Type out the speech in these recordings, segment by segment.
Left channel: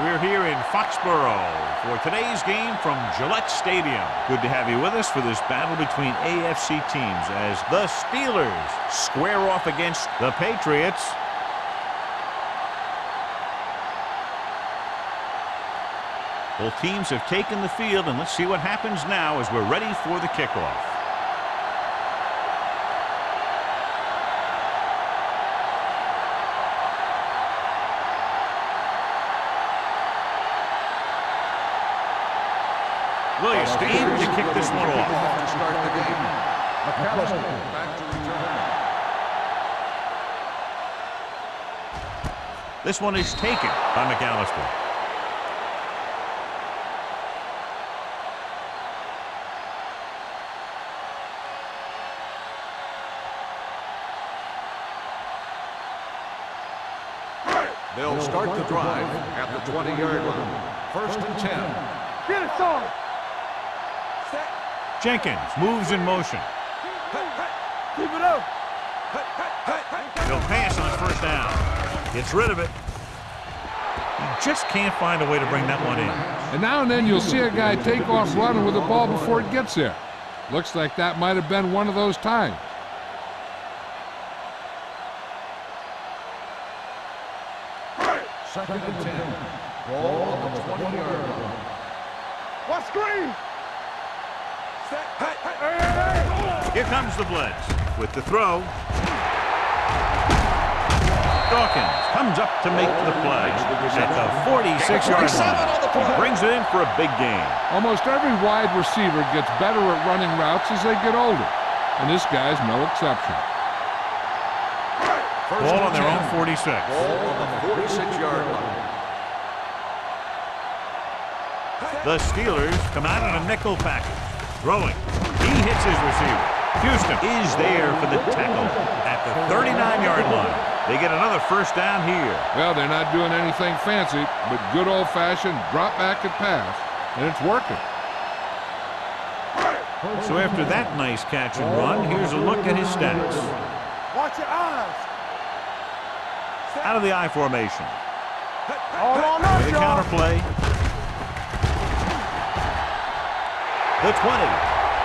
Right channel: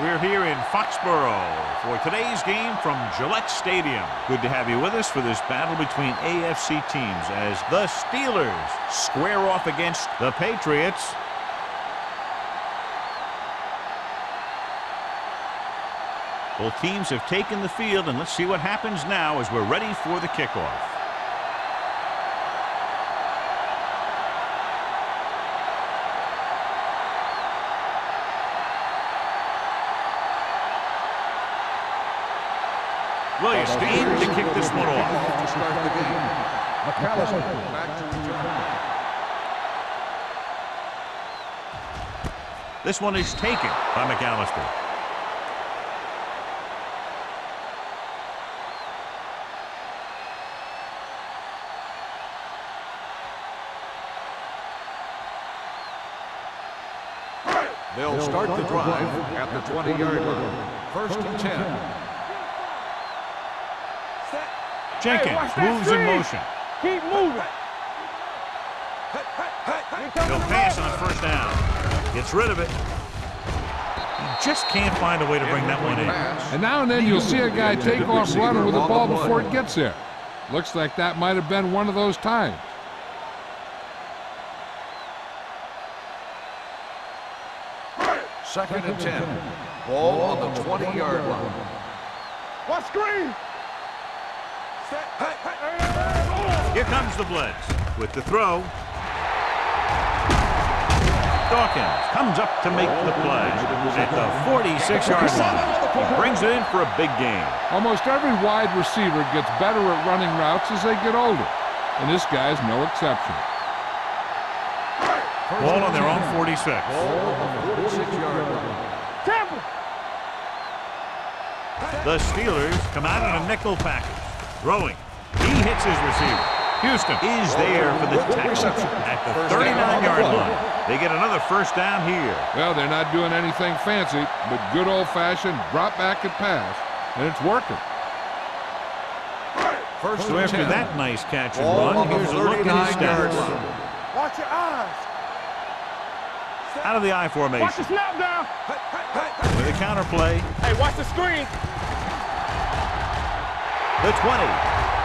We're here in Foxborough for today's game from Gillette Stadium. Good to have you with us for this battle between AFC teams as the Steelers square off against the Patriots. Both teams have taken the field, and let's see what happens now as we're ready for the kickoff. Williams in to kick this one off. To start the game. McAllister back to return. This one is taken by McAllister. They'll start the drive at the 20-yard line. 1st and 10. Jenkins moves in motion. Keep moving. Keep it up. He'll pass on first down. Gets rid of it. He just can't find a way to bring that one in. And now and then you'll see a guy take off running with the ball before it gets there. Looks like that might have been one of those times. Second and 10. Ball on the 20-yard line. What screen? Here comes the blitz with the throw. Dawkins comes up to make the play at the 46-yard line. He brings it in for a big gain. Almost every wide receiver gets better at running routes as they get older, and this guy's no exception. Ball on their own 46. Ball on the 46-yard line. The Steelers come out in a nickel package. Throwing. He hits his receiver. Houston is there for the tackle at the 39-yard line. They get another first down here. Well, they're not doing anything fancy, but good old-fashioned drop back and pass, and it's working. So after that nice catch and run, here's a look at his stats. Watch your eyes. Out of the I formation. With a counter play. Hey, watch the screen. The 20,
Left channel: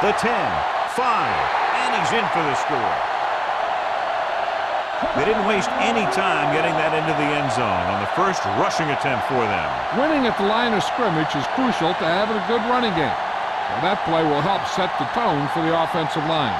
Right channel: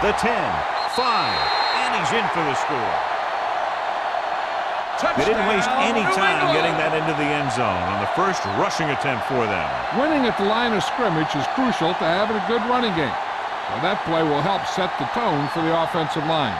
the 10, 5, and he's in for the score. They didn't waste any time getting that into the end zone on the first rushing attempt for them. Winning at the line of scrimmage is crucial to having a good running game. So that play will help set the tone for the offensive line.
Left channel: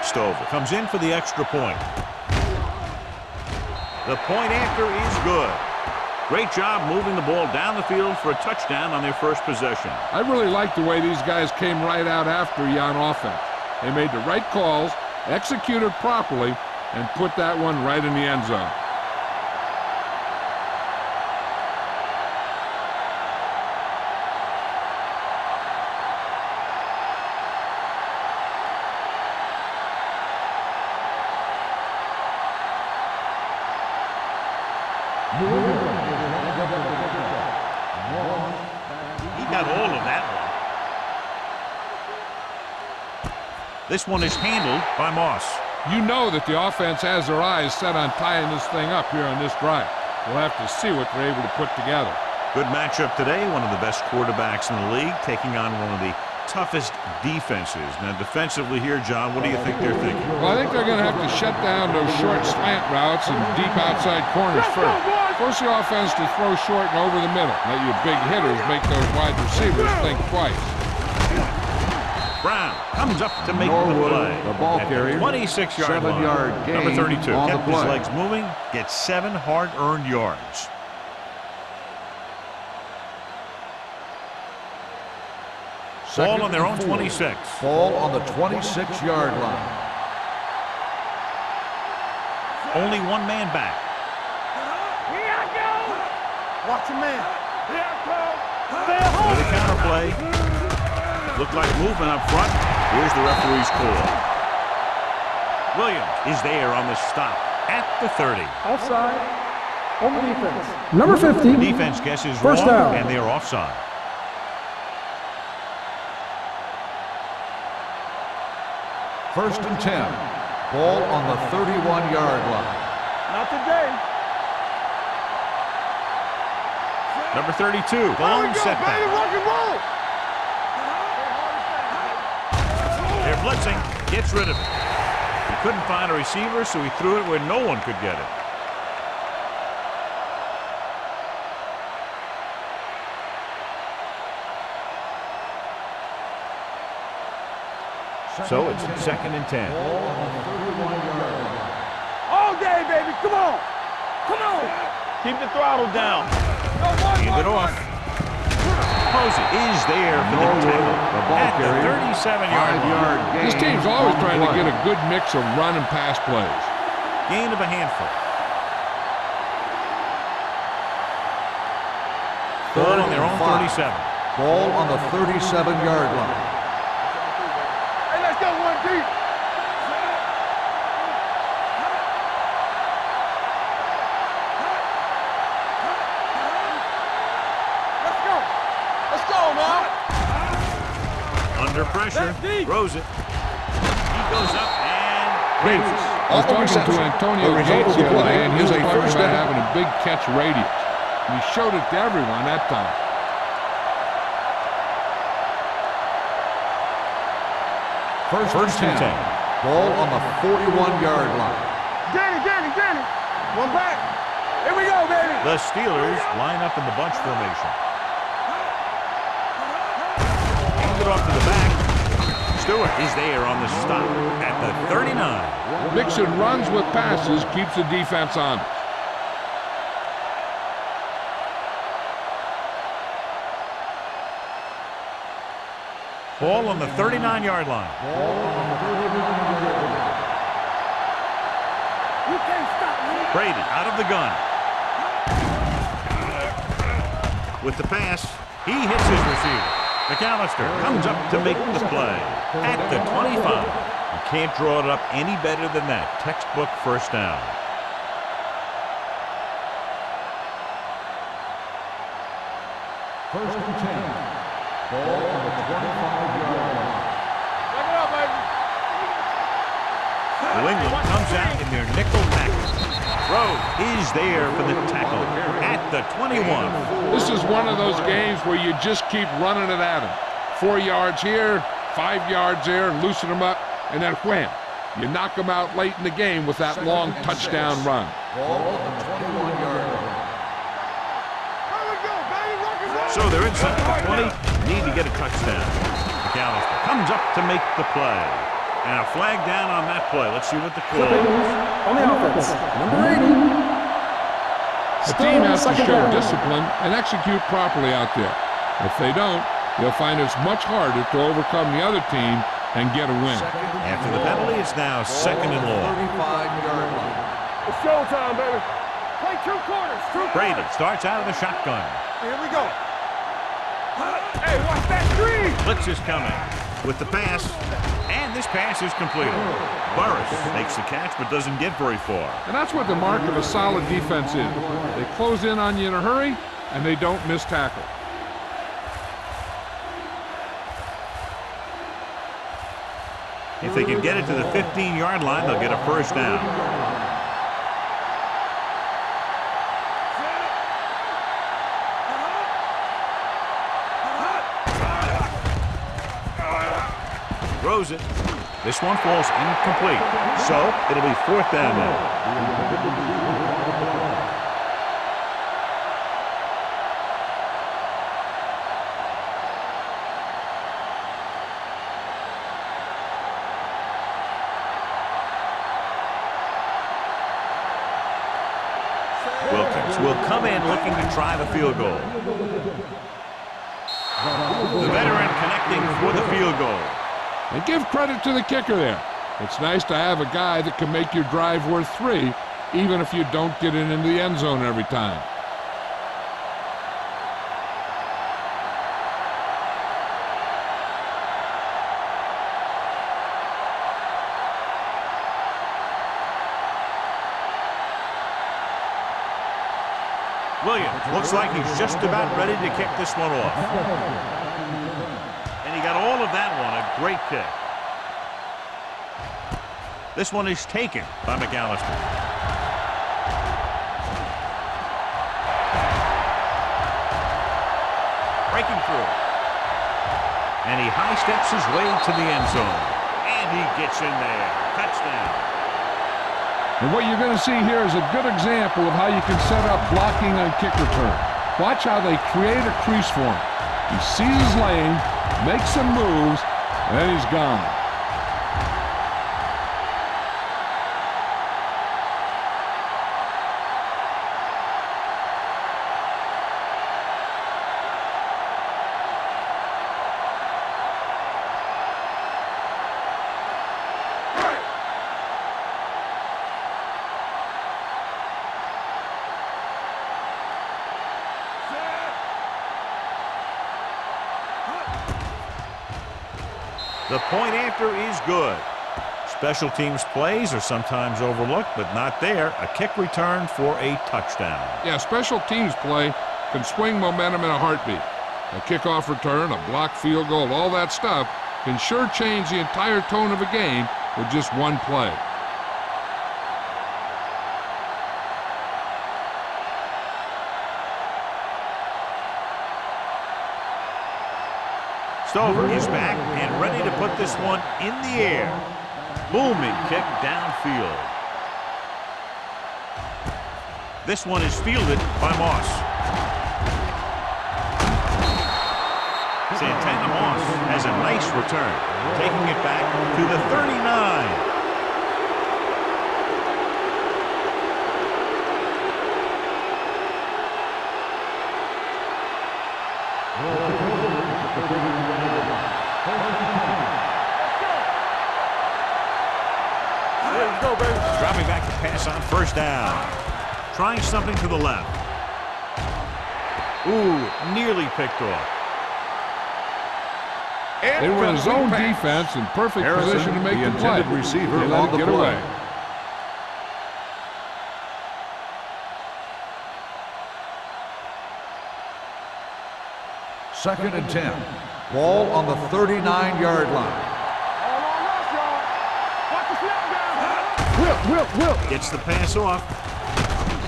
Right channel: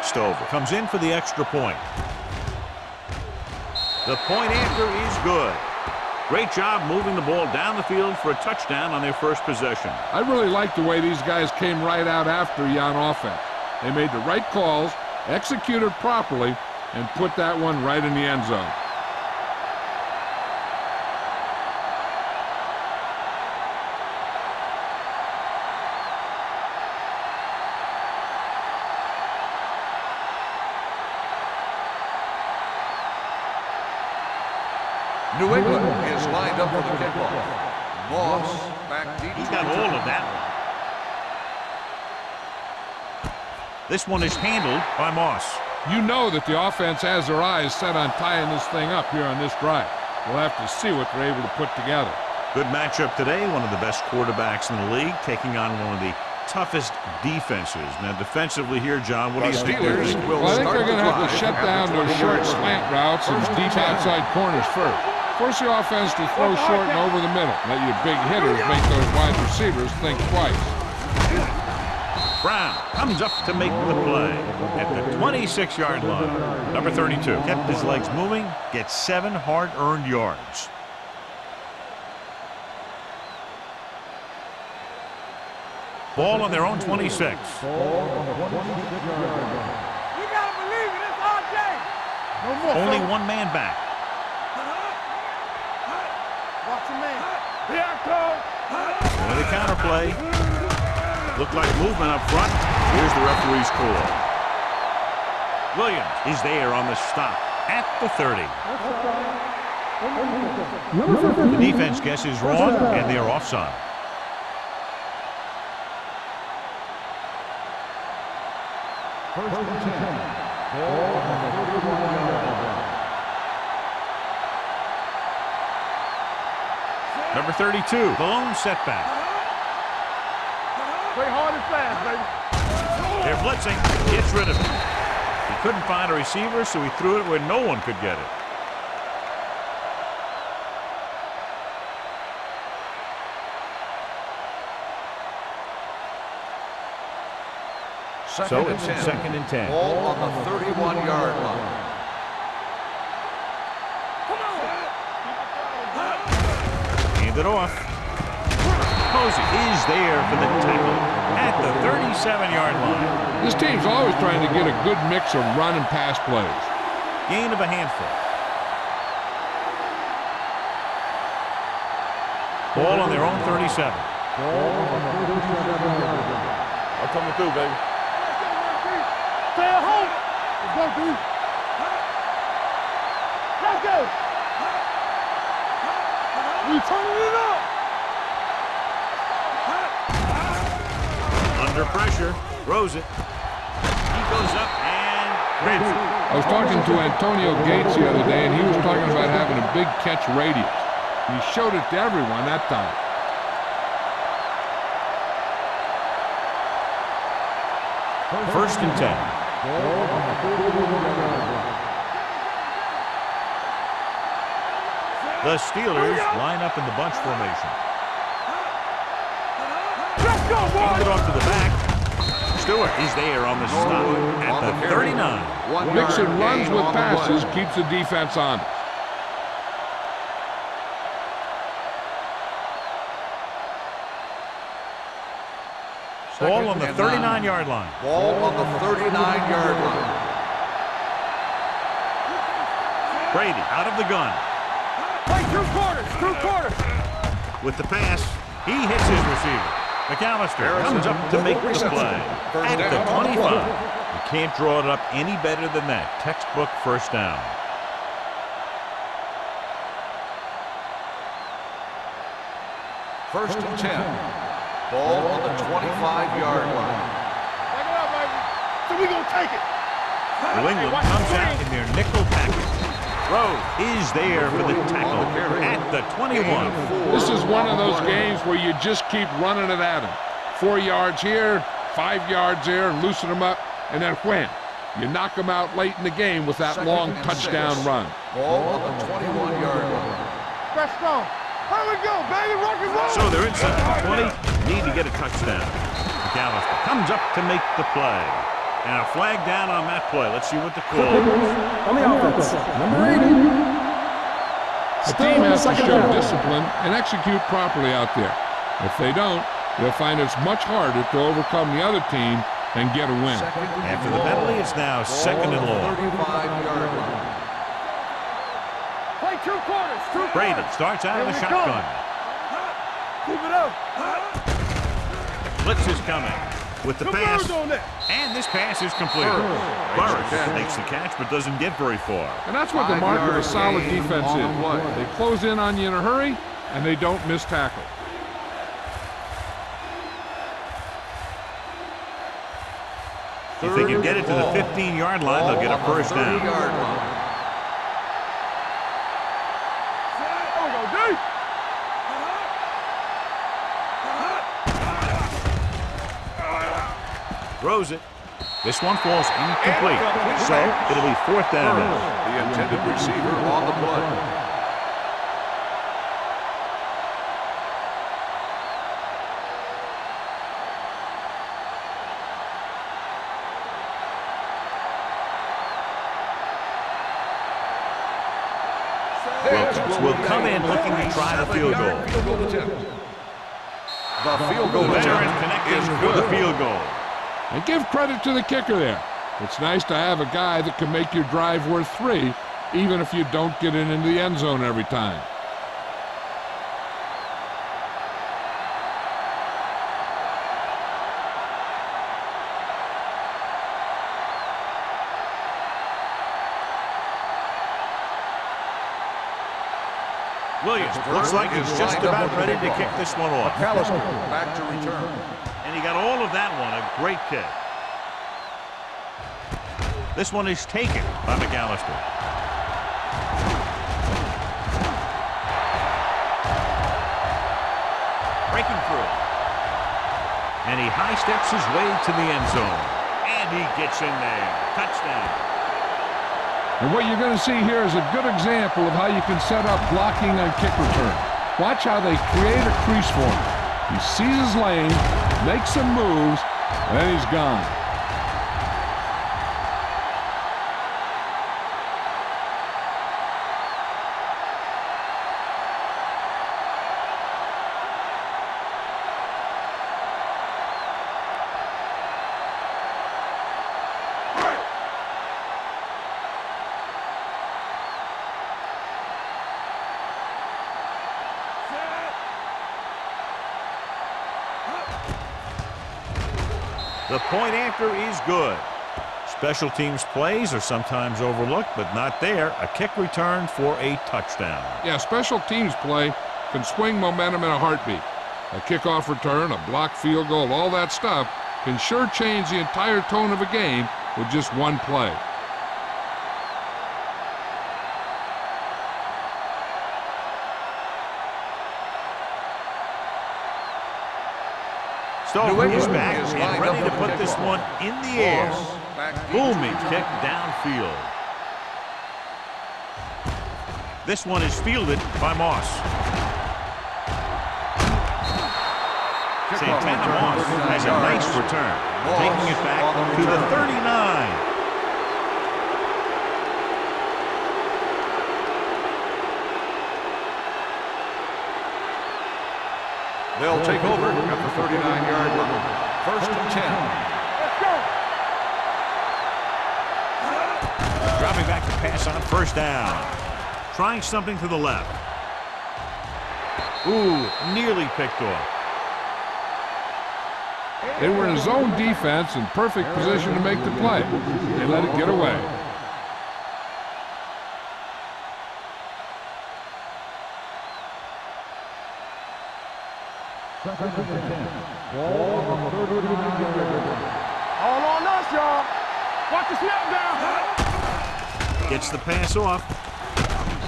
Stover comes in for the extra point. The point after is good. Great job moving the ball down the field for a touchdown on their first possession. I really like the way these guys came right out after you on offense. They made the right calls, executed properly, and put that one right in the end zone. New England is lined up for the kickoff. Moss back deep. He got all of that one. This one is handled by Moss. You know that the offense has their eyes set on tying this thing up here on this drive. We'll have to see what they're able to put together. Good matchup today. One of the best quarterbacks in the league taking on one of the toughest defenses. Now defensively here, John, what do you think they're thinking? Well, I think they're going to have to shut down those short slant routes and deep outside corners first. Force the offense to throw short and over the middle. Let your big hitters make those wide receivers think twice. Brown comes up to make the play at the 26-yard line. Number 32 kept his legs moving, gets 7 hard-earned yards. Ball on their own 26. Ball on the 26-yard line. Only one man back. Watch a man. Yeah, call. With a counterplay. Looked like movement up front. Here's the referee's call. Williams is there on the stop at the 30. Offside. On the defense. Number 50. The defense guesses First wrong, down. and they're offside. First and 10. Ball on the 31-yard line. Not today. Number 32, the lone setback. Rock and roll. Play hard and fast, baby. They're blitzing, gets rid of it. He couldn't find a receiver, so he threw it where no one could get it. So it's second and 10. Ball on the 31-yard line. All day, baby. Come on. Come on. Keep the throttle down. Hand it off. Posey is there for the tackle at the 37-yard line. This team's always trying to get a good mix of run and pass plays. Gain of a handful. Ball on their own 37. Ball on the 37-yard line. That's what we do, baby. Hey, let's go one deep. Let's go deep. Let's go. You turning it up. Let's go. Let's go, man. Under pressure, throws it. He goes up and grabs it. I was talking to Antonio Gates the other day, and he was talking about having a big catch radius. And he showed it to everyone that time. First and 10. Ball on the 41-yard line. Danny. One back. Here we go, baby. The Steelers line up in the bunch formation. Let's go, Hand boy. it off to the back. Stewart is there on the stop at the 39. Mixing runs with passes keeps the defense honest. Ball on the 39-yard line. Ball on the 39-yard line. You can't stop me. Brady out of the gun. With the pass, he hits his receiver. McAllister comes up to make the play at the 25. You can't draw it up any better than that. Textbook first down. First and 10. Ball on the 25-yard line. Back it up, baby. So we gonna take it. New England comes out in their nickel package. Rhodes is there for the tackle at the 21. This is one of those games where you just keep running it at him. 4 yards here, 5 yards there, loosen them up, and then wham. You knock them out late in the game with that long touchdown run. Ball on the 21-yard line. Let's go. Here we go, baby. Rock and roll. So they're inside the 20. Need to get a touchdown. McAllister comes up to make the play. And a flag down on that play. Let's see what the call Clipping is. on the offense. Number 80. The Still team has to second show down. discipline and execute properly out there. If they don't, you'll find it's much harder to overcome the other team and get a win. After the penalty, it's now second and long. 35-yard line. It's showtime, baby. Play 2 quarters. Brady starts out of the shotgun. Here we go. Keep it up. Hey, watch that screen. Blitz is coming with the pass. Birds on that. And this pass is completed. Burris makes the catch but doesn't get very far. And that's what the mark of a solid defense is. They close in on you in a hurry, and they don't miss tackle. If they can get it to the 15-yard line, they'll get a first down. Throws it. This one falls incomplete. So it'll be fourth down now. The intended receiver on the play. Wilkins will come in looking to try the field goal. The veteran connecting for the field goal. And give credit to the kicker there. It's nice to have a guy that can make your drive worth 3, even if you don't get it into the end zone every time. Williams looks like he's just about ready to kick this one off. Back to return. And he got all of that one. A great kick. This one is taken by McAllister. Breaking through. And he high steps his way to the end zone. And he gets in there. Touchdown. And what you're going to see here is a good example of how you can set up blocking on kick returns. Watch how they create a crease for him. He sees his lane, makes some moves, and then he's gone. The point after is good. Special teams plays are sometimes overlooked, but not there. A kick return for a touchdown. Yeah, special teams play can swing momentum in a heartbeat. A kickoff return, a blocked field goal, all that stuff can sure change the entire tone of a game with just one play. Stover is back and ready to put this one in the air. Booming kick downfield. This one is fielded by Moss. Santana Moss has a nice return, taking it back to the 39. They'll take over at the 39-yard line. First and 10. Let's go. Dropping back to pass on first down. Trying something to the left. Ooh, nearly picked off. They were in zone defense in perfect position to make the play. They let it get away. Second and 10. Ball on the 39-yard line. All on us, y'all. Watch the snap down. Gets the pass off.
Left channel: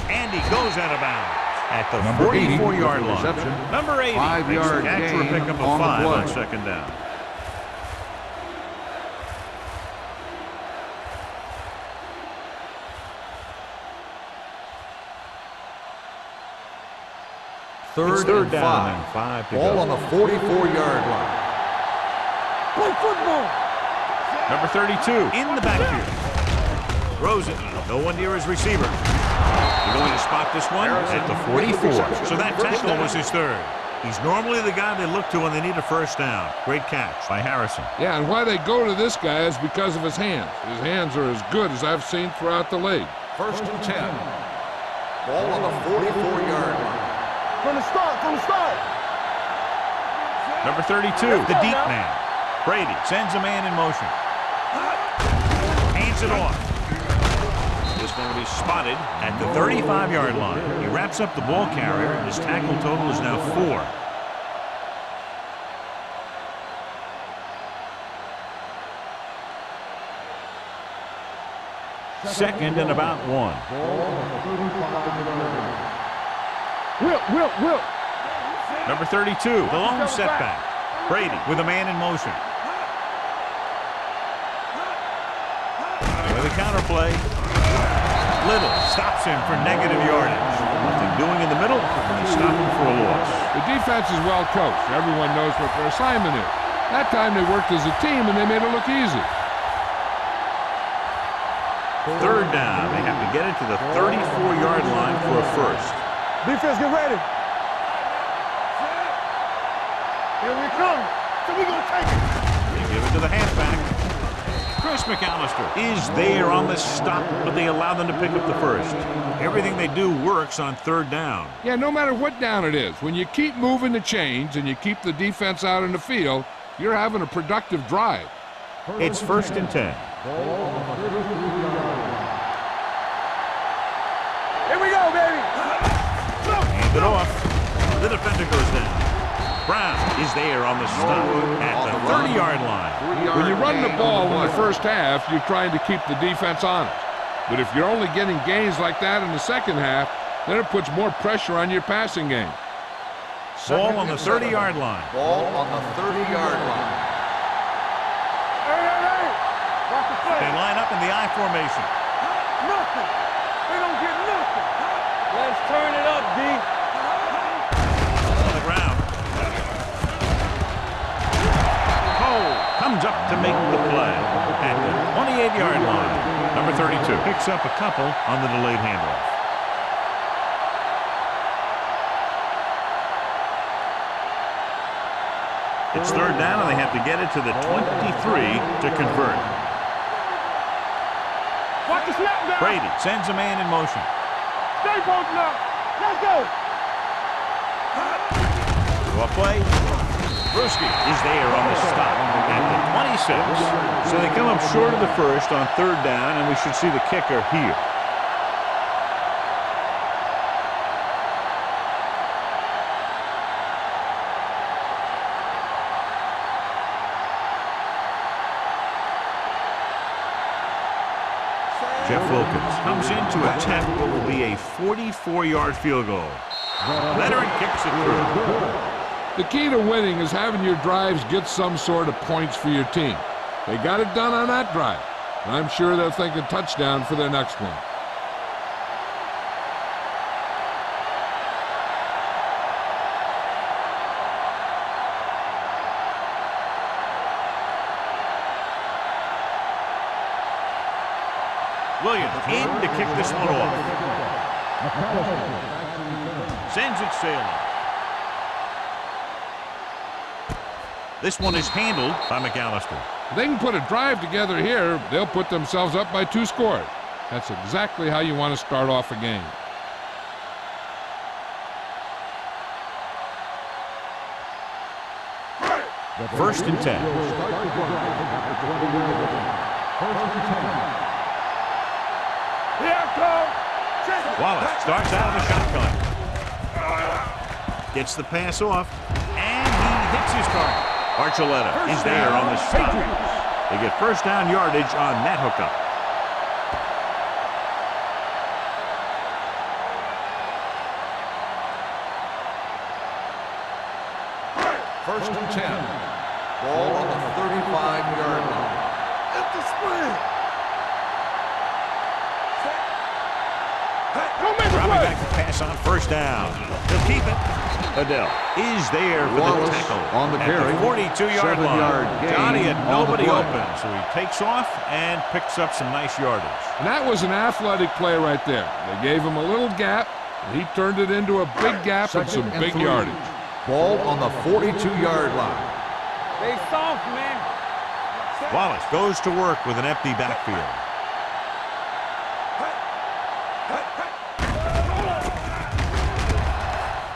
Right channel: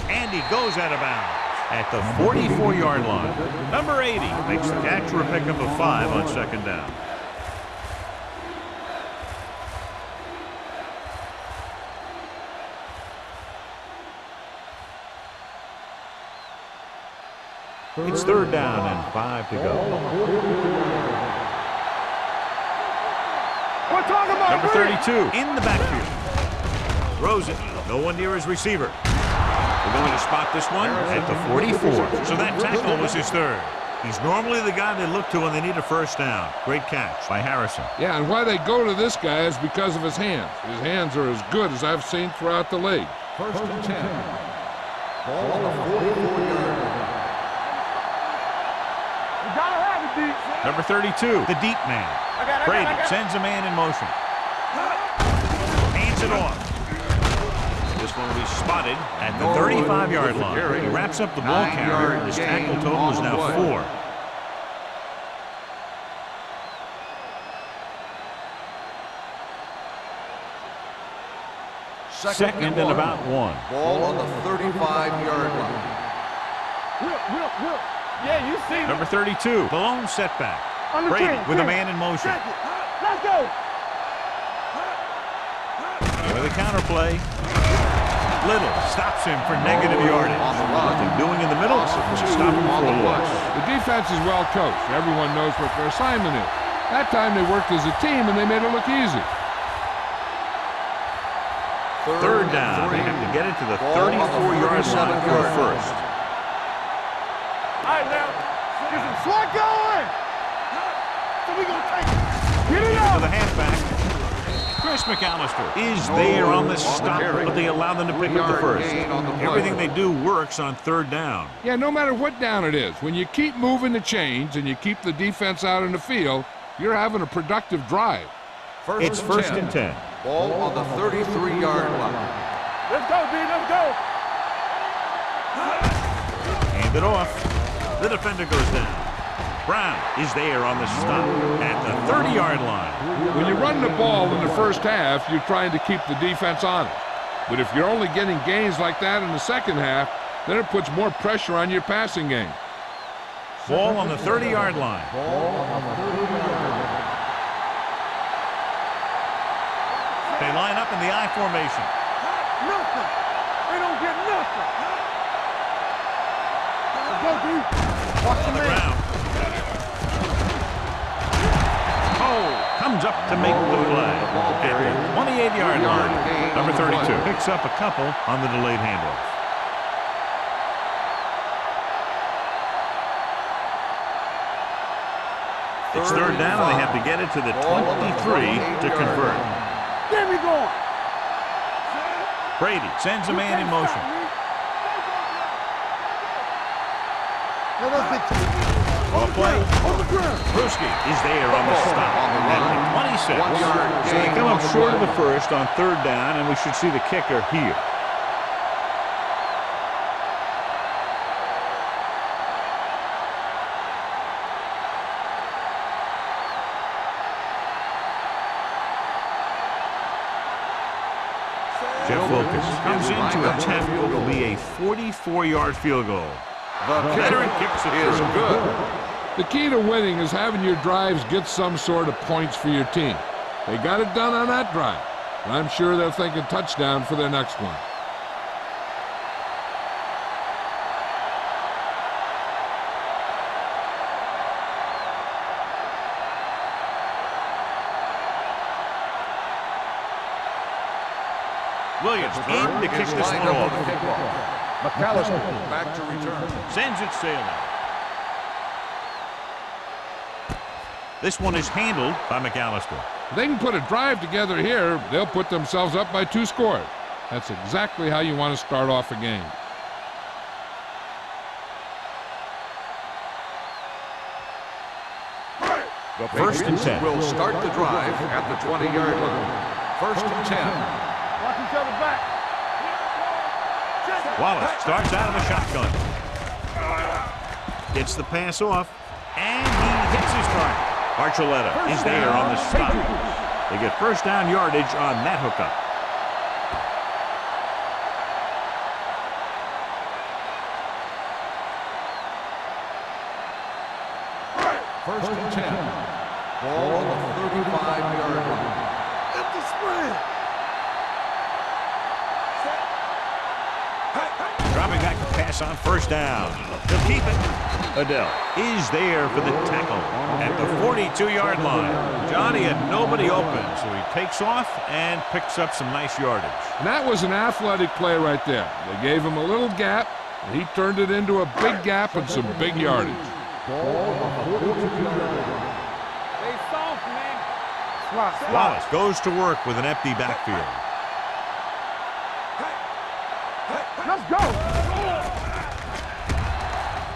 And he goes out of bounds at the 44-yard line. Number 80 makes the catch for a pickup of 5 on second down. It's third down and 5 to Ball on go. the 44-yard line. Number 32 in the backfield. Throws it. No one near his receiver. They're going to spot this one at the 44. So that tackle was his third. He's normally the guy they look to when they need a first down. Great catch by Harrison. Yeah, and why they go to this guy is because of his hands. His hands are as good as I've seen throughout the league. First and 10. Ball on the 44-yard line. From the start. You gotta have it, deep. Number 32, the deep man. Brady sends a man in motion. Hands it off. This one will be spotted at the 35-yard line. He wraps up the ball carrier, and his tackle total is now 4. Second and about 1. Ball on the 35-yard line. Will. Yeah, you see. Number 32, the lone setback. Brady with a man in motion. Let's go. With a counterplay. Little stops him for negative yardage. Nothing doing in the middle. Just stop him for a loss. The defense is well coached. Everyone knows what their assignment is. That time they worked as a team and they made it look easy. Third down. They have to get it to the 34-yard line for a first. Defense, get ready. All right, now. Slide going. Here we come. So we gonna take it. Get it Give it up. to the halfback. Chris McAllister is there on the stop, but they allow them to pick up the first. Everything they do works on third down. Yeah, no matter what down it is, when you keep moving the chains and you keep the defense out in the field, you're having a productive drive. It's first and 10. Ball on the 33-yard line. Let's go, D. Let's go. Here we go, baby. And Keep it off. The defender goes down. Brown is there on the stop at the 30-yard line. When you run the ball in the first half, you're trying to keep the defense honest. But if you're only getting gains like that in the second half, then it puts more pressure on your passing game. Ball on the 30-yard line. Ball on the 30-yard line. They line up in the I formation. Nothing. They don't get nothing. Let's turn it up, D. On the ground. Cole comes up to make the play at the 28-yard line. Number 32 picks up a couple on the delayed handoff. It's third down, and they have to get it to the 23 to convert. There we go. Watch the snap down. Brady sends a man in motion. Stay both now. Let's go. Off play. Brewski is there on the stop at the 26. So they come up short of the first on third down, and we should see the kicker here. Jeff Wilkins comes in to attempt what will be a 44-yard field goal. Veteran kicks it through. The key to winning is having your drives get some sort of points for your team. They got it done on that drive, and I'm sure they're thinking touchdown for their next one. Williams in to kick this one off. Sends it sailing. This one is handled by McAllister. If they can put a drive together here, they'll put themselves up by 2 scores. That's exactly how you want to start off a game. First and 10. Will start the drive at the 20-yard line. First and 10. Watch each other back. Here it comes. Wallace starts out of the shotgun. Gets the pass off, and he hits his target. Archuleta is there on the stop. They get first down yardage on that hookup. First and 10. Ball on the 35-yard line. At the spread. Dropping back to pass on first down. They'll keep it. Adele is there for the tackle at the 42-yard line. Johnny had nobody open, so he takes off and picks up some nice yardage. And that was an athletic play right there. They gave him a little gap, and he turned it into a big gap and some big yardage. Ball on the 42-yard line. Stay soft, man. Wallace goes to work with an empty backfield. Let's go.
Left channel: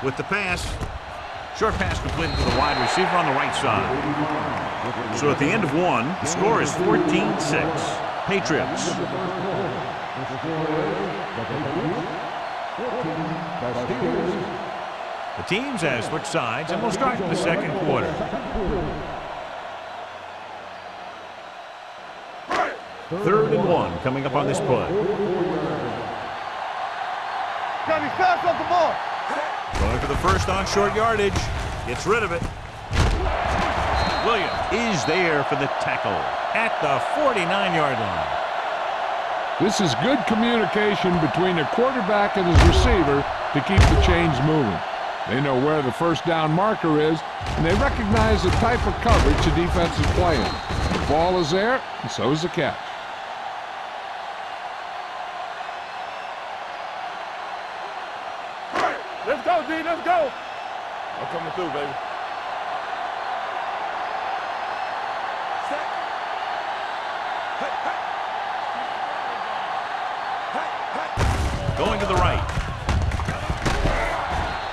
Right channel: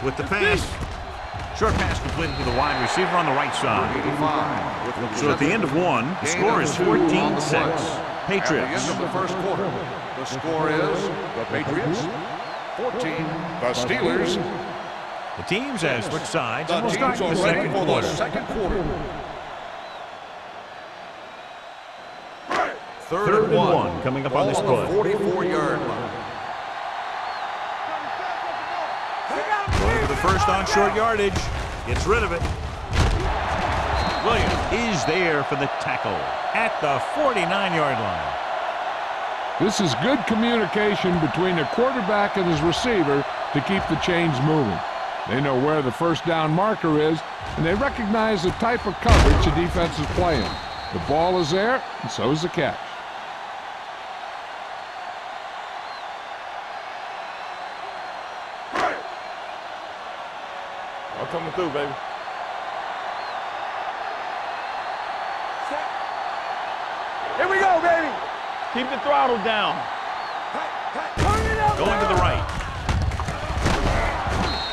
With the pass, short pass completed to the wide receiver on the right side. So at the end of one, the score is 14-6. Patriots. At the end of the first quarter, the score is the Patriots 14, the Steelers. The teams have switched sides, and we'll start in the second quarter. Third and 1 coming up on this play. 44-yard line. Johnny, fast off the ball. Going for the first on short yardage. Gets rid of it. Williams is there for the tackle at the 49-yard line. This is good communication between the quarterback and his receiver to keep the chains moving. They know where the first down marker is, and they recognize the type of coverage the defense is playing. The ball is there, and so is the catch. Let's go, D. Let's go. I'm coming through, baby. Set. Here we go, baby. Keep the throttle down. Going to the right.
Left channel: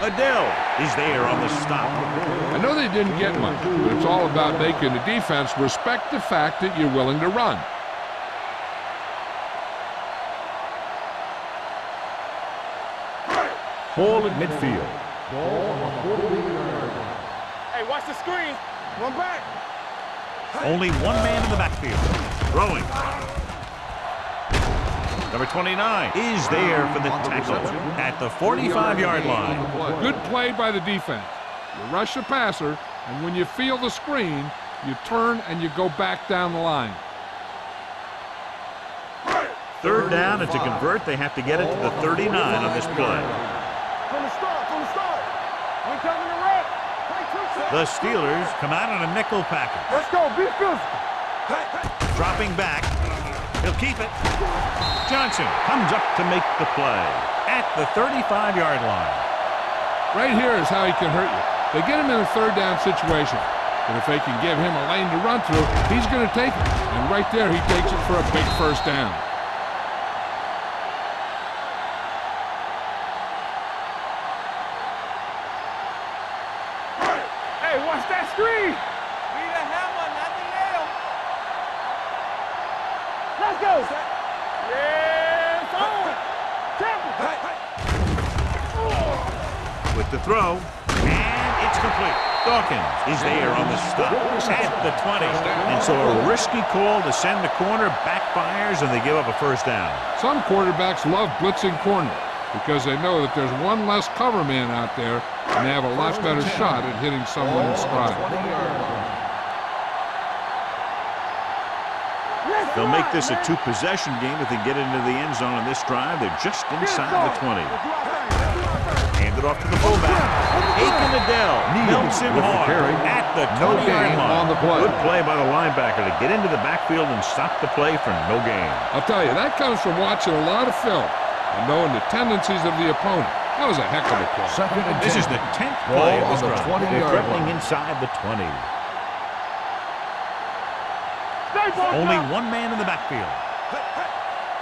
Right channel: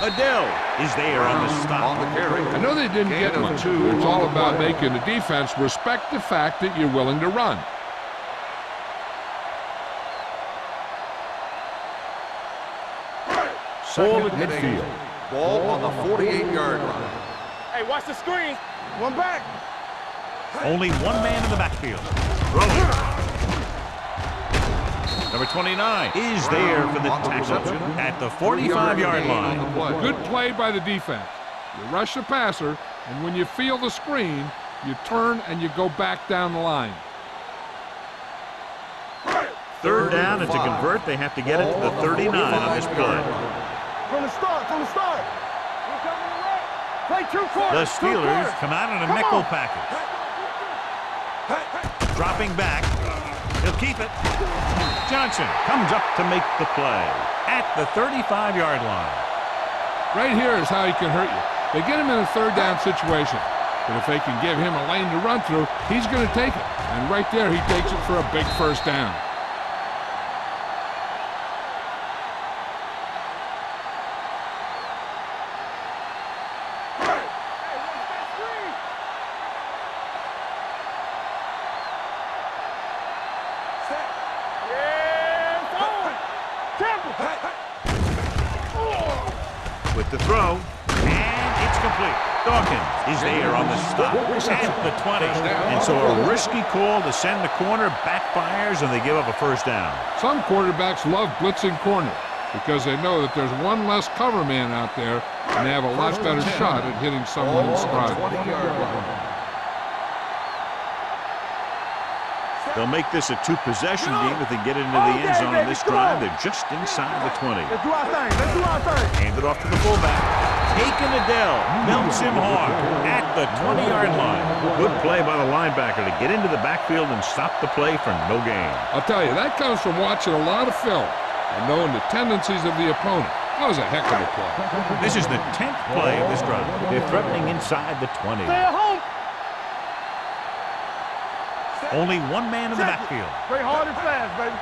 Adele is there on the stop. I know they didn't get much, but it's all about making the defense respect the fact that you're willing to run. Ball at midfield. Ball on the 48-yard line. Hey, watch the screen. One back. Only one man in the backfield. Throwing. Number 29 is there for the tackle at the 45-yard line. Good play by the defense. You rush the passer, and when you feel the screen, you turn and you go back down the line. Third down, and to convert, they have to get it to the 39 on this play. From the start, from the start. We coming to red. Play 2 quarters. The Steelers come out in a nickel package. Let's go, be physical. Dropping back. He'll keep it. Johnson comes up to make the play at the 35-yard line. Right here is how he can hurt you. They get him in a third down situation. But if they can give him a lane to run through, he's going to take it. And right there, he takes it for a big first down. Hey, watch that screen. Need a hammer, not the nail. Let's go. Yes, on. Temple. With the throw, and it's complete. Dawkins is there on the stop at the 20. And so a risky call to send the corner backfires, and they give up a first down. Some quarterbacks love blitzing corner because they know that there's one less cover man out there, and they have a lot better shot at hitting someone in stride. 20-yard line. They'll make this a two-possession game if they get into the end zone on this drive. They're just inside the 20. Let's do our thing. Let's do our thing. Hand it off to the fullback. Aiken Adele melts him hard at the 20-yard line. Good play by the linebacker to get into the backfield and stop the play for no gain. I'll tell you, that comes from watching a lot of film and knowing the tendencies of the opponent. That was a heck of a play. This is the 10th play of this drive. They're threatening inside the 20. Stay at home. Stay back. Only one man in the backfield. Stay hard and fast, baby.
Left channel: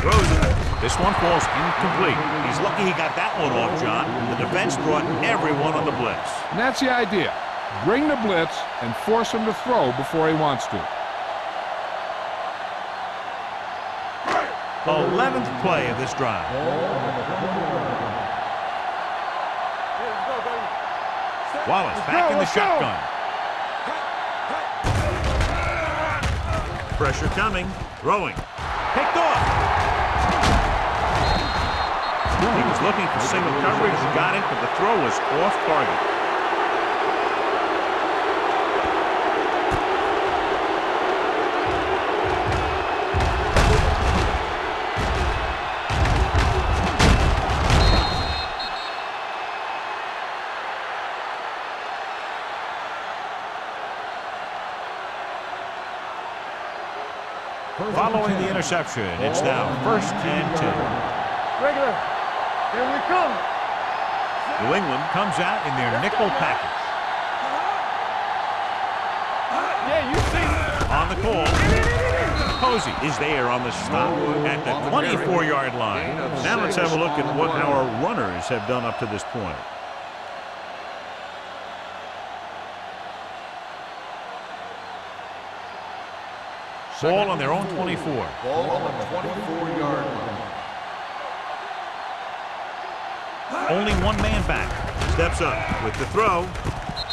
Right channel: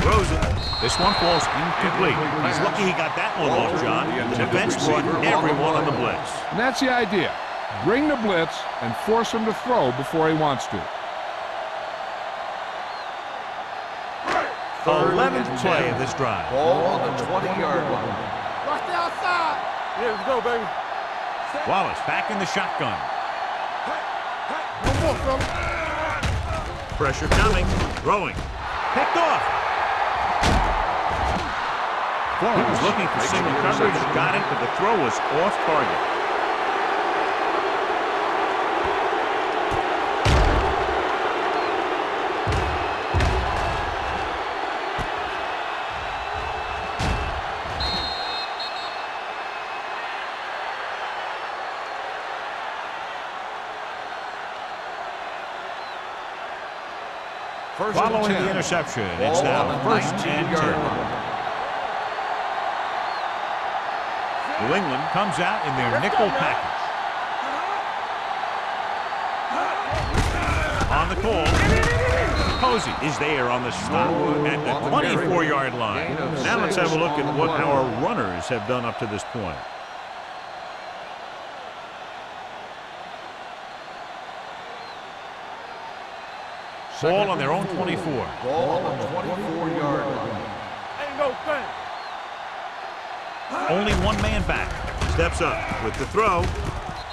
Throws it. This one falls incomplete. He's lucky he got that one off, John. The defense brought everyone on the blitz. And that's the idea. Bring the blitz and force him to throw before he wants to. 11th play of this drive. Ball on the 20-yard line. Yeah, let's go, baby. Wallace back in the shotgun. Pressure coming. Throwing. Picked off. He was looking for single coverage, got it, but the throw was off target. Following the interception, it's now 1st and 10. Regular. Here we come. New England comes out in their nickel package. Yeah, you see. On the call, Posey is there on the stop at the 24-yard line. Now let's have a look at what our runners have done up to this point. Ball on their own 24. Ball on the 24-yard line. Only one man back. Steps up with the throw,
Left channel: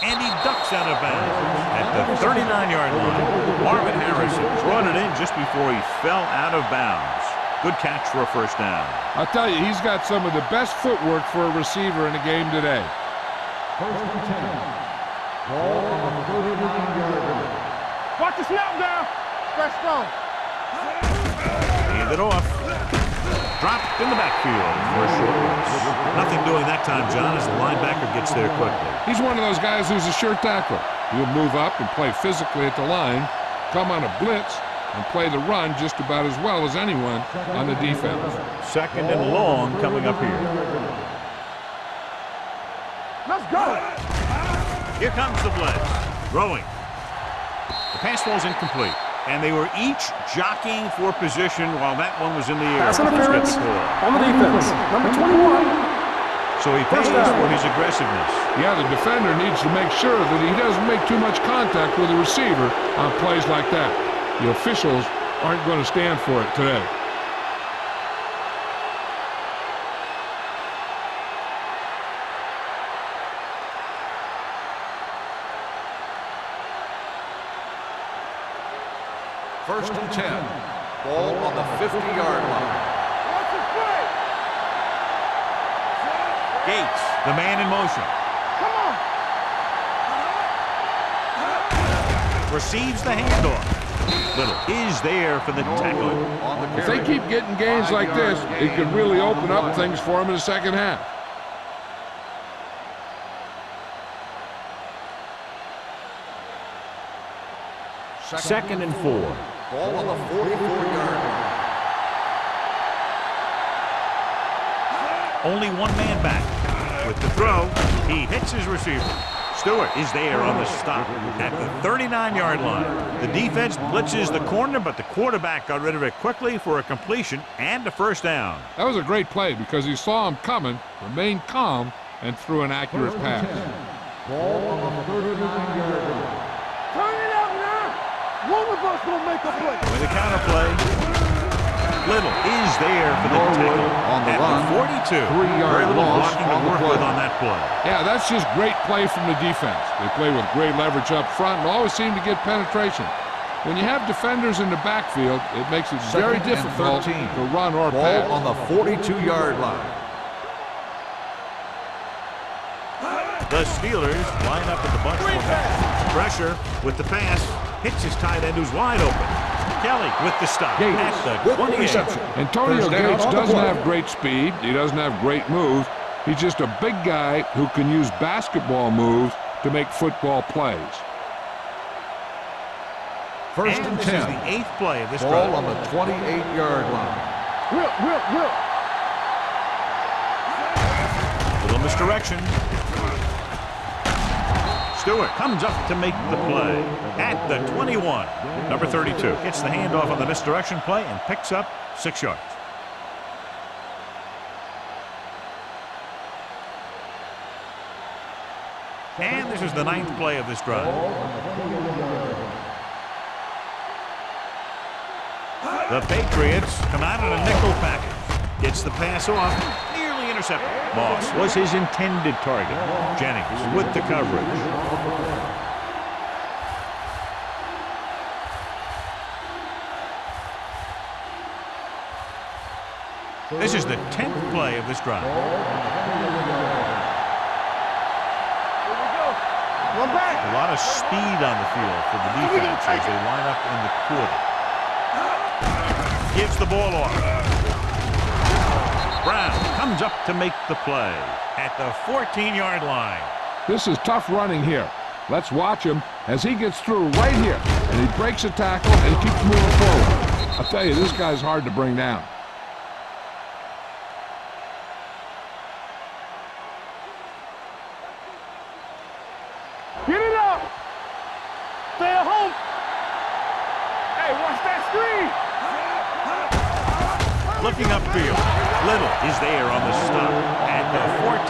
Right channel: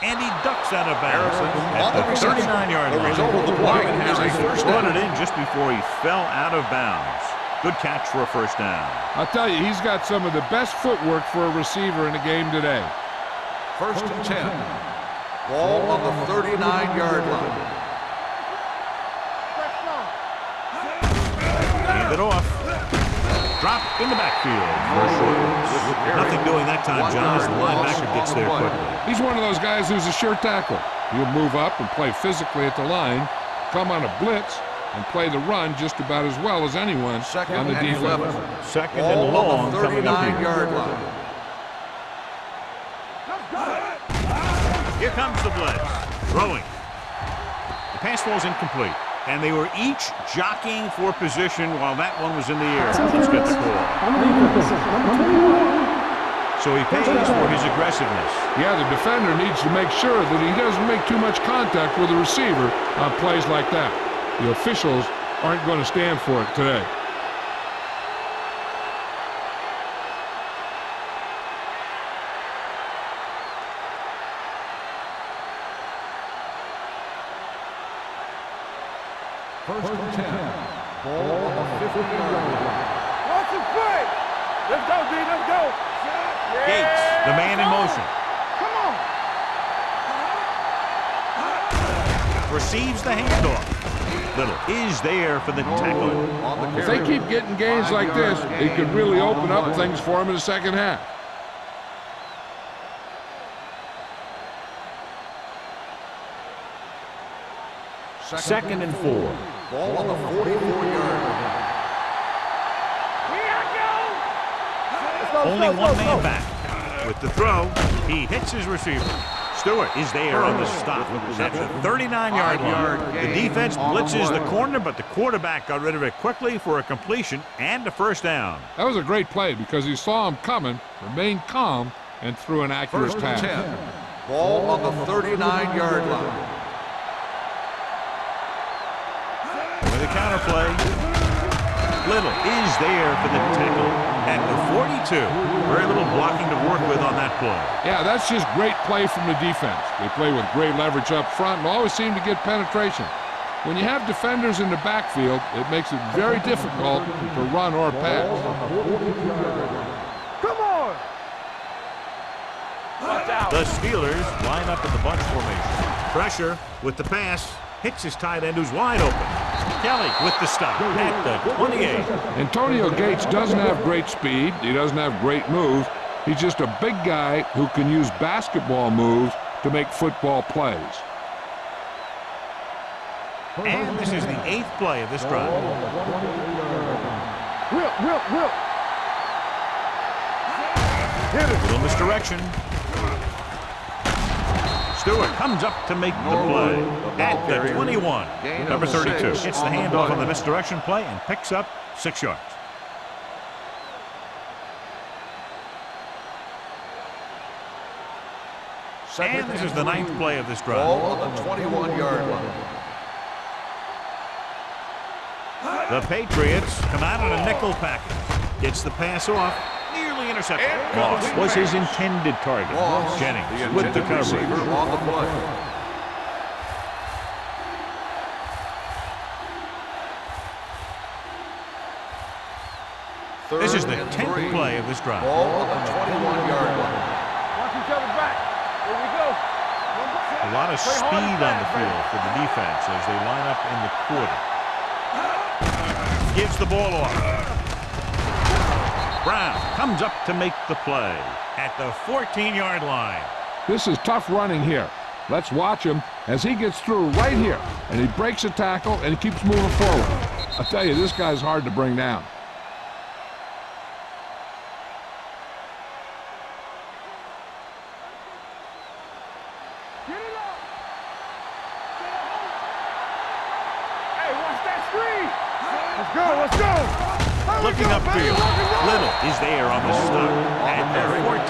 and he ducks out of bounds at the 39-yard line. Marvin Harrison brought it in just before he fell out of bounds. Good catch for a first down. I'll tell you, he's got some of the best footwork for a receiver in the game today. 1st and 10. Ball on the 39-yard line. Watch the snap down. Press strong. Hand it off. Dropped in the backfield for a short loss. Nothing doing that time, John, as the linebacker gets there quickly. He's one of those guys who's a sure tackler. He'll move up and play physically at the line, come on a blitz, and play the run just about as well as anyone on the defense. 2nd and long coming up here. Let's go. Here comes the blitz. Throwing. The pass falls incomplete. And they were each jockeying for position while that one was in the air. Pass Let's get interference the call. on the defense. Number 21. So he pays for his aggressiveness. Yeah, the defender needs to make sure that he doesn't make too much contact with the receiver on plays like that. The officials aren't going to stand for it today. Ball on the 50-yard line. Watch the play. Let's go, D. Let's go. Gates, the man in motion. Come on. Receives the handoff. Little is there for the tackle. On the If they carry. keep getting gains like this, it could really open up things for them in the second half. Second and 4. Ball on the 44-yard line. Only one man back. With the throw, he hits his receiver. Stewart is there on the stop at the 39-yard line. The defense blitzes the corner, but the quarterback got rid of it quickly for a completion and a first down. That was a great play because he saw him coming, remained calm, and threw an accurate First and pass. 10. Ball on the 39-yard line. Turn it out now. One of us will make a play. With a counterplay, Little is there for the tackle at the 42. Very little blocking to work with on that play. Yeah, that's just great play from the defense. They play with great leverage up front and always seem to get penetration. When you have defenders in the backfield, it makes it very Second and difficult 13. to run or Ball pass. on the 42-yard line. Come on. The Steelers line up in the bunch formation. Pressure with the pass. Hits his tight end who's wide open. Kelly with the stop at the 28. Antonio Gates doesn't have great speed. He doesn't have great moves. He's just a big guy who can use basketball moves to make football plays. First And and this 10. is the 8th play of this Ball drive. on the 28-yard line. Will. Little misdirection. Stewart comes up to make the play at the 21. Number 32 gets the handoff on the misdirection play and picks up 6 yards. And this is the 9th play of this drive. Ball on the 21-yard line. The Patriots come out in a nickel package. Gets the pass off, nearly intercepted. Moss was his intended target. Jennings with the coverage. On the play. This is the Third and 10th 3. play of this drive. Ball on the 21-yard line. Each other back. Here we go. One back. A lot of speed on the field for the defense as they line up in the quarter. Gives the ball off. Brown comes up to make the play at the 14-yard line. This is tough running here. Let's watch him as he gets through right here. And he breaks a tackle and he keeps moving forward. I tell you, this guy's hard to bring down. Get it up. Stay at home. Hey, watch that screen. Let's go. Looking upfield, Little is there on the stop at the 14.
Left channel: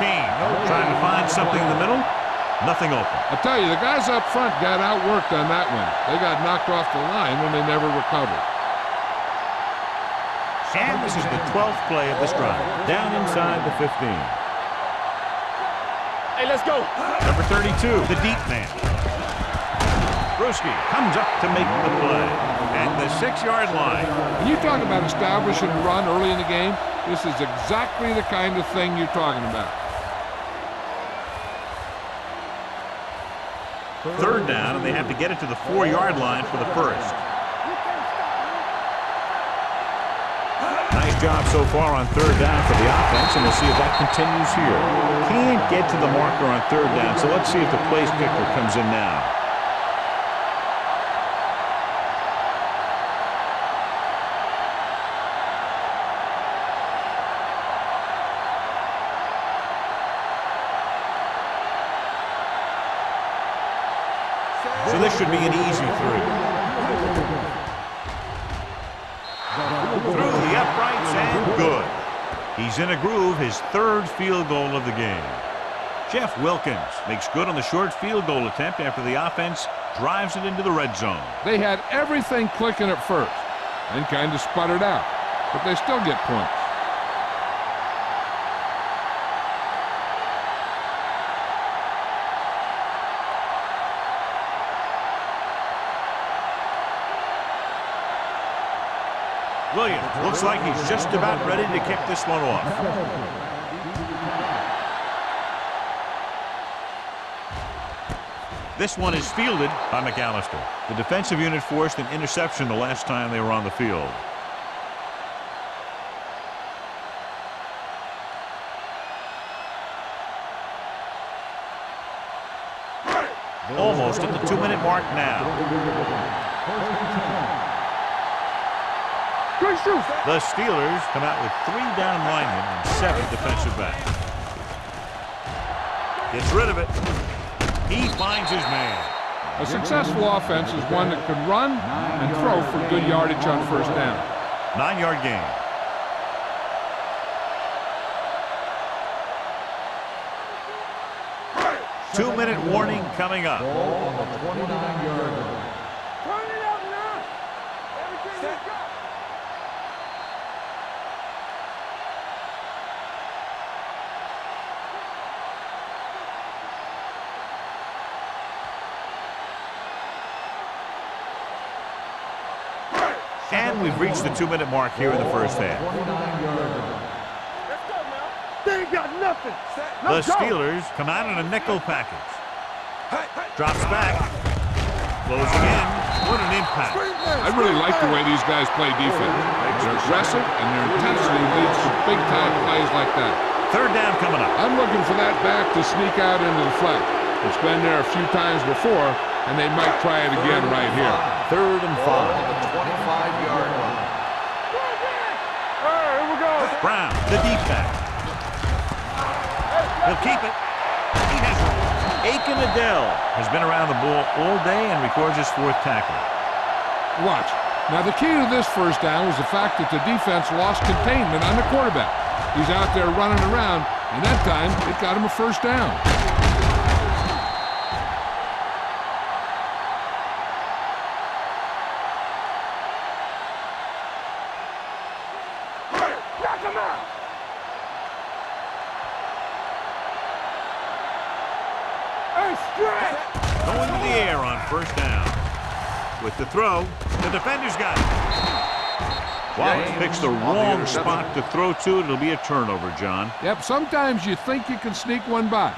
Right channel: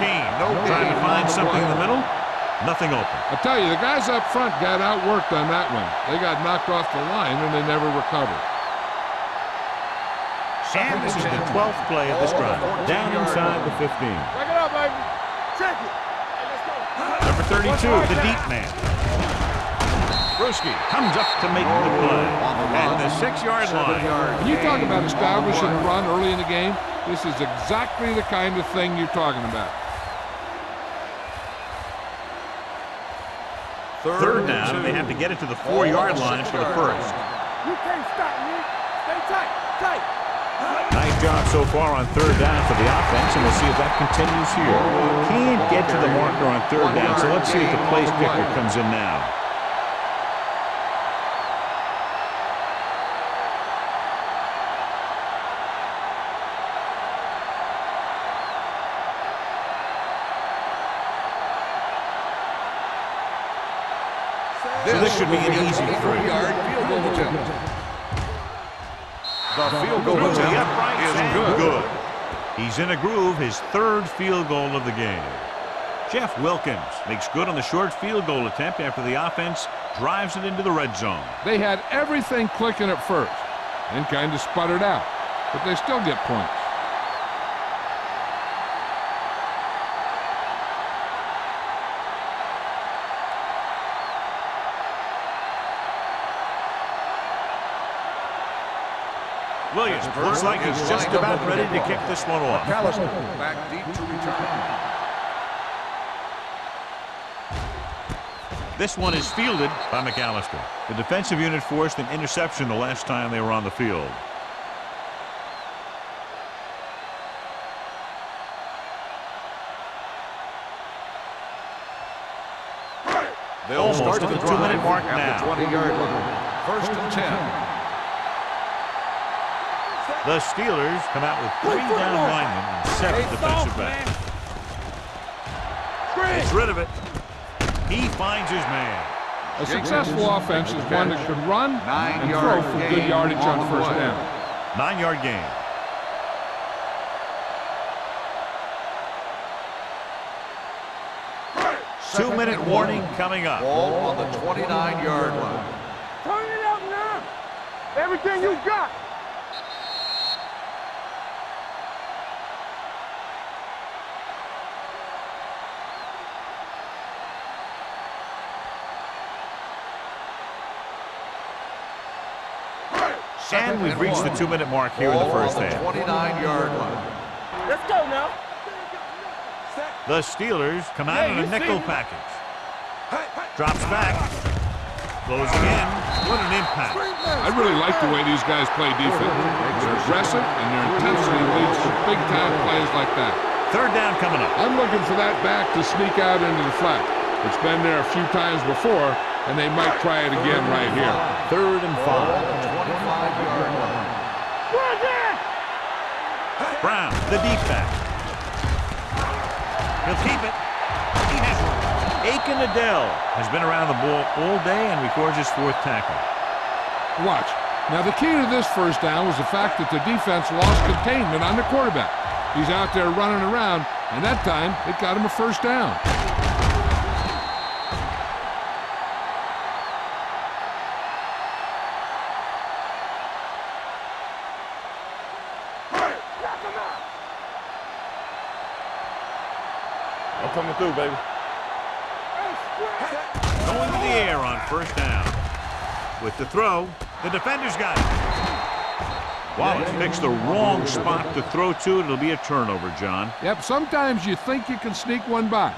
Trying to find something in the middle. Nothing open. I tell you, the guys up front got outworked on that one. They got knocked off the line and they never recovered. And this is the 12th play of this drive. Down inside the 15. Check it out, baby. Check it. Hey, let's go. Number 32, the deep man. Brewski comes up to make the play at the 6-yard line. When you talk about establishing a run early in the game, this is exactly the kind of thing you're talking about. Third down, and they have to get it to the 4-yard line for the first. You can't stop me. Stay tight. Nice job so far on third down for the offense, and we'll see if that continues here. Can't get to the marker on third down, so let's see if the place kicker comes in now. So this should be an easy 3. Through the uprights and good. He's in a groove, his 3rd field goal of the game. Jeff Wilkins makes good on the short field goal attempt after the offense drives it into the red zone. They had everything clicking at first and kind of sputtered out, but they still get points. Williams looks like he's just about ready to kick this one off. McAllister back deep to return. This one is fielded by McAllister. The defensive unit forced an interception the last time they were on the field. They'll Almost start at the drive 2-minute mark at now. the 20-yard line. First and 10. The Steelers come out with 3 down linemen and 7 defensive backs. Gets rid of it. He finds his man. A successful offense is one that can run and throw for good yardage on first down. 9-yard gain. Two-minute warning coming up. Ball on the 29-yard line. Turn it out now. Everything you got. And we've reached the 2-minute mark here in the first half. 29-yard line. Let's go now. They ain't got nothing. The Steelers come out in a nickel package. Drops back. Closing in. What an impact. I really like the way these guys play defense. They're aggressive, and their intensity leads to big-time plays like that. 3rd down coming up. I'm looking for that back to sneak out into the flat. It's been there a few times before, and they might try it again right here. 3rd and Ball on 5. the 25-yard line. Brown, the deep back. He'll keep it. He has it. Aiken Adele has been around the ball all day and records his 4th tackle. Watch. Now, the key to this first down was the fact that the defense lost containment on the quarterback. He's out there running around, and that time it got him a first down. Knock him out. I'm coming through, baby. Hey, straight. Going to the air on first down. With the throw, the defender's got it. Wallace picks the wrong spot to throw to. It'll be a turnover, John. Yep, sometimes you think you can sneak one by,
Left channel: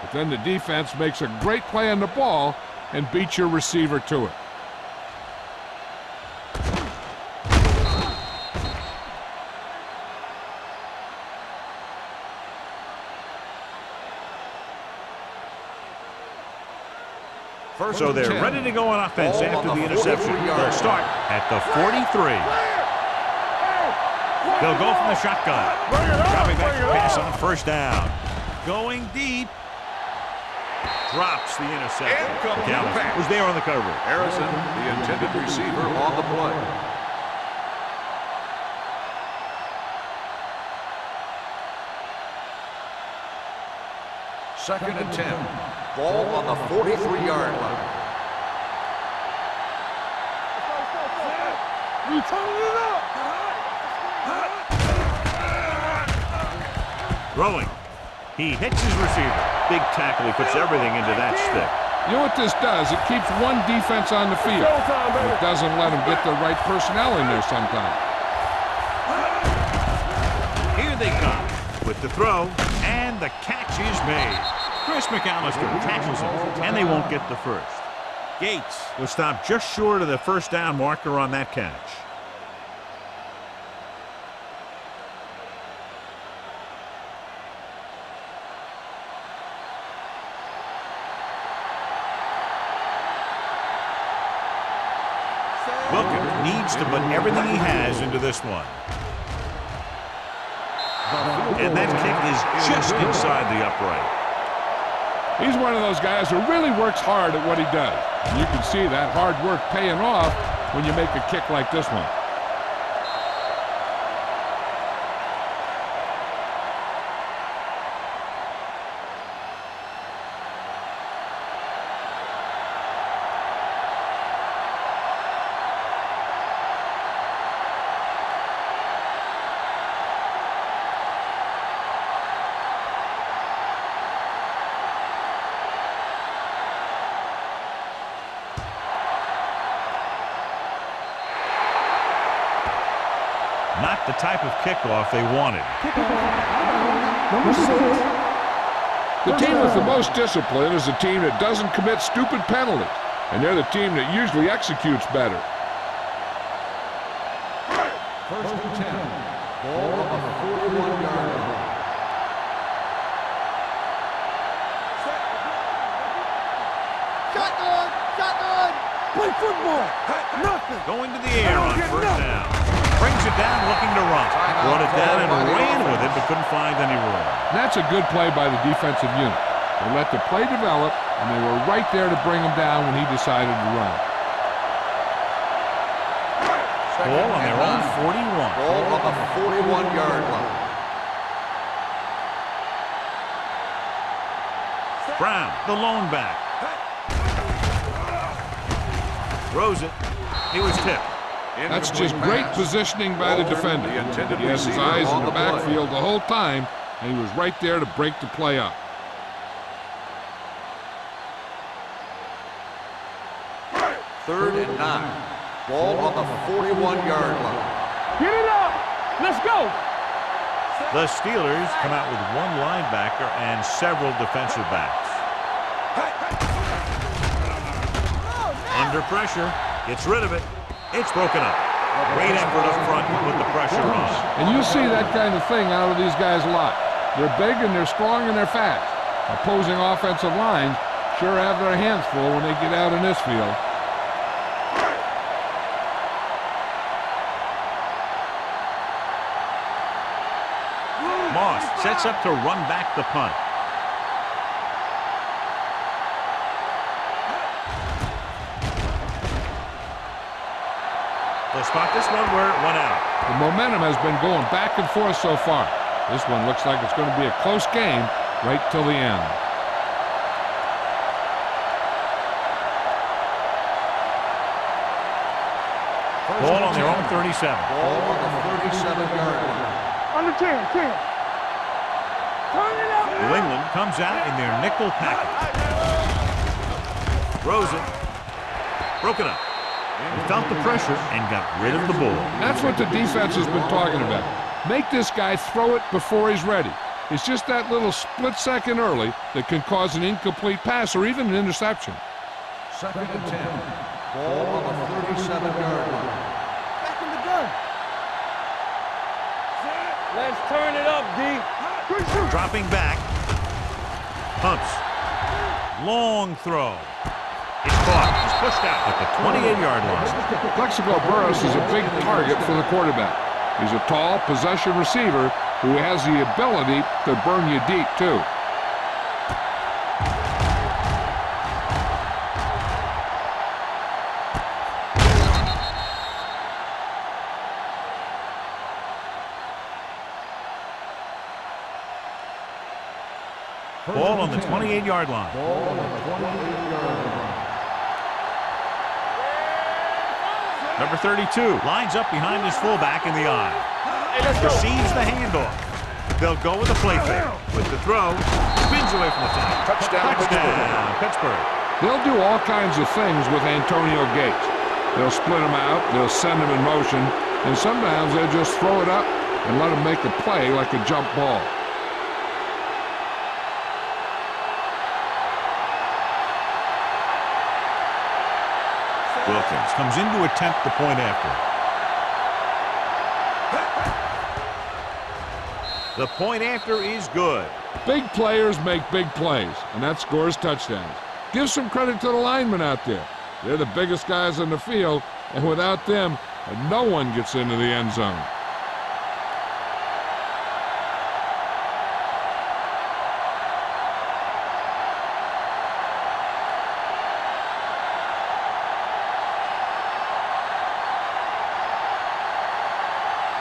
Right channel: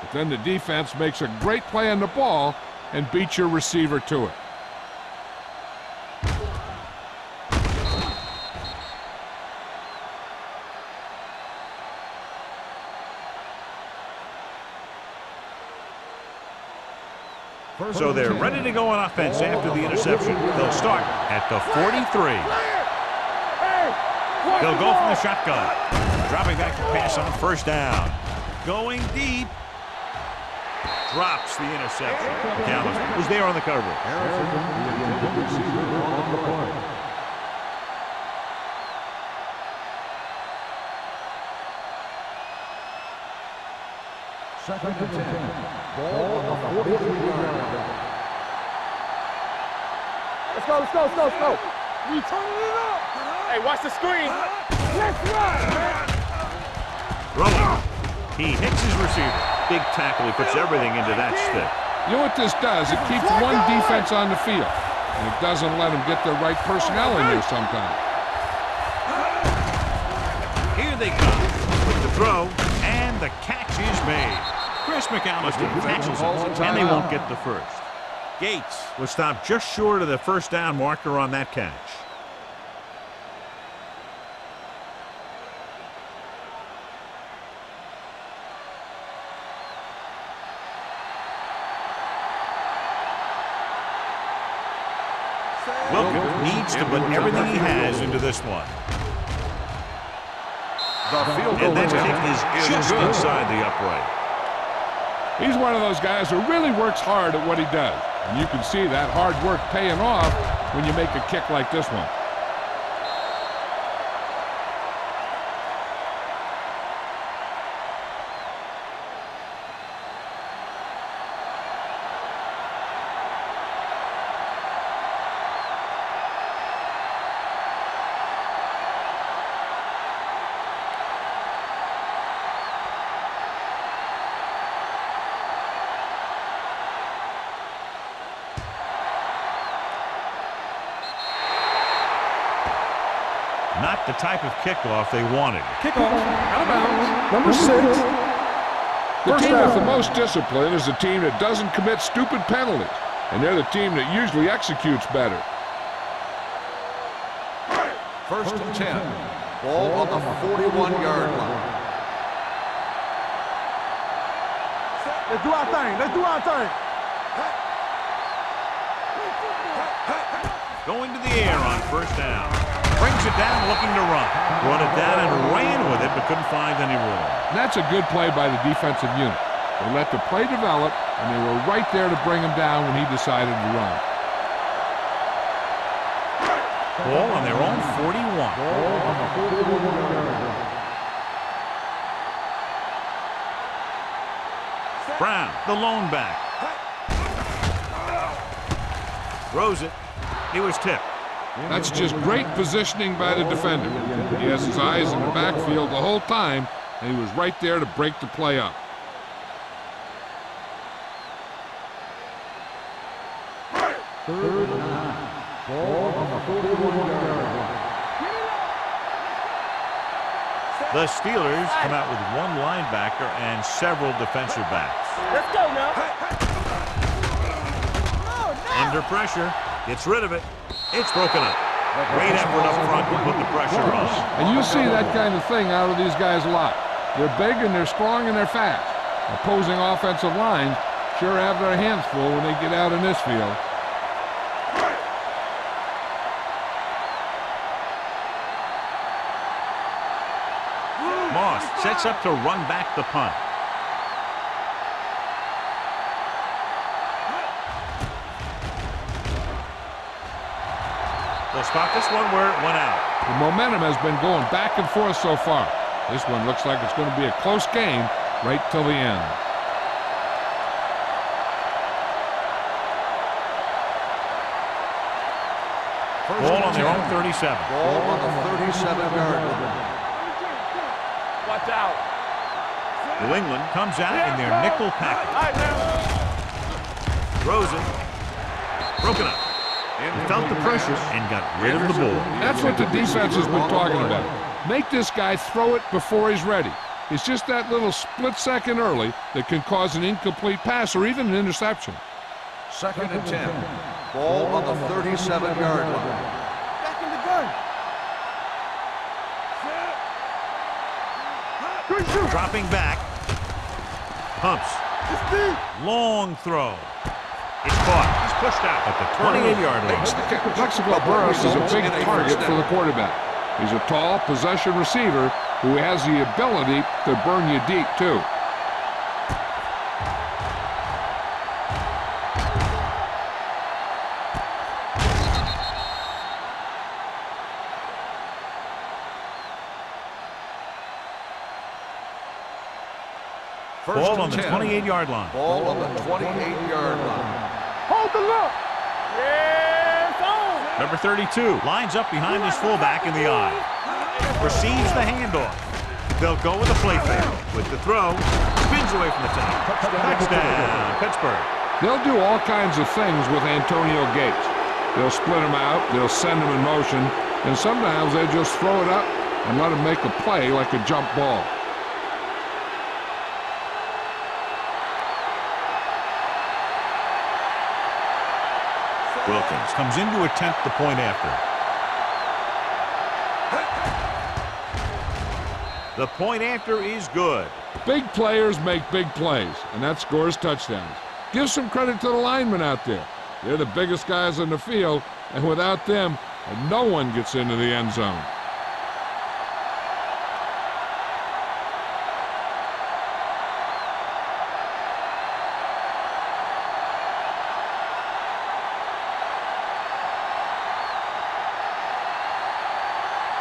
but then the defense makes a great play on the ball and beats your receiver to it. So they're ready to go on offense after the interception. They'll start at the 43. They'll go from the shotgun. Dropping back to pass on first down. Going deep. Drops the interception. McAllister was there on the coverage. Harrison, the intended receiver, on the play. Second and 10. Ball on the 43-yard line. Let's go, let's go, let's go, let's go. We turning it up. Hey, watch the screen. Throwing. He hits his receiver. Big tackle. He puts everything into that stick. You know what this does? It keeps one defense on the field, and it doesn't let them get the right personnel in there sometimes. Here they come with the throw, and the catch is made. Chris McAllister tackles him, and they won't get the first. Gates was stopped just short of the first down marker on that catch. Wilkins needs to put everything he has into this one. And that kick is just inside the upright. He's one of those guys who really works hard at what he does. And you can see that hard work paying off when you make a kick like this one. Not the type of kickoff they wanted. Kickoff, out of bounds. Number 6. The First team down. with the most discipline is the team that doesn't commit stupid penalties, and they're the team that usually executes better. First and 10. Ball on the 41-yard line. Set. Let's do our thing. Let's do our thing. Shotgun. Shotgun. Play football. Nothing. Going to the air on first down. Brings it down, looking to run. Brought it down and ran with it, but couldn't find any room. And that's a good play by the defensive unit. They let the play develop, and they were right there to bring him down when he decided to run. Ball on their own 41. Ball on the 41-yard line. Brown, the lone back. Throws it. He was tipped. That's just great positioning by the defender. He has his eyes in the backfield the whole time, and he was right there to break the play up. Third and 9. Ball on the 41-yard line. Get it up. Let's go. The Steelers come out with one linebacker and several defensive backs. Let's go now. Under pressure. Gets rid of it. It's broken up. Great effort up front to put the pressure on. And you see that kind of thing out of these guys a lot. They're big and they're strong and they're fast. Opposing offensive lines sure have their hands full when they get out in this field. Moss sets up to run back the punt. They'll spot this one where it went out. The momentum has been going back and forth so far. This one looks like it's going to be a close game right till the end. Ball on their own 37. Ball on the 37-yard line. On the 10. Watch out. Turn it up. New England comes out in their nickel package. All right, now. Throws it. Broken up. He felt the pressure and got rid of the ball. That's what the defense has been talking about. Make this guy throw it before he's ready. It's just that little split second early that can cause an incomplete pass or even an interception. Second and 10. Ball on the 37-yard line. Back in the gun. Let's turn it up, D. Good shoot. Dropping back. Pumps. Long throw. It's caught. He's pushed out at the 28-yard line. Plexico Burress is a big target for the quarterback. He's a tall possession receiver who has the ability to burn you deep, too. Ball on the 28-yard line. Ball on the 28-yard line. Hold the look. Yes, on. Number 32 lines up behind his fullback in the eye. Receives the handoff. They'll go with a play fake. With the throw, spins away from the tackle. Touchdown, Pittsburgh. They'll do all kinds of things with Antonio Gates. They'll split him out, they'll send him in motion, and sometimes they'll just throw it up and let him make a play like a jump ball. Wilkins comes in to attempt the point after. The point after is good. Big players make big plays, and that scores touchdowns. Give some credit to the linemen out there. They're the biggest guys on the field, and without them, no one gets into the end zone.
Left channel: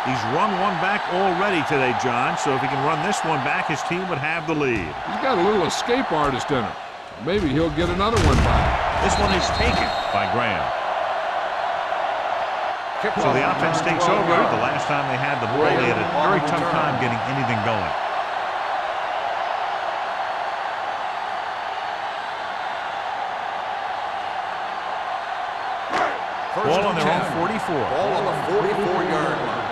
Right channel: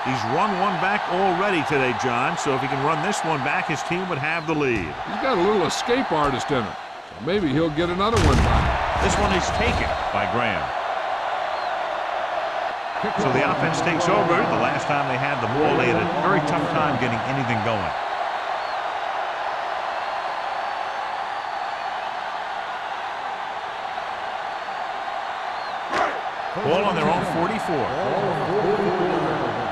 He's run one back already today, John, so if he can run this one back, his team would have the lead. He's got a little escape artist in him, so maybe he'll get another one by. This one is taken by Graham. So the offense takes over. The last time they had the ball, they had a very tough time getting anything going. Ball on their own 44. Ball on the 44-yard line.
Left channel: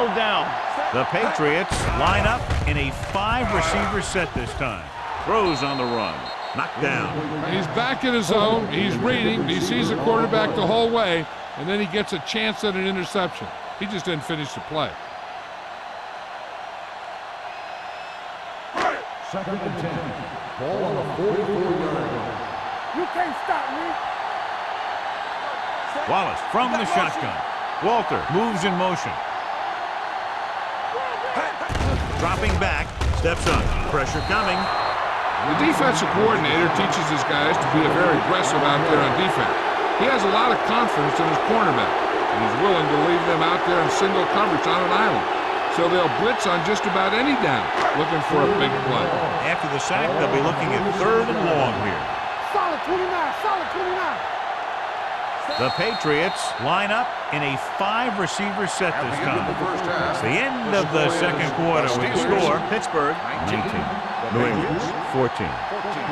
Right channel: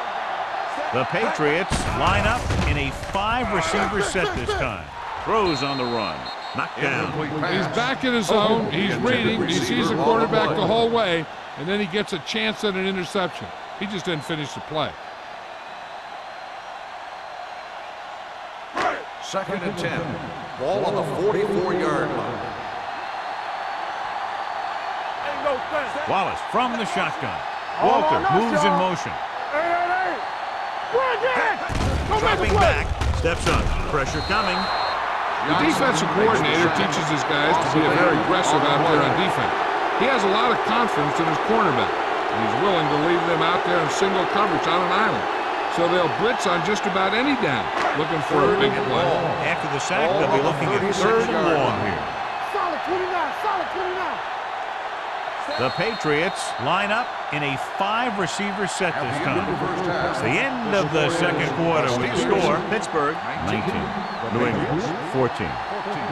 Settle down. The Patriots line up in a 5-receiver set this time. Throws on the run. Knocked down. And he's back in his zone. He's reading. He sees the quarterback the whole way, and then he gets a chance at an interception. He just didn't finish the play. Second and 10. Ball on the 44-yard line. You can't stop me. Ain't no thing. Wallace from the shotgun. Walter moves in motion. Dropping back. Steps up. Pressure coming. The defensive coordinator teaches his guys to be very aggressive out there on defense. He has a lot of confidence in his cornerback, and he's willing to leave them out there in single coverage on an island. So they'll blitz on just about any down, looking for a big play. After the sack, they'll be looking at 3rd and long here. Solid 29, solid 29. The Patriots line up in a 5-receiver set At this the end of the time. first half, It's the end of the second quarter with the score. Pittsburgh 19, New England 14. 14.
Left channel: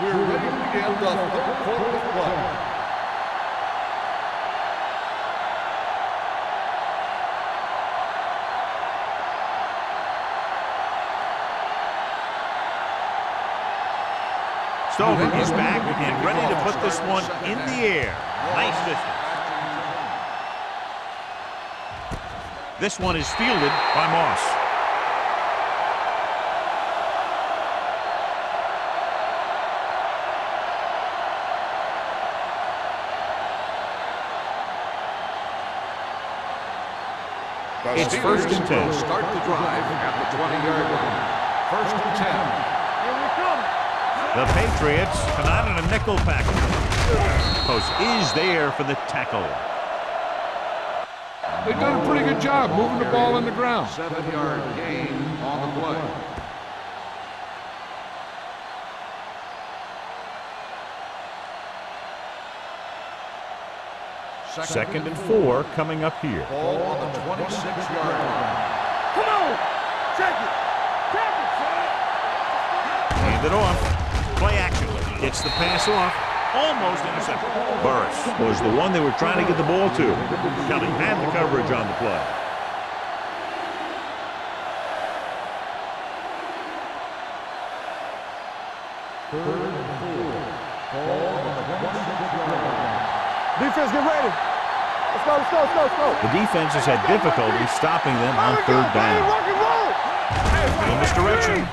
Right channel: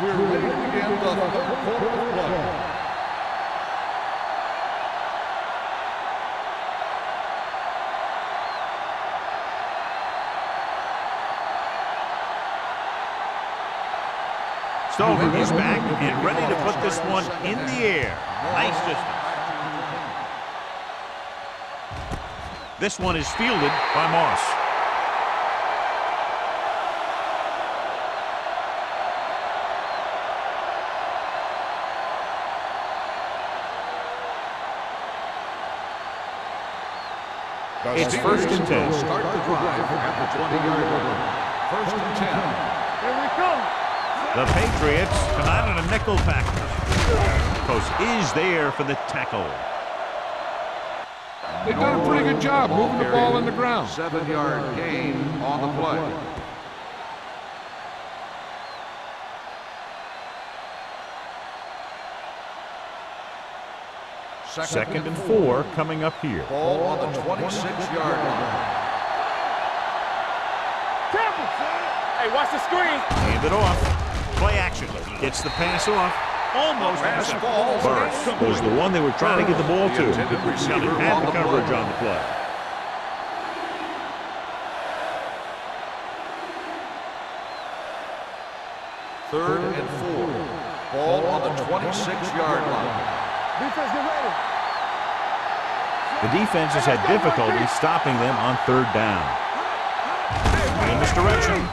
We're ready to begin the third quarter of play. Stover is back and ready to put this one in the air. Nice distance. This one is fielded by Moss. It's 1st and 10. Start the drive at the 20-yard line. 1st and 10. Here we come. The Patriots come out in a nickel package. Post is there for the tackle. They've done a pretty good job moving the ball in the ground. 7-yard gain on the play. Second and 4 coming up here. Ball on the 26-yard line. Come on. Check it. Tap it, son. Hey, watch the screen. Hand it off. Play action. Gets the pass off. Almost intercepted. Burris was the one they were trying to get the ball to. Kelly had the coverage on the play. Third and 4. Ball on the 26-yard line. Defense, get ready. Let's go, let's go, let's go, let's go. The defense has had difficulty stopping them on 3rd down. In this direction.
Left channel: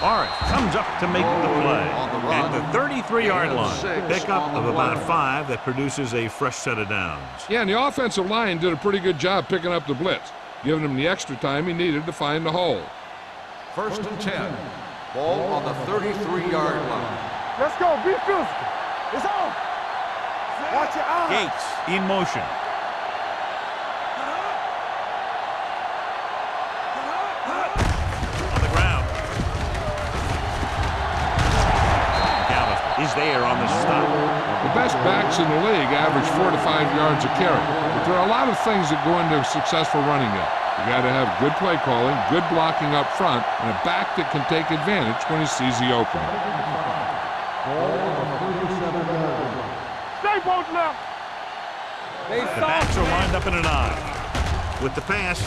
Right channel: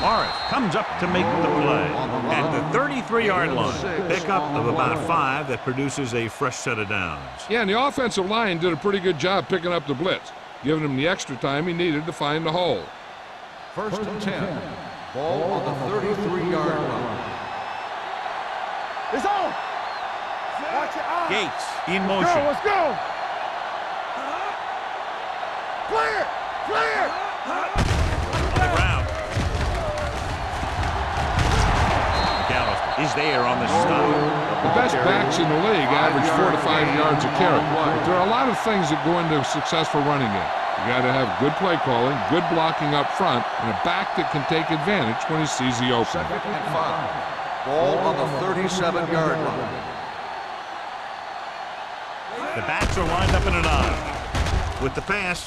Morris comes up to make the play at the 33-yard line. Pickup of about 5 that produces a fresh set of downs. Yeah, and the offensive line did a pretty good job picking up the blitz, giving him the extra time he needed to find the hole. 1st and 10. Ball on the 33-yard line. Let's go, be physical. It's on. Watch your eyes. Gates in motion. Let's go. Clear, clear. On the ground. McAllister is there on the stop. The best backs in the league average 4 to 5 yards a carry, but there are a lot of things that go into a successful running game. You got to have good play calling, good blocking up front, and a back that can take advantage when he sees the opening. 2nd and 5. Ball on the 37-yard line. Stay both left. The backs are lined up in an I. With the pass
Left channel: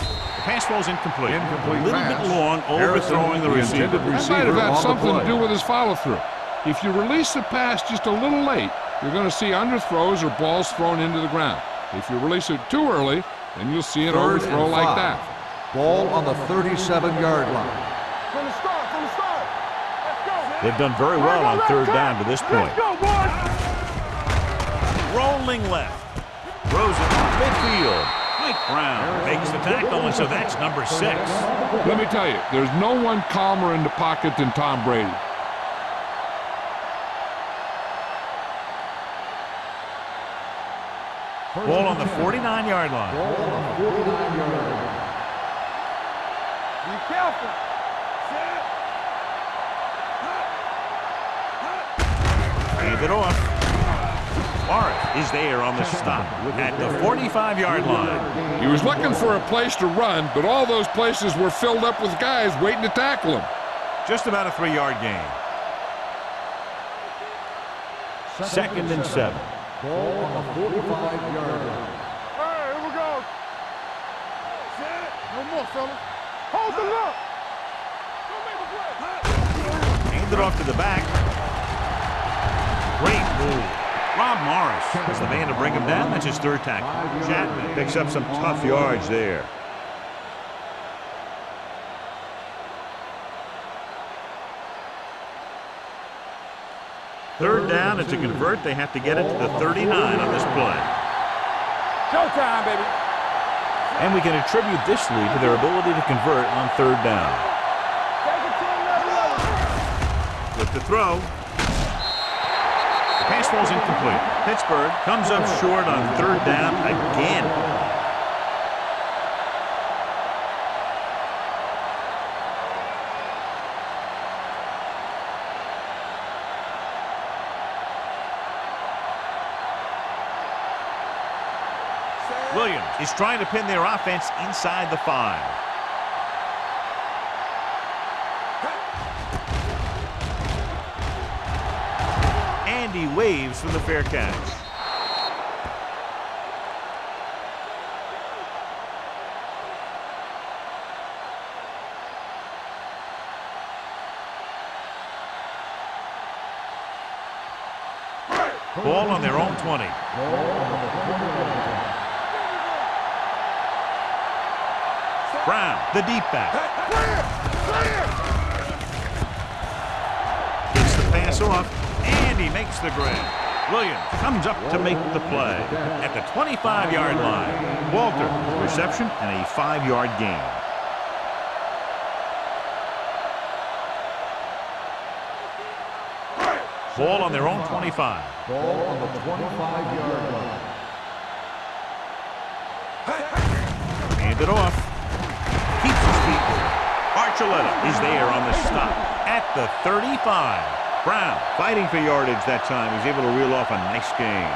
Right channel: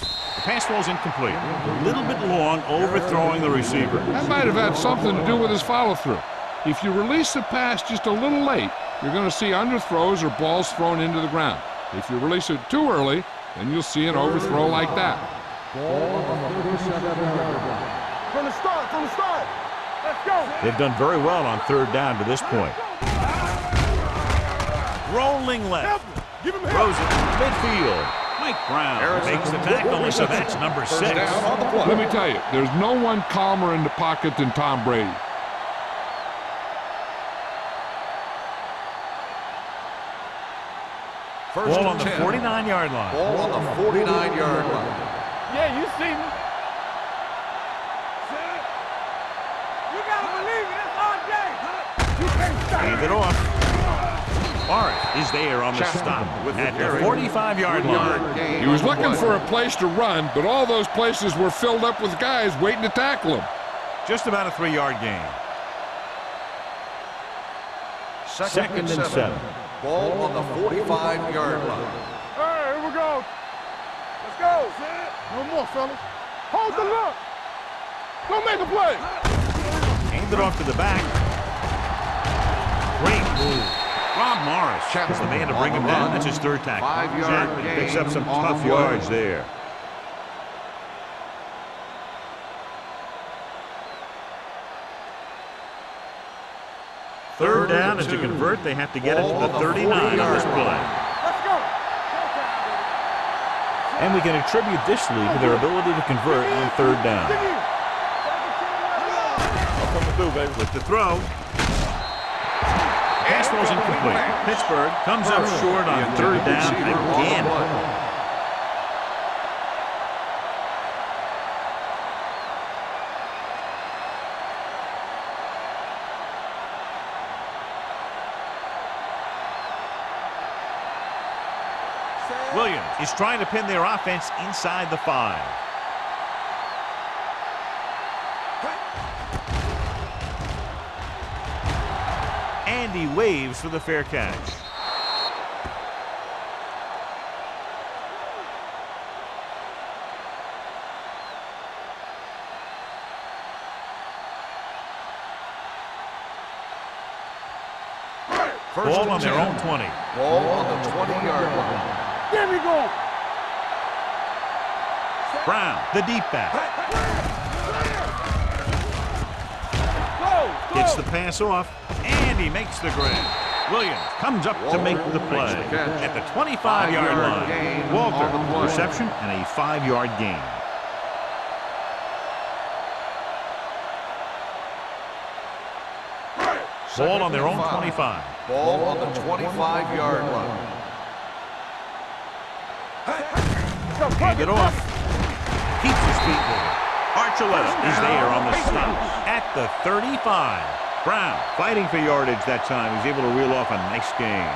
falls incomplete. A little bit long, overthrowing the receiver. That might have had something to do with his follow-through. If you release the pass just a little late, you're going to see underthrows or balls thrown into the ground. If you release it too early, then you'll see an overthrow like that. Ball on the 37-yard line. From the start, from the start. Let's go. They've done very well on 3rd down to this point. Let's go, boys. Rolling left. Throws it midfield. Mike Brown makes the tackle, and so that's number 6. Let me tell you, there's no one calmer in the pocket than Tom Brady. Ball on the 49-yard line. Ball on the 49-yard line. Yeah, you see me. Be careful. Set. You gotta believe it. That's all day. Hand it off. Morris is there on the stop at the 45-yard line. He was looking for a place to run, but all those places were filled up with guys waiting to tackle him. Just about a 3-yard gain. 2nd and 7. Ball on the 45-yard line. Hey, here we go. Let's go. Set. No more, fellas. Hold the look. Don't make a play. Hand it off to the back. Great move. Rob Morris was the man to bring him down. That's his third tackle. Chapman picks up some tough yards there. Third down, and to convert, they have to get it to the 39 on this play. Let's go. Showtime, baby. And we can attribute this lead to their ability to convert on third down. Take it to another level. With the throw. The pass ball's incomplete. Pittsburgh comes up short on third down again. Williams is trying to pin their offense inside the 5. And he waves for the fair catch. Ball on their own 20. Ball on the 20-yard line. There we go. Brown, the deep back. Gets the pass off, and he makes the grab. Williams comes up to make the play at the 25-yard line. Walter with the reception and a 5-yard gain. Ball on their own 25. Ball on the 25-yard line. Hand it off. Keeps his feet moving. Archuleta is there on the stop at the 35. Brown fighting for yardage that time. He's able to reel off a nice gain.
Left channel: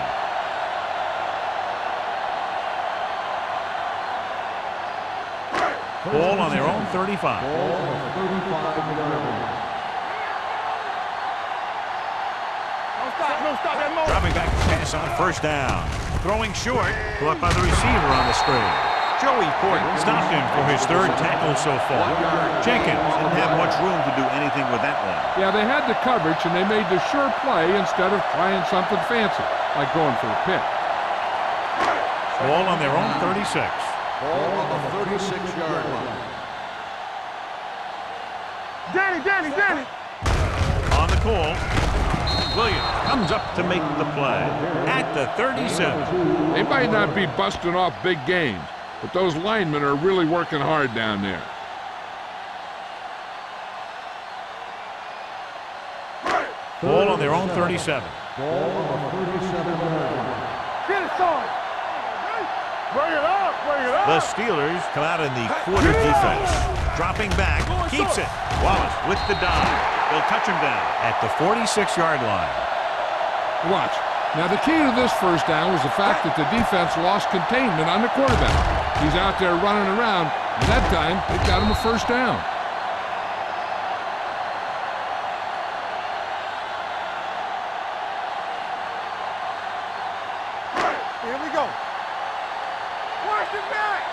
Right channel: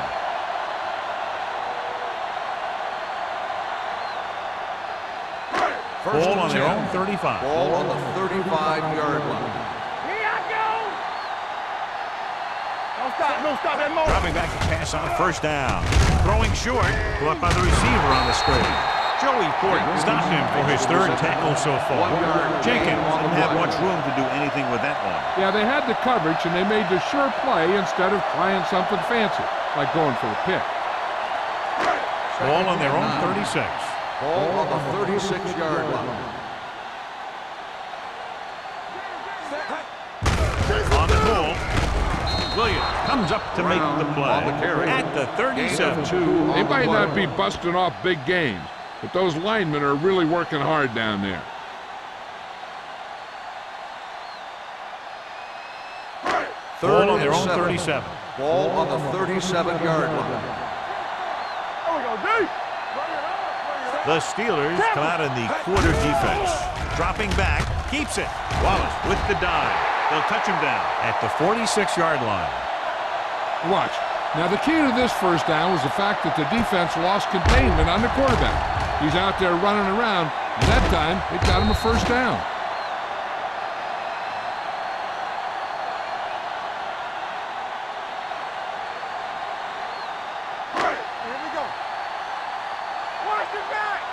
Ball on their own 35. Ball on the 35-yard line. Here I go. Don't stop that motor. Dropping back to pass on first down. Throwing short. Caught by the receiver on the screen. Joey Porton stopped him for his third tackle so far. Jenkins didn't have much room to do anything with that one. Yeah, they had the coverage, and they made the sure play instead of trying something fancy, like going for the pick. Ball on their own 36. Ball on the 36-yard line. Danny. On the call. Williams comes up to make the play at the 37. They might not be busting off big games, but those linemen are really working hard down there. Ball on their own 37. Ball on the 37-yard line. Get it, son. There we go, D. Bring it up. The Steelers come out in the quarter defense. Dropping back, keeps it. Wallace with the dive. They'll touch him down at the 46-yard line. Watch. Now, the key to this first down was the fact that the defense lost containment on the quarterback. He's out there running around, and that time, it got him a first down. Here we go. Watch it back.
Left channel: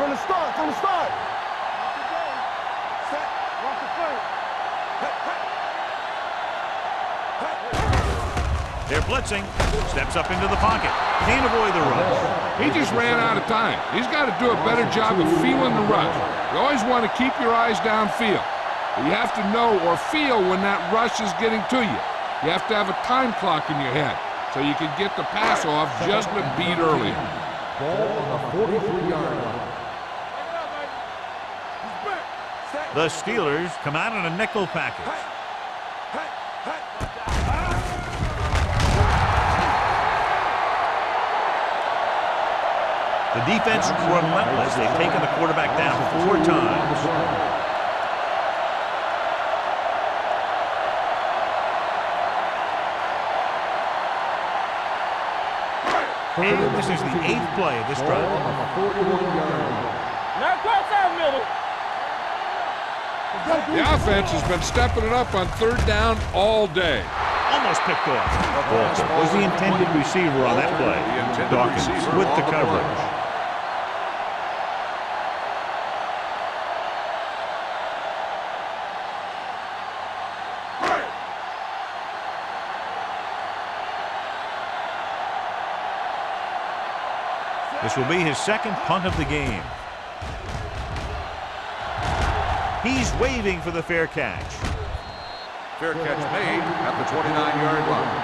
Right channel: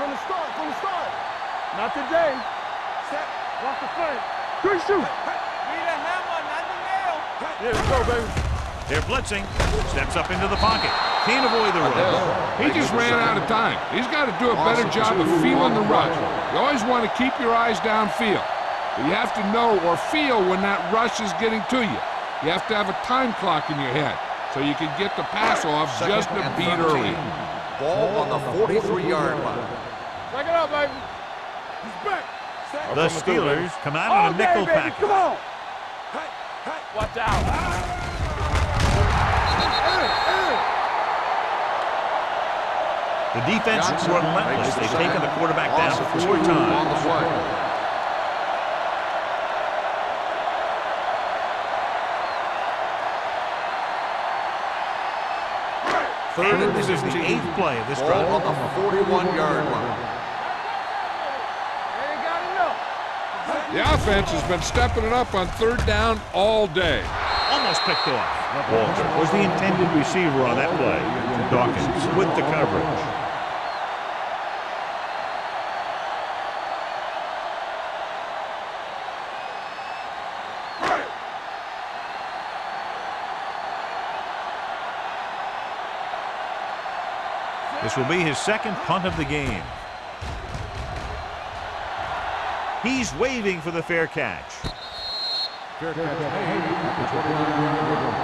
From the start. Not today. Set. Watch the play. Good shoot. Need a hammer, not the nail. They're blitzing. Steps up into the pocket. Can't avoid the rush. He just ran out of time. He's got to do a better job of feeling the rush. You always want to keep your eyes downfield, but you have to know or feel when that rush is getting to you. You have to have a time clock in your head so you can get the pass off just a beat earlier. Ball on the 43-yard line. Back it up, baby. He's back. Set. The Steelers come out in a nickel package. Watch out. The defense relentless. They've taken the quarterback down 4 times. And this is the 8th play of this drive. Ball on the 41-yard line. The offense has been stepping it up on third down all day. Almost picked off. Walter was the intended receiver on that play. Dawkins with the coverage. This will be his second punt of the game. He's waving for the fair catch. Fair catch made at the 29-yard line.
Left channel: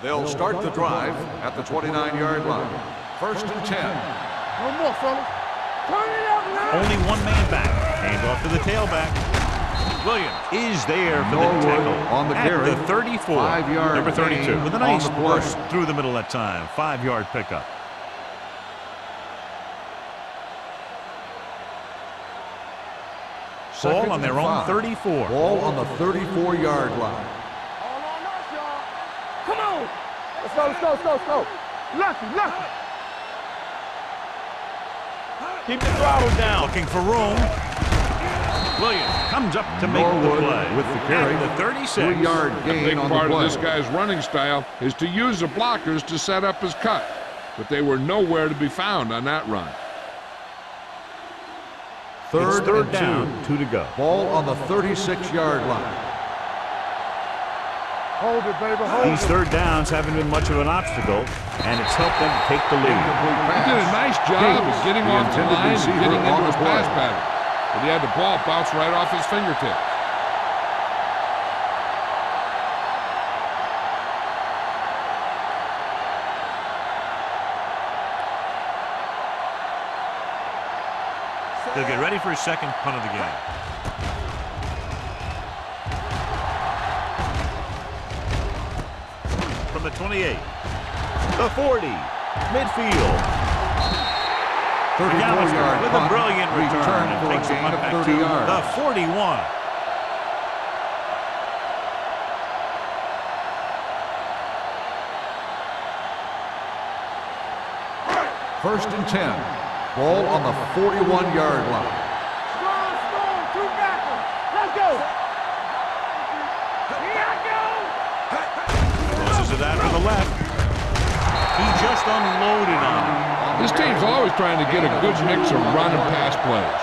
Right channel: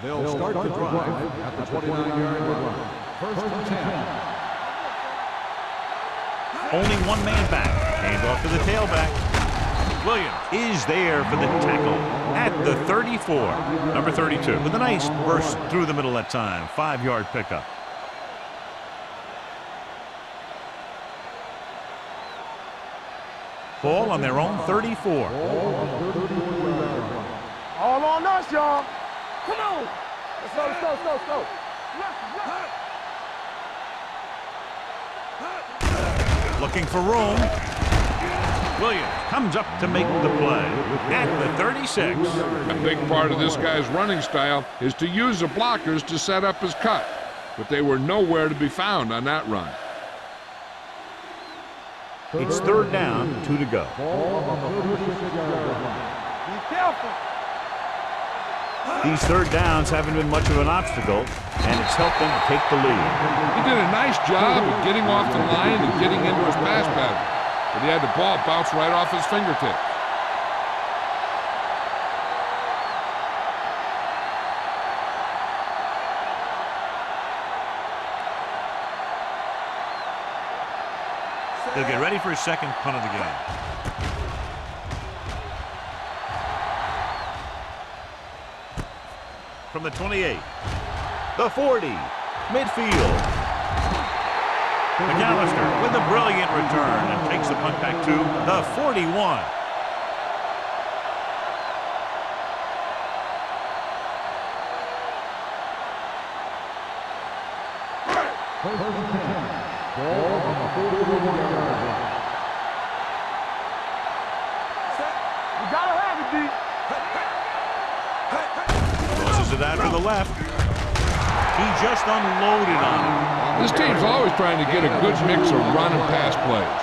They'll start the drive at the 29-yard line. 1st and 10. No more, fellas. Turn it up. Only one man back. Hand off to the tailback. Williams is there for the tackle at the 34. Number 32 with a nice burst through the middle that time. 5-yard pickup. Ball on their own 34. Ball on the 34-yard line. All on us, y'all. Come on. Let's go, let's go, let's go, let's go. Lucky. Keep the flowers down. Looking for room. Williams comes up to make the play at the 36. A big part of this guy's running style is to use the blockers to set up his cut, but they were nowhere to be found on that run. It's third down, 2 to go. Ball on the 36-yard line. Be careful. Hold it, baby. These third downs haven't been much of an obstacle, and it's helped them to take the lead. He did a nice job of getting off the line and getting into his pass pattern, but he had the ball bounce right off his fingertips. He'll get ready for his second punt of the game. From the 28, the 40, midfield. McAllister with a brilliant return and takes the punt back to the 41. First and 10. Ball on the 41-yard line. Strong, two backers. Let's go. You gotta have it, D. Here I go. Closes it out to the left. He just unloaded on him. This team's always trying to get a good mix of run and pass plays.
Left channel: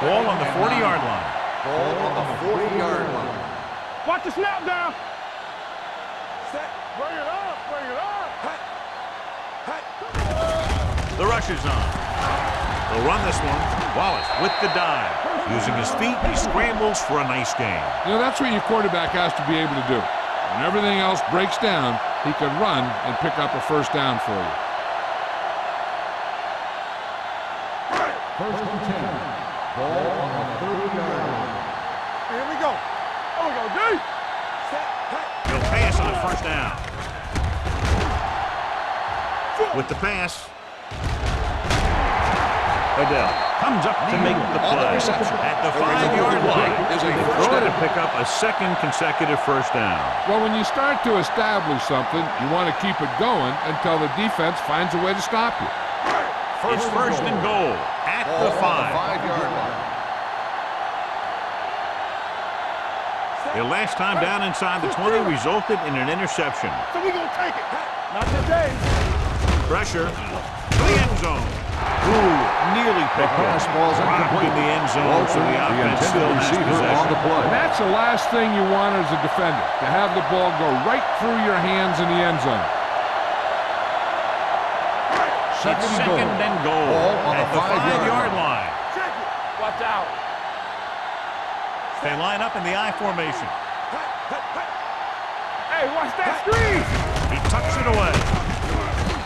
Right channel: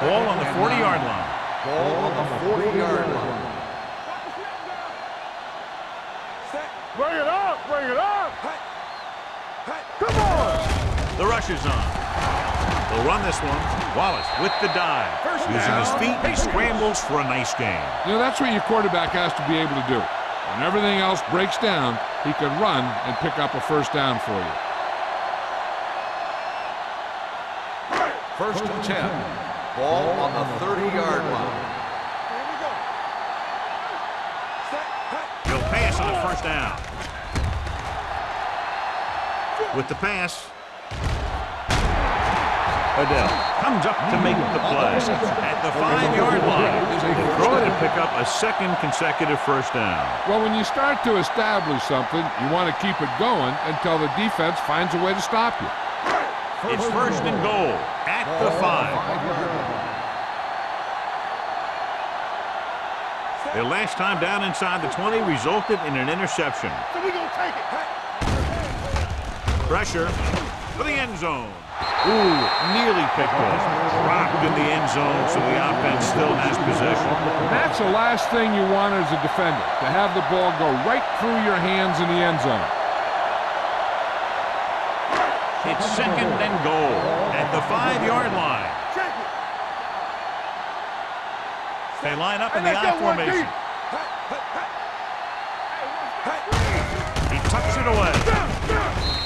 Ball on the 40-yard line. Ball on the 40-yard line. Watch the snap down. Set. Bring it up. Bring it up. Hey. Hey. Come on. The rush is on. They'll run this one. Wallace with the dive. Using his feet, he scrambles for a nice gain. You know, that's what your quarterback has to be able to do. When everything else breaks down, he can run and pick up a first down for you. First and 10. Ball on the 30-yard line. Here we go. Oh, we go, D. Set. Hey. He'll pass on the first down. With the pass, Odell comes up to make the play at the 5-yard line. They throw it to pick up a second consecutive first down. Well, when you start to establish something, you want to keep it going until the defense finds a way to stop you. It's first and goal at the 5. 5-yard line. Their last time down inside the 20 resulted in an interception. So we gonna take it. Not today. Pressure to the end zone. Ooh, nearly picked off. Dropped in the end zone, so the offense still has possession. And that's the last thing you want as a defender, to have the ball go right through your hands in the end zone. It's second and goal at the 5-yard line. Check it. Watch out. They line up in the I formation. Hey, watch that screen. He tucks it away.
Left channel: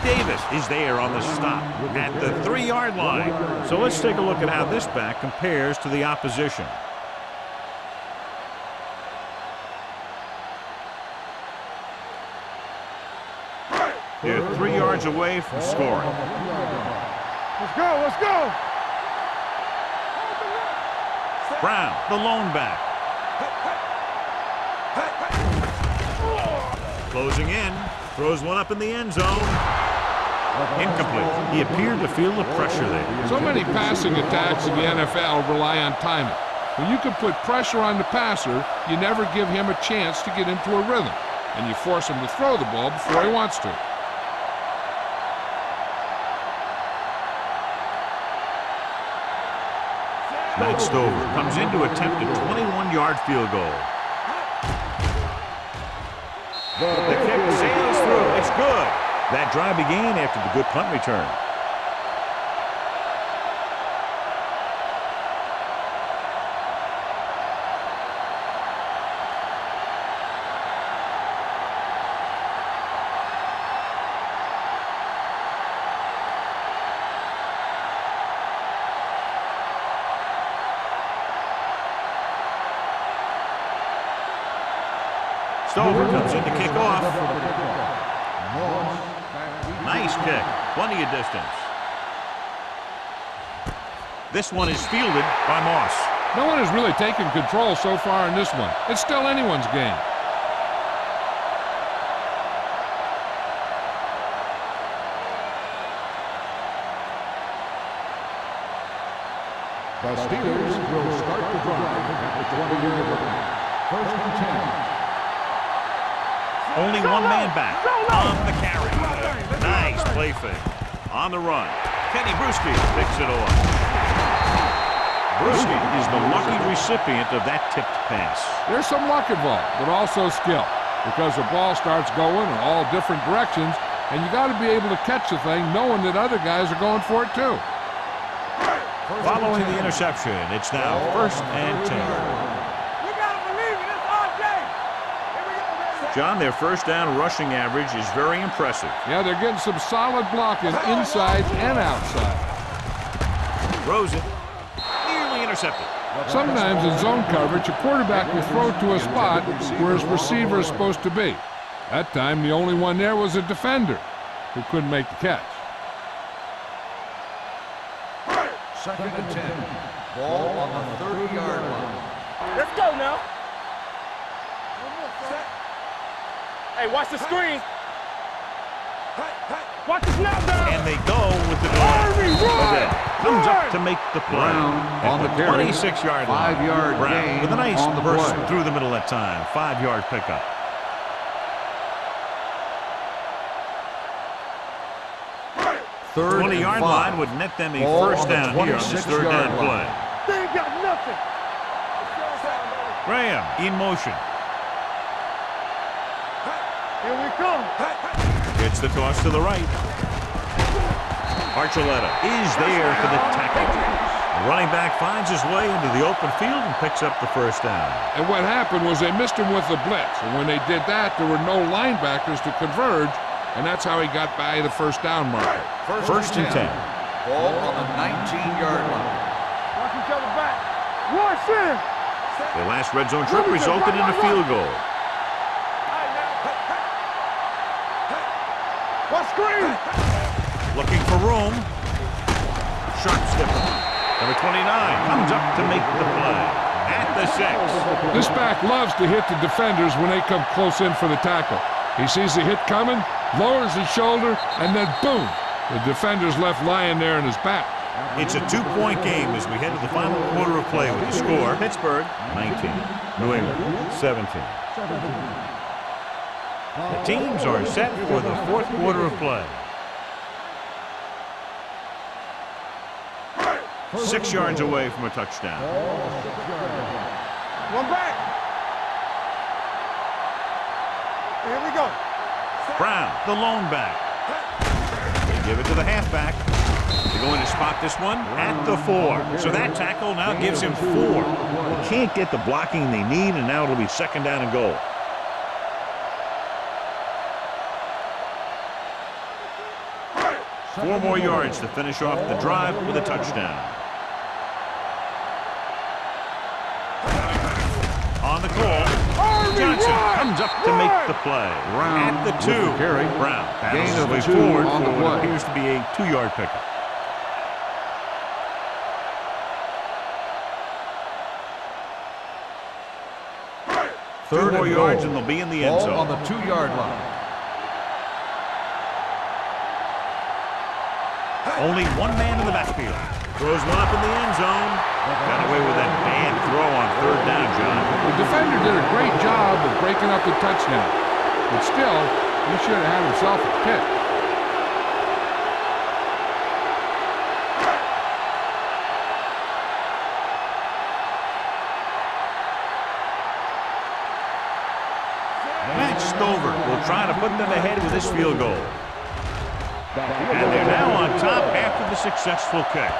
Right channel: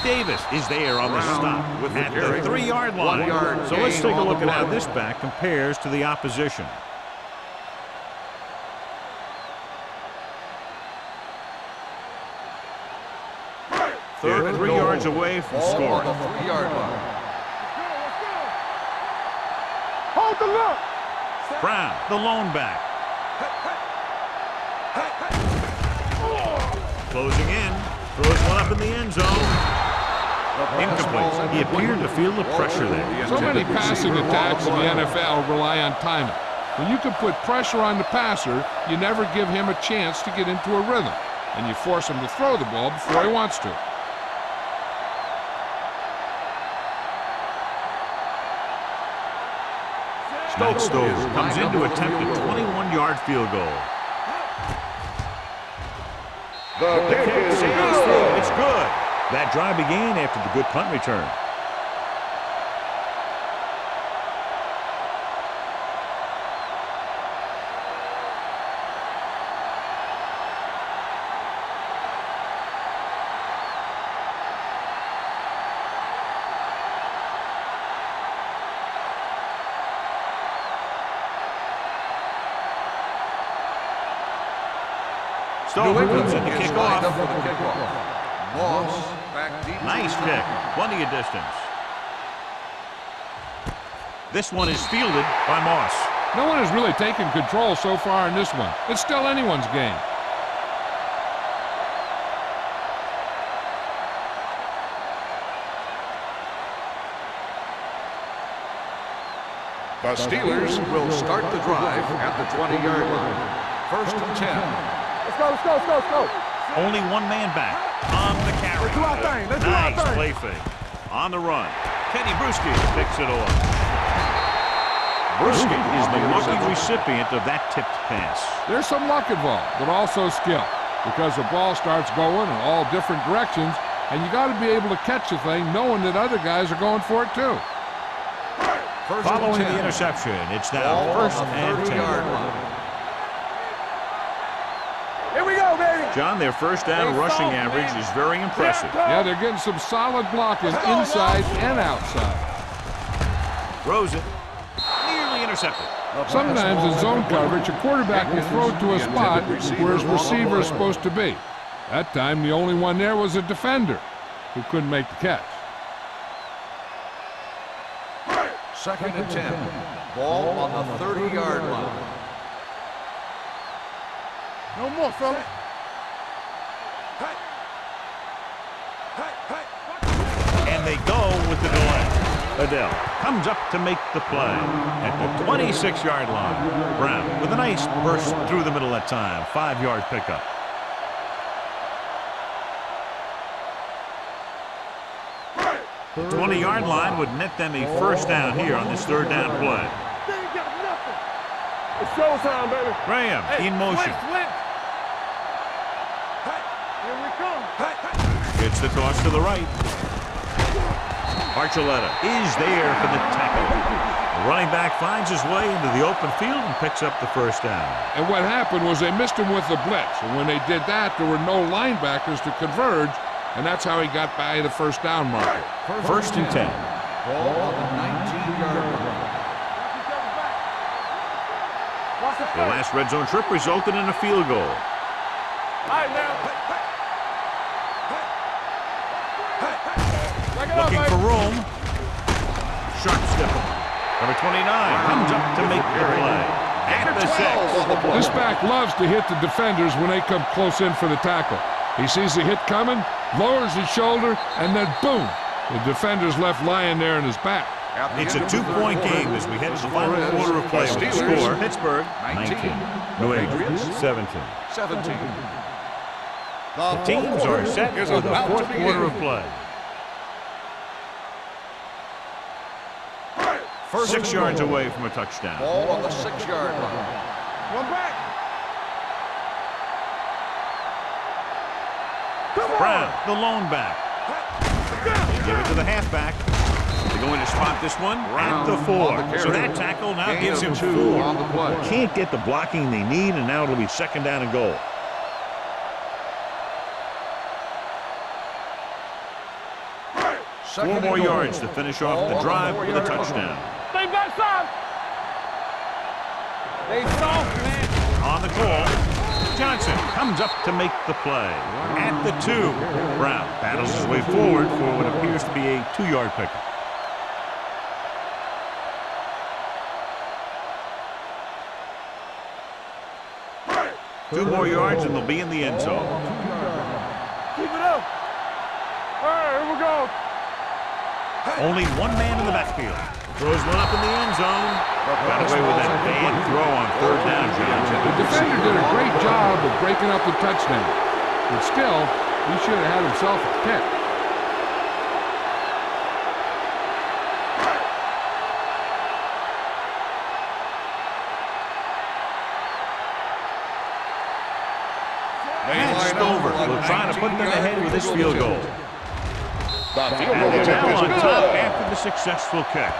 Davis is there on the stop at the 3-yard line. So let's take a look at how this back compares to the opposition. They're 3 yards away from scoring. Let's go, let's go. Hold the look. Brown, the lone back. Closing in. Throws one up in the end zone. Incomplete. He appeared to feel the pressure there. So many passing attacks in the NFL rely on timing. When you can put pressure on the passer, you never give him a chance to get into a rhythm, and you force him to throw the ball before he wants to. Matt Stover comes in to attempt a 21-yard field goal. The kick sails through. It's good. That drive began after the good punt return. Stover comes in to kick off. Nice kick. Plenty of distance. This one is fielded by Moss. No one has really taken control so far in this one. It's still anyone's game. The Steelers will start the drive at the 20-yard line. First and 10. Let's go. Only one man back on the carry. Nice play fake. On the run. Teddy Bruschi picks it off. Bruschi is the lucky recipient of that tipped pass. There's some luck involved, but also skill, because the ball starts going in all different directions, and you got to be able to catch the thing knowing that other guys are going for it too. Following the interception, it's now first and 10. John, their first down rushing average is very impressive. Yeah, they're getting some solid blocking inside and outside. Throws it. Nearly intercepted. Sometimes in zone coverage, a quarterback will throw to a spot where his receiver is supposed to be. That time, the only one there was a defender who couldn't make the catch. Second and 10. Ball on the 30-yard line. Let's go now. No more, son. Hey, watch the screen. Watch the And they go with the delay. Adele comes up to make the play at the 26-yard line. Brown with a nice burst through the middle that time. 5-yard pickup. The 20-yard line would net them a first down here on this third down play. They ain't got nothing. It's showtime, baby. Graham in motion. Here we come. It's the toss to the right. Archuleta is there for the tackle. The running back finds his way into the open field and picks up the first down. And what happened was they missed him with the blitz. And when they did that, there were no linebackers to converge, and that's how he got by the first down marker. First and 10. Ball on the 19-yard line. Watch each other back. Rush in. Their last red zone trip resulted in a field goal. All right, now. Watch screen. Looking for room. Sharp step on. Number 29 comes up to make the play. At the 6. This back loves to hit the defenders when they come close in for the tackle. He sees the hit coming, lowers his shoulder, and then boom, the defender's left lying there in his back. It's a 2-point game as we head to the final quarter of play with the score. Pittsburgh 19, New England 17. The teams are set for the fourth quarter of play. 6 yards away from a touchdown. Ball on the 6-yard line. One back. Here we go. Brown, the lone back. They give it to the halfback. They're going to spot this one at the 4. So that tackle now gives him 4. They can't get the blocking they need, and now it'll be second down and goal. Four more yards to finish off the drive with a touchdown. Stay back side. On the call, Johnson comes up to make the play. At the 2, Brown battles his way forward for what appears to be a 2-yard pickup. 2 more yards and they'll be in the end Ball zone. on the 2-yard line. Keep it up. All right, here we go. Only one man in the backfield. Throws one up in the end zone. Got away with that bad throw on 3rd down, John. The defender did a great job of breaking up the touchdown. But still, he should have had himself a pick. Matt Stover will try to put them ahead with this field goal. And they're now on top after the successful kick.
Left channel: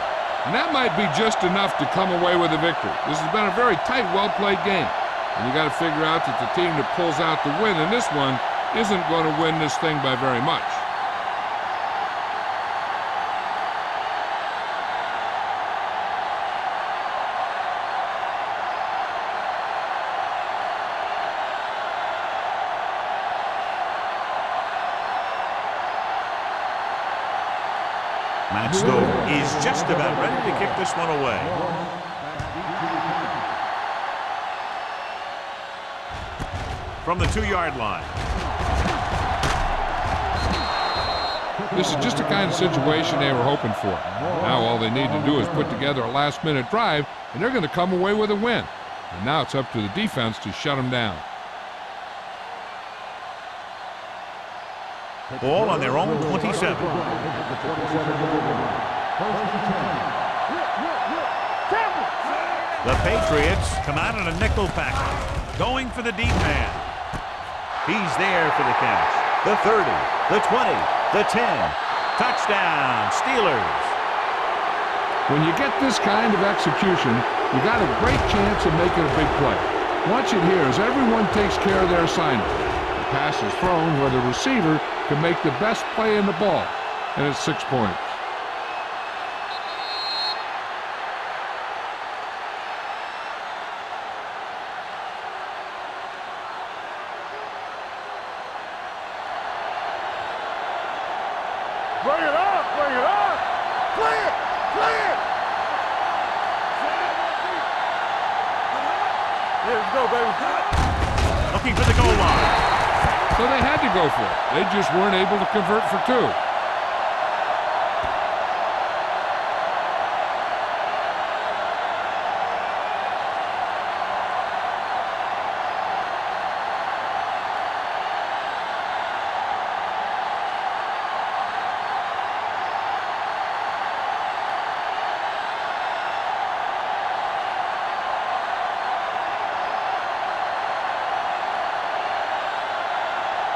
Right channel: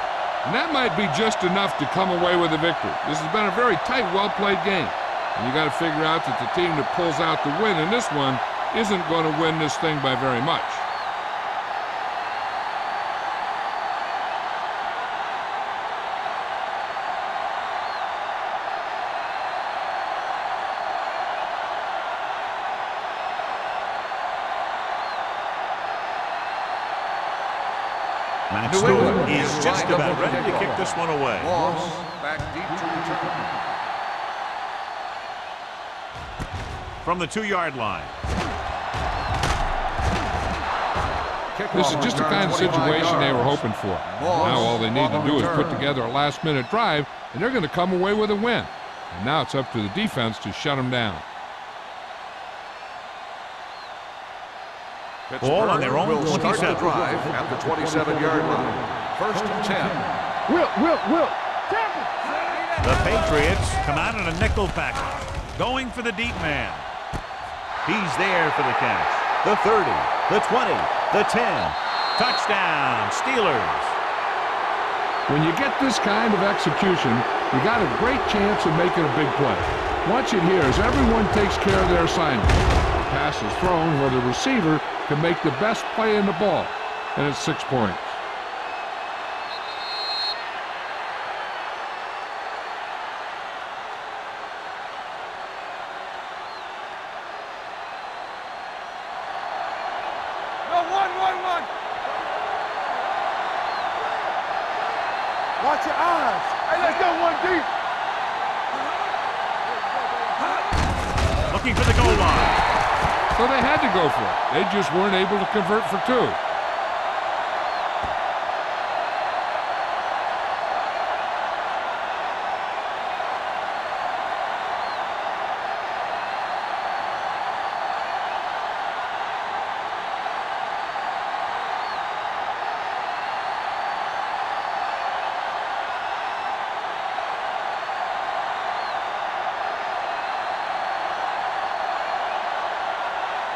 And that might be just enough to come away with a victory. This has been a very tight, well-played game. And you got to figure out that the team that pulls out the win in this one isn't going to win this thing by very much. Matt Stover is just about ready to kick this one away. Back deep to return. From the 2-yard line. This is just the kind of situation they were hoping for. Now all they need to do is put together a last-minute drive, and they're going to come away with a win. And now it's up to the defense to shut them down. Ball on their own Will start the 27. drive at the 27-yard line. 1st and 10. Will. Tampa. The Patriots come out in a nickel package, going for the deep man. He's there for the catch. The 30, the 20, the 10. Touchdown, Steelers. When you get this kind of execution, you got a great chance of making a big play. Watch it here as everyone takes care of their assignment. The pass is thrown where the receiver can make the best play in the ball, and it's 6 points. Bring it up. Play it. Watch your eyes. Let's go one deep. There you go, baby. Looking for the goal line. So they had to go for it. They just weren't able to convert for 2.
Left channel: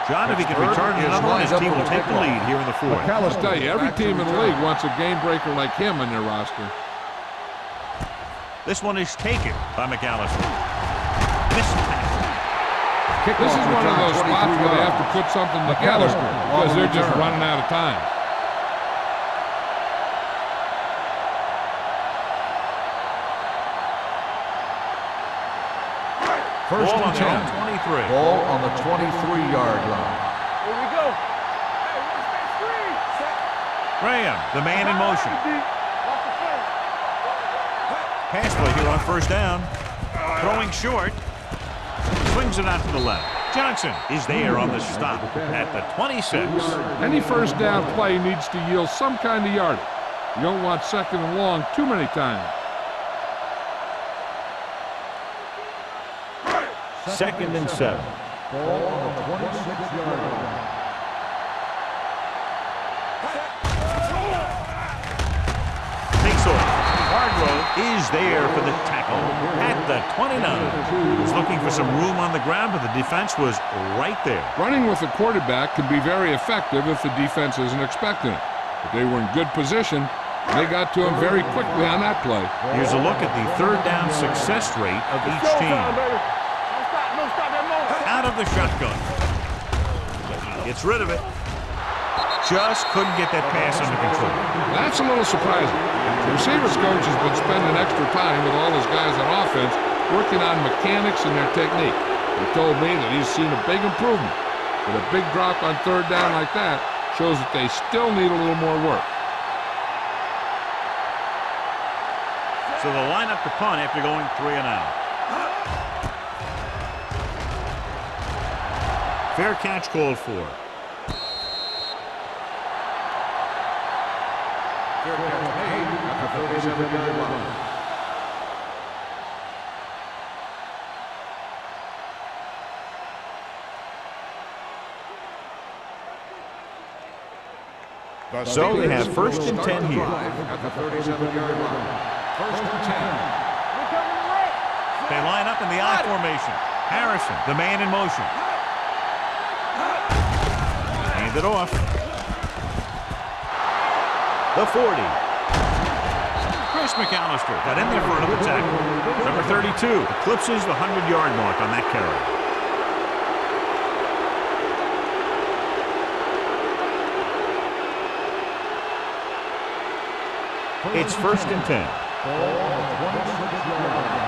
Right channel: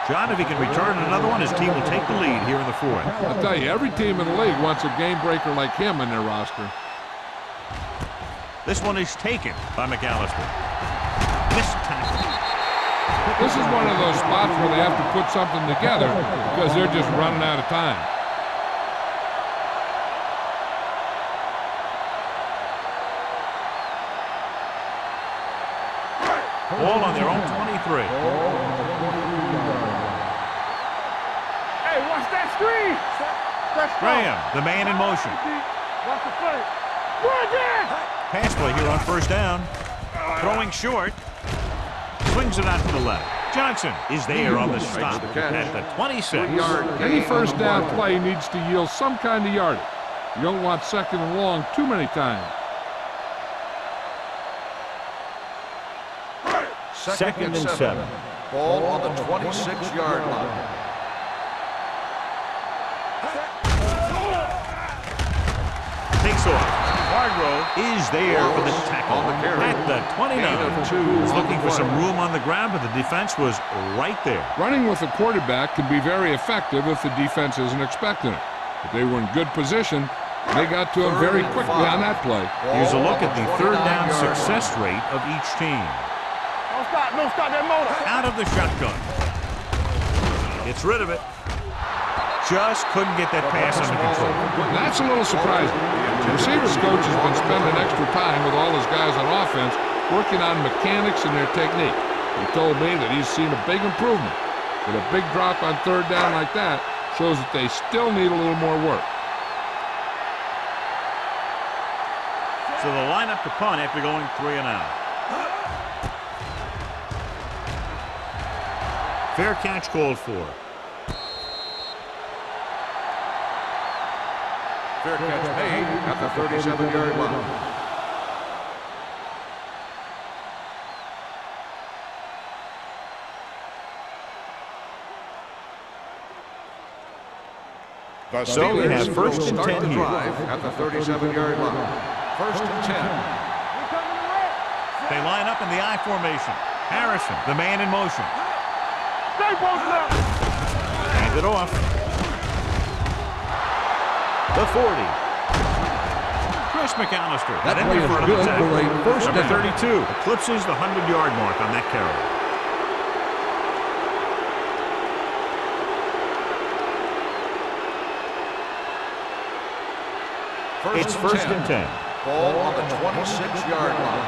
John, if he can return another one, his team will take the lead here in the 4th. I'll tell you, every team in the league wants a game breaker like him in their roster. This one is taken by McAllister. Missed tackle. This is one of those spots where they have to put something together because they're just running out of time. Ball on their own 23. Ball on the 23-yard line. Here we go. Hey, watch that screen. Graham, the man in motion. Watch the play. Pass play here on 1st down. Throwing short. Swings it out to the left. Johnson is there on the stop at the 26. Any 1st down play needs to yield some kind of yardage. You don't want 2nd and long too many times. 2nd and 7. Ball on the 26-yard line. Takes off. Hargrove is there for the tackle at the 29. He's looking for some room on the ground, but the defense was right there. Running with a quarterback can be very effective if the defense isn't expecting it. But they were in good position, and they got to him very quickly on that play. Here's a look at the 3rd down success rate of each team. Don't stop that motor. Out of the shotgun. Gets rid of it. Just couldn't get that pass under control. That's a little surprising. The receivers coach has been spending extra time with all his guys on offense working on mechanics and their technique. He told me that he's seen a big improvement. But a big drop on 3rd down like that shows that they still need a little more work. So they'll line up to punt after going 3 and out. Fair catch called for. Fair catch made at the 37-yard line. So we have first and 10 here. At the 37-yard line. First and 10. We're coming to red. They line up in the I formation. Harrison, the man in motion. Hand it off. The 40. Chris McAllister got in there for another tackle. Number 32 eclipses the 100-yard mark on that carry. It's first and 10. Ball on the 26-yard line.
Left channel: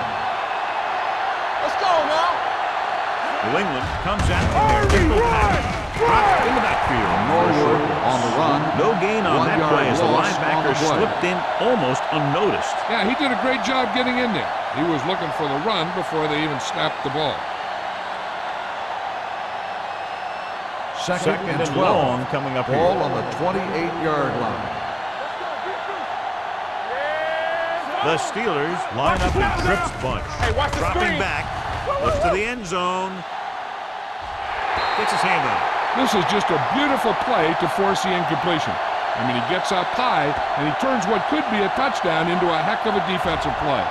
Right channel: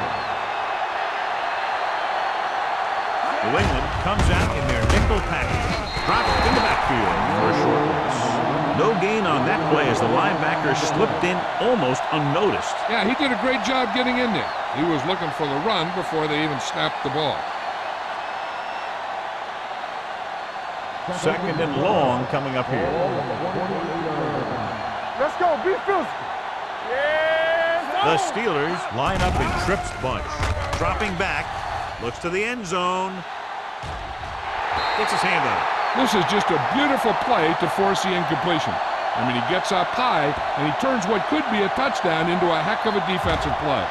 Let's go now. New England comes out in their nickel package. Dropped in the backfield for a short On the run. No gain on that play as the linebacker slipped in almost unnoticed. Yeah, he did a great job getting in there. He was looking for the run before they even snapped the ball. Second and long coming up Ball here. on the 28-yard line. Let's go. Be fierce. Yeah. The Steelers line up in Tripp's bunch. Dropping back, looks to the end zone. Gets his hand on it. This is just a beautiful play to force the incompletion. I mean, he gets up high, and he turns what could be a touchdown into a heck of a defensive play.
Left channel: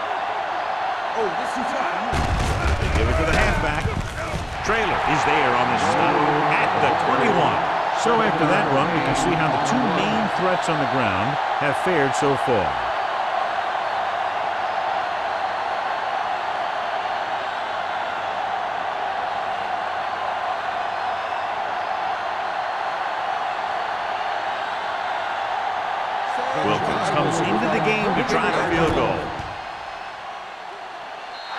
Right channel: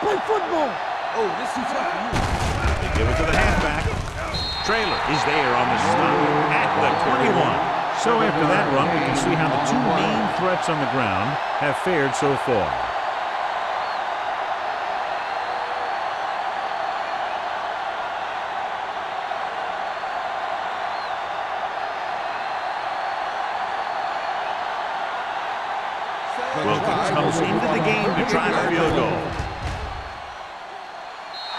Play football. Oh, this is tough for you. They give it to the halfback. Trailer is there on the stop at the 21. So after that run, we can see how the two main threats on the ground have fared so far. Wilkins comes into the game to try the field goal.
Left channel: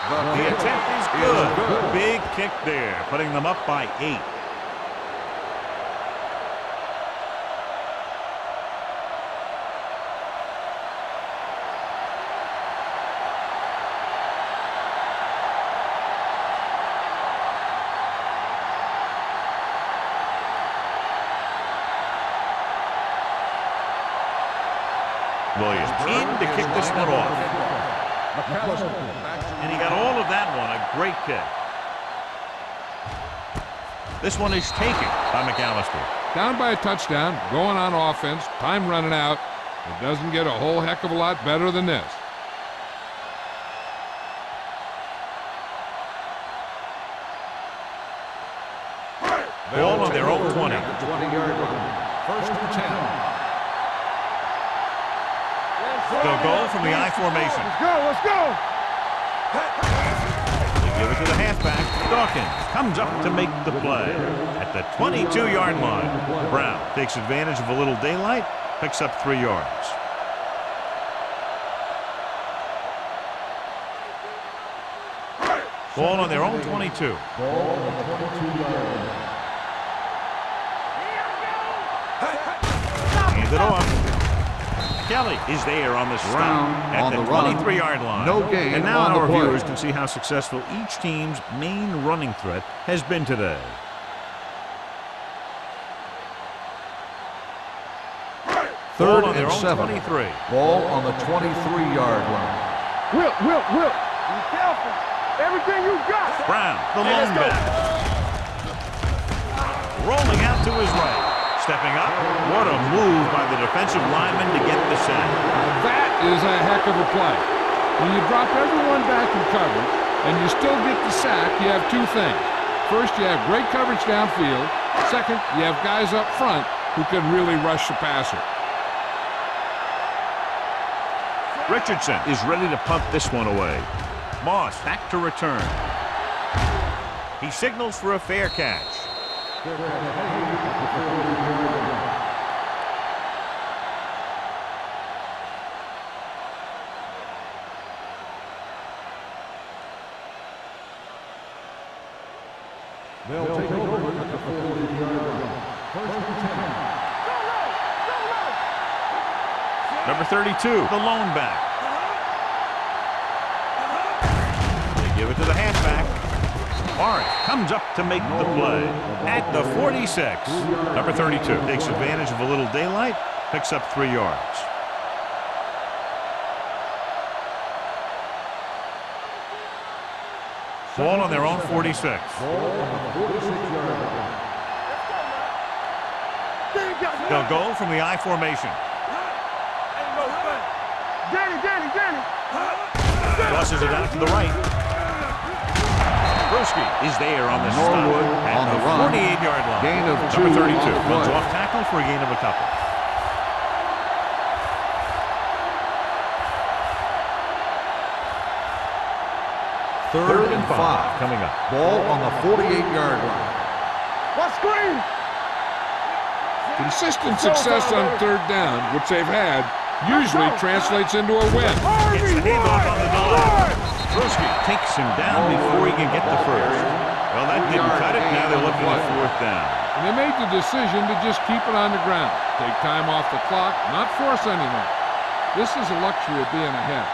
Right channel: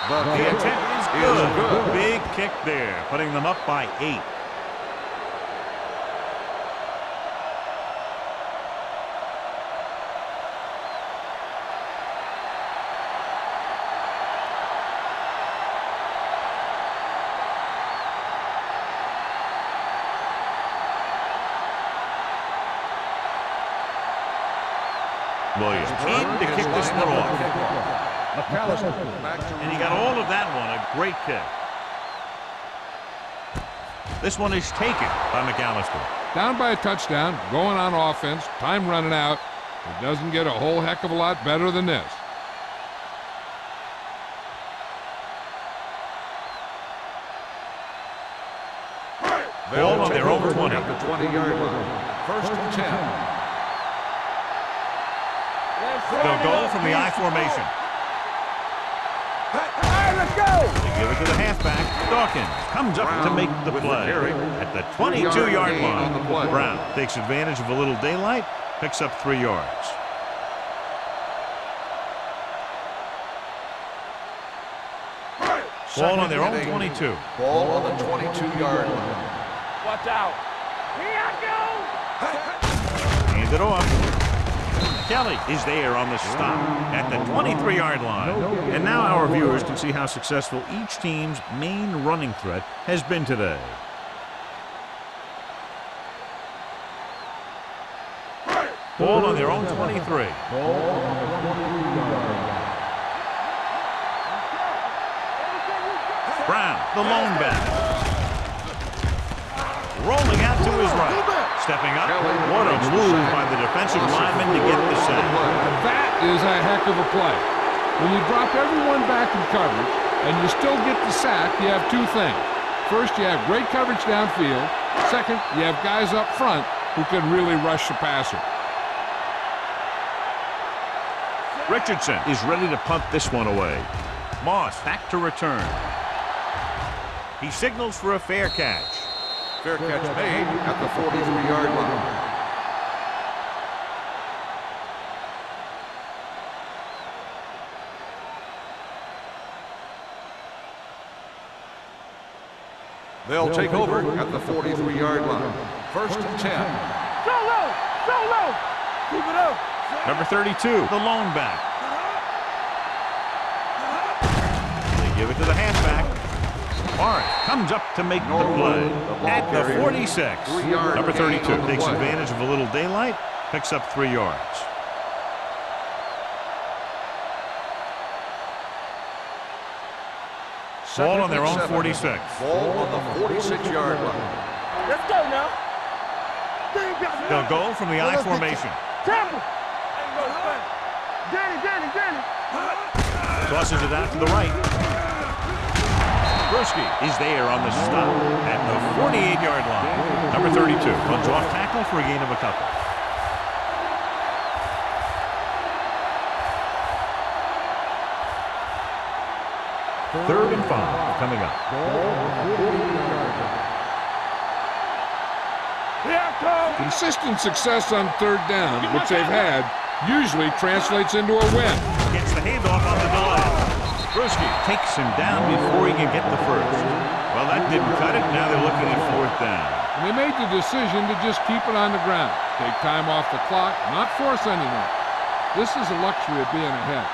The attempt is good. Big kick there, putting them up by 8. Williams in to kick this one off. McAllister back to And he got all of that one, a great kick. This one is taken by McAllister. Down by a touchdown, going on offense, time running out. It doesn't get a whole heck of a lot better than this. Ball on their own 20. at the 20-yard line. First and 10. They'll go from the I formation. Let's go. They give it to the halfback. Dawkins comes up to make the play at the 22-yard line. Brown takes advantage of a little daylight, picks up 3 yards. Ball on their own 22. Ball on the 22-yard line. Watch out. Here I go. Hand it off. Kelly is there on the stop at the 23-yard line. No gain And now on the our play. viewers can see how successful each team's main running threat has been today. Ball on their own 23. Ball on the 23-yard line. Will. Be careful. Everything you got. Brown, the lone back. Rolling out to his right. Stepping up. What a move by the defensive lineman to get the sack. Now that is a heck of a play. When you drop everyone back in coverage and you still get the sack, you have two things. First, you have great coverage downfield. Second, you have guys up front who can really rush the passer. Richardson is ready to punt this one away. Moss back to return. He signals for a fair catch. Fair catch made at the 43-yard line. They'll take over at the 43-yard line. First and 10. Go low! Go low! Keep it up. Number 32, the lone back. They give it to the halfback. Morris comes up to make the play at the 46. Number 32 takes advantage of a little daylight, picks up 3 yards. Ball on their own 46. Ball on the 46-yard line. Let's go now. They'll go from the I formation. Ain't no fun. Danny. Tosses it out to the right. Brewski is there on the stop at the 48-yard line. Number 32 runs off tackle for a gain of a couple. Third and 5 coming up. Ball on the 48-yard line. What screen? Here I come. Consistent success on third down, which they've had, usually translates into a win. Gets the handoff on the delay. Brewski takes him down before he can get the first. Well, that didn't cut it. Now they're looking at 4th down. And they made the decision to just keep it on the ground. Take time off the clock, not force anything. This is a luxury of being ahead.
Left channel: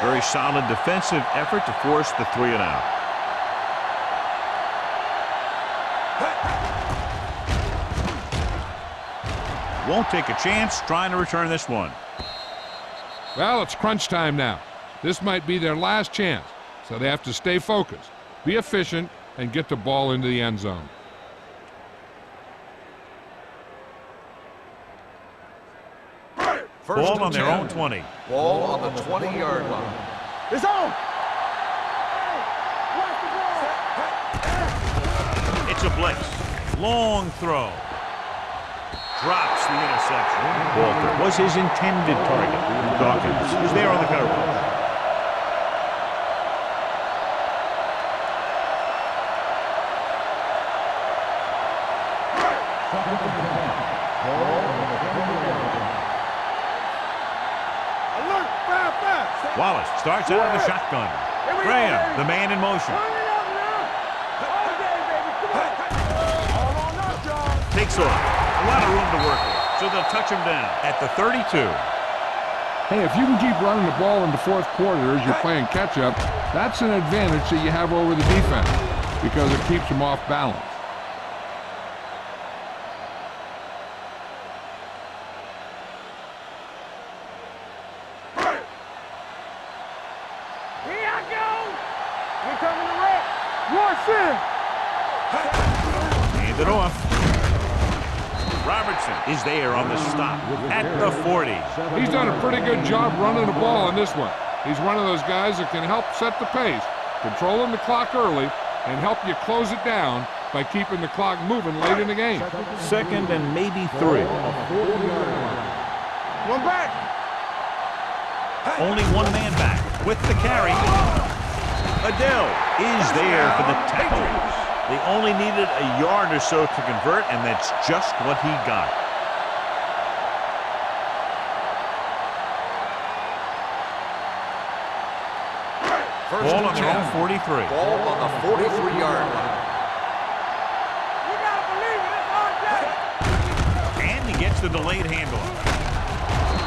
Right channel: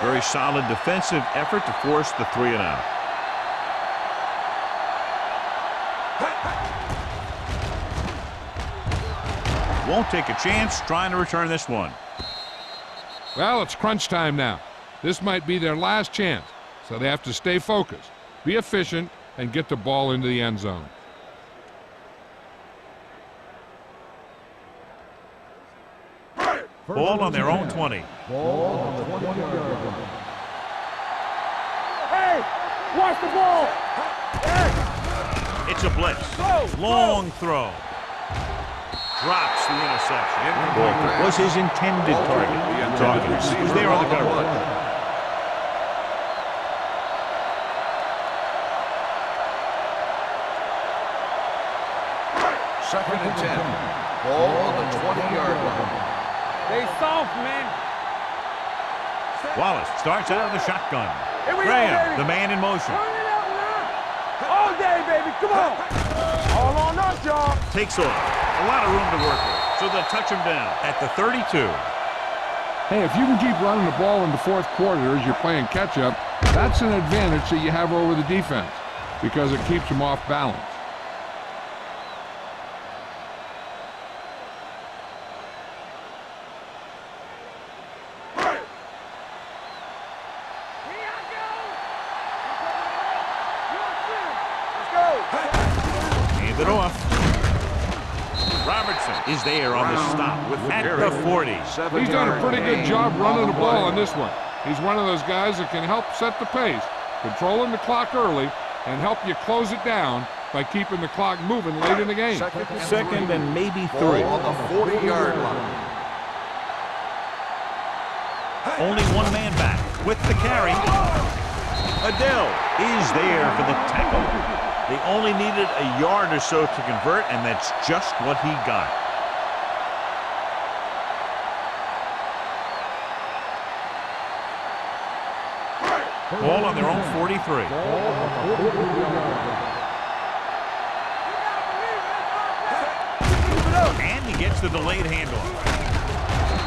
Very solid defensive effort to force the 3 and out. Won't take a chance trying to return this one. Well, it's crunch time now. This might be their last chance, so they have to stay focused, be efficient, and get the ball into the end zone. Ball on their own 20. Ball on the 20-yard line. It's on. Hey, watch the ball. It's a blitz. Long throw. Drops the interception. Walter was his intended target. Dawkins was there on the coverage. Second and 10. Ball on the 20-yard line. Hey, soft, man. Look, fast. Wallace starts out of the shotgun. Here we go, Graham, baby. the man in motion. Turn it up now. All day, baby. Come on. All on us, y'all. Takes off. A lot of room to work with, so they'll touch him down at the 32. Hey, if you can keep running the ball in the 4th quarter as you're playing catch-up, that's an advantage that you have over the defense because it keeps them off balance. Here I go. Here coming the right. Let's go. Hand it off. Robertson is there on the stop at the 40. He's done a pretty good job running the ball on this one. He's one of those guys that can help set the pace, controlling the clock early, and help you close it down by keeping the clock moving late in the game. Second and maybe 3. On the 40-yard line. One back. Only one man back with the carry. Adele is there for the tackle. They only needed a yard or so to convert, and that's just what he got. Ball on their own 43. Ball on the 43-yard line. You gotta believe it. It's our day. And he gets the delayed handoff.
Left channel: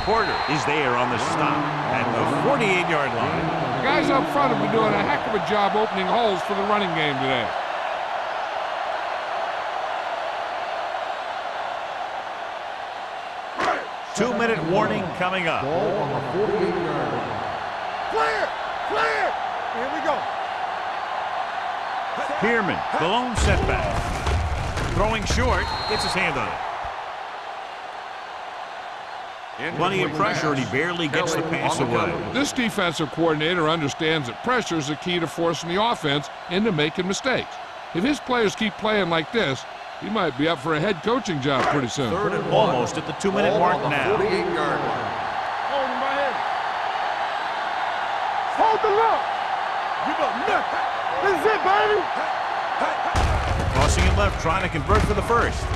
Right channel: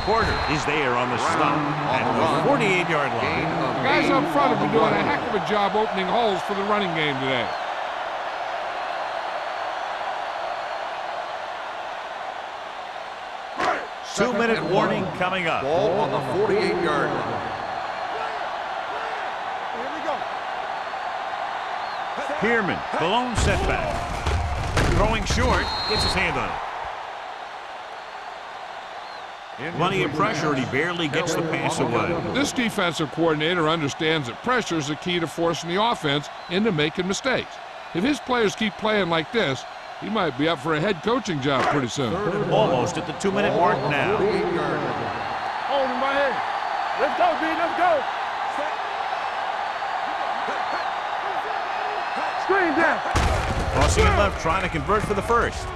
Porter is there on the stop at the 48-yard line. The guys up front have been doing a heck of a job opening holes for the running game today. Two-minute warning coming up. Ball on the 48-yard line. Here we go. Pierman, the lone setback. Throwing short, gets his hand on it. Plenty of pressure, and he barely gets the pass away. This defensive coordinator understands that pressure is the key to forcing the offense into making mistakes. If his players keep playing like this, he might be up for a head coaching job pretty soon. Third and Almost at the 2-minute mark now. 48-yard line. Hold him right here. Let's go, B. Let's go. Hold the look. This is it, baby. Screen down. Crossing it left, trying to convert for the first.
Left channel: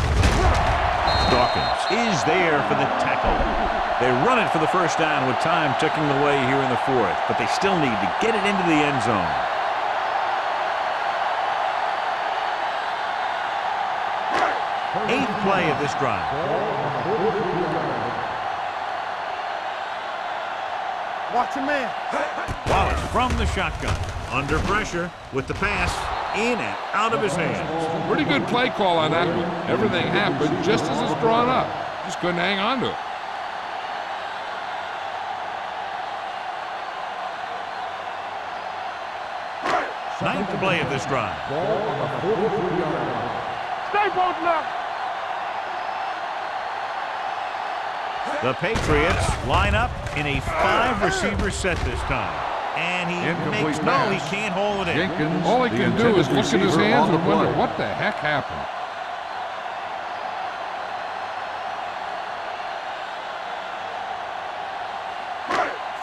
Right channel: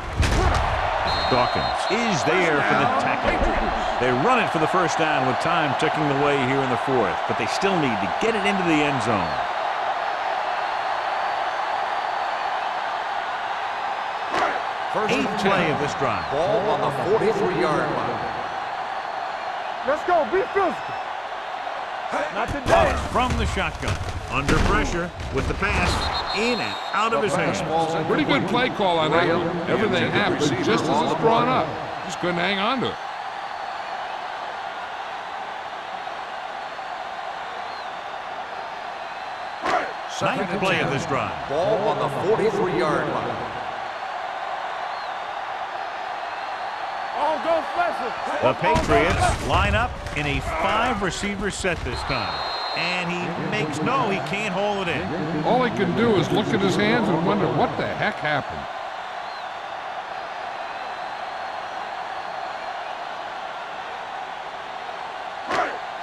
Dawkins is there for the tackle. They run it for the first down with time ticking away here in the fourth, but they still need to get it into the end zone. Eighth play of this drive. Ball on the 43-yard line. Let's go. Be physical. Watch your man. Wallace from the shotgun. Under pressure with the pass. In and out of his hands. Pretty good play call on that one. Everything happened just as it's drawn up. Just couldn't hang on to it. Ninth play of this drive. Ball on the 43-yard line. Stay both left. Oh, go special. The Patriots line up in a 5-receiver set this time. And he makes no, he can't hold it in. All he can do is look at his hands and wonder what the heck happened.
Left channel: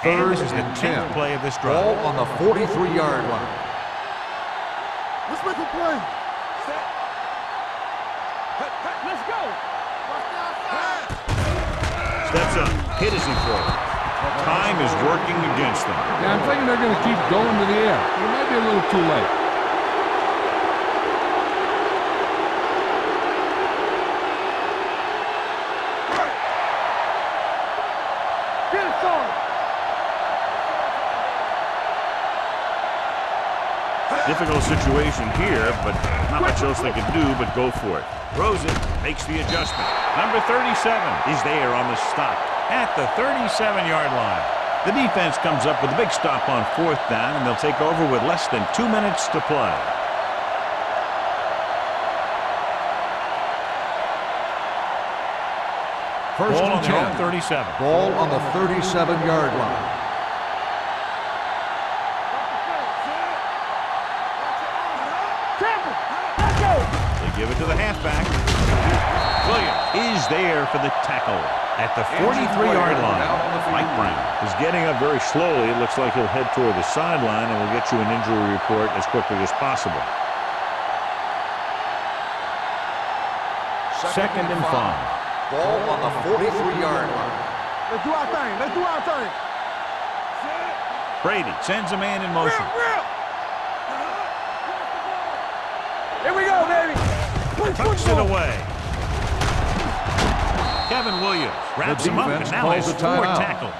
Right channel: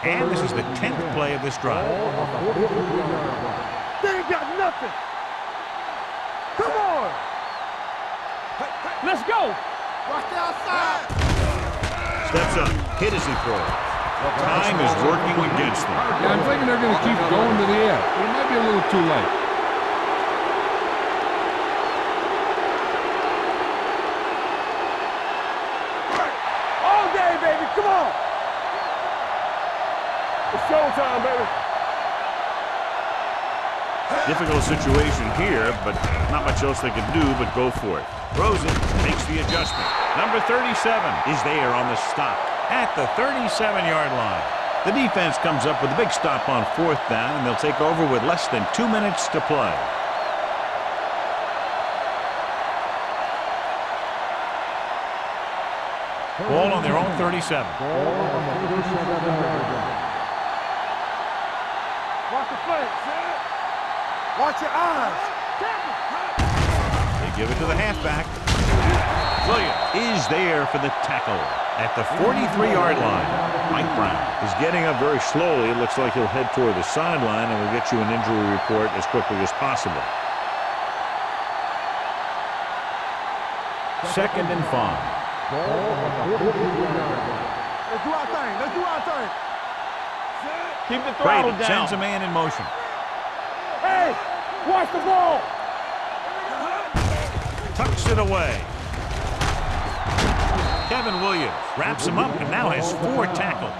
And this is the 10th play of this drive. Ball on the 43-yard line. They ain't got nothing. Let's make a play. Come on. Let's go. Watch the outside. Steps up, hit as he throws. Time is working against them. Yeah, I'm thinking they're going to keep going to the air, but it might be a little too late. All day, baby. Come on. Get it on. It's showtime, baby. Difficult situation here, but not much else they can do but go for it. Throws it, makes the adjustment. Number 37 is there on the stop at the 37-yard line. The defense comes up with a big stop on fourth down, and they'll take over with less than 2 minutes to play. Ball on their own 37. Ball on the 37-yard line. Watch the play. Watch your eyes. Campbell. They give it to the halfback. Williams is there for the tackle at the 43-yard line. Mike Brown is getting up very slowly. It looks like he'll head toward the sideline, and we'll get you an injury report as quickly as possible. Second and 5. Ball on the 43-yard line. Let's do our thing. Let's do our thing. Keep the Brady throttle down. sends a man in motion. Hey, watch the ball. Here we go, baby. Tucks it away. Kevin Williams wraps him up and now has 4 tackles.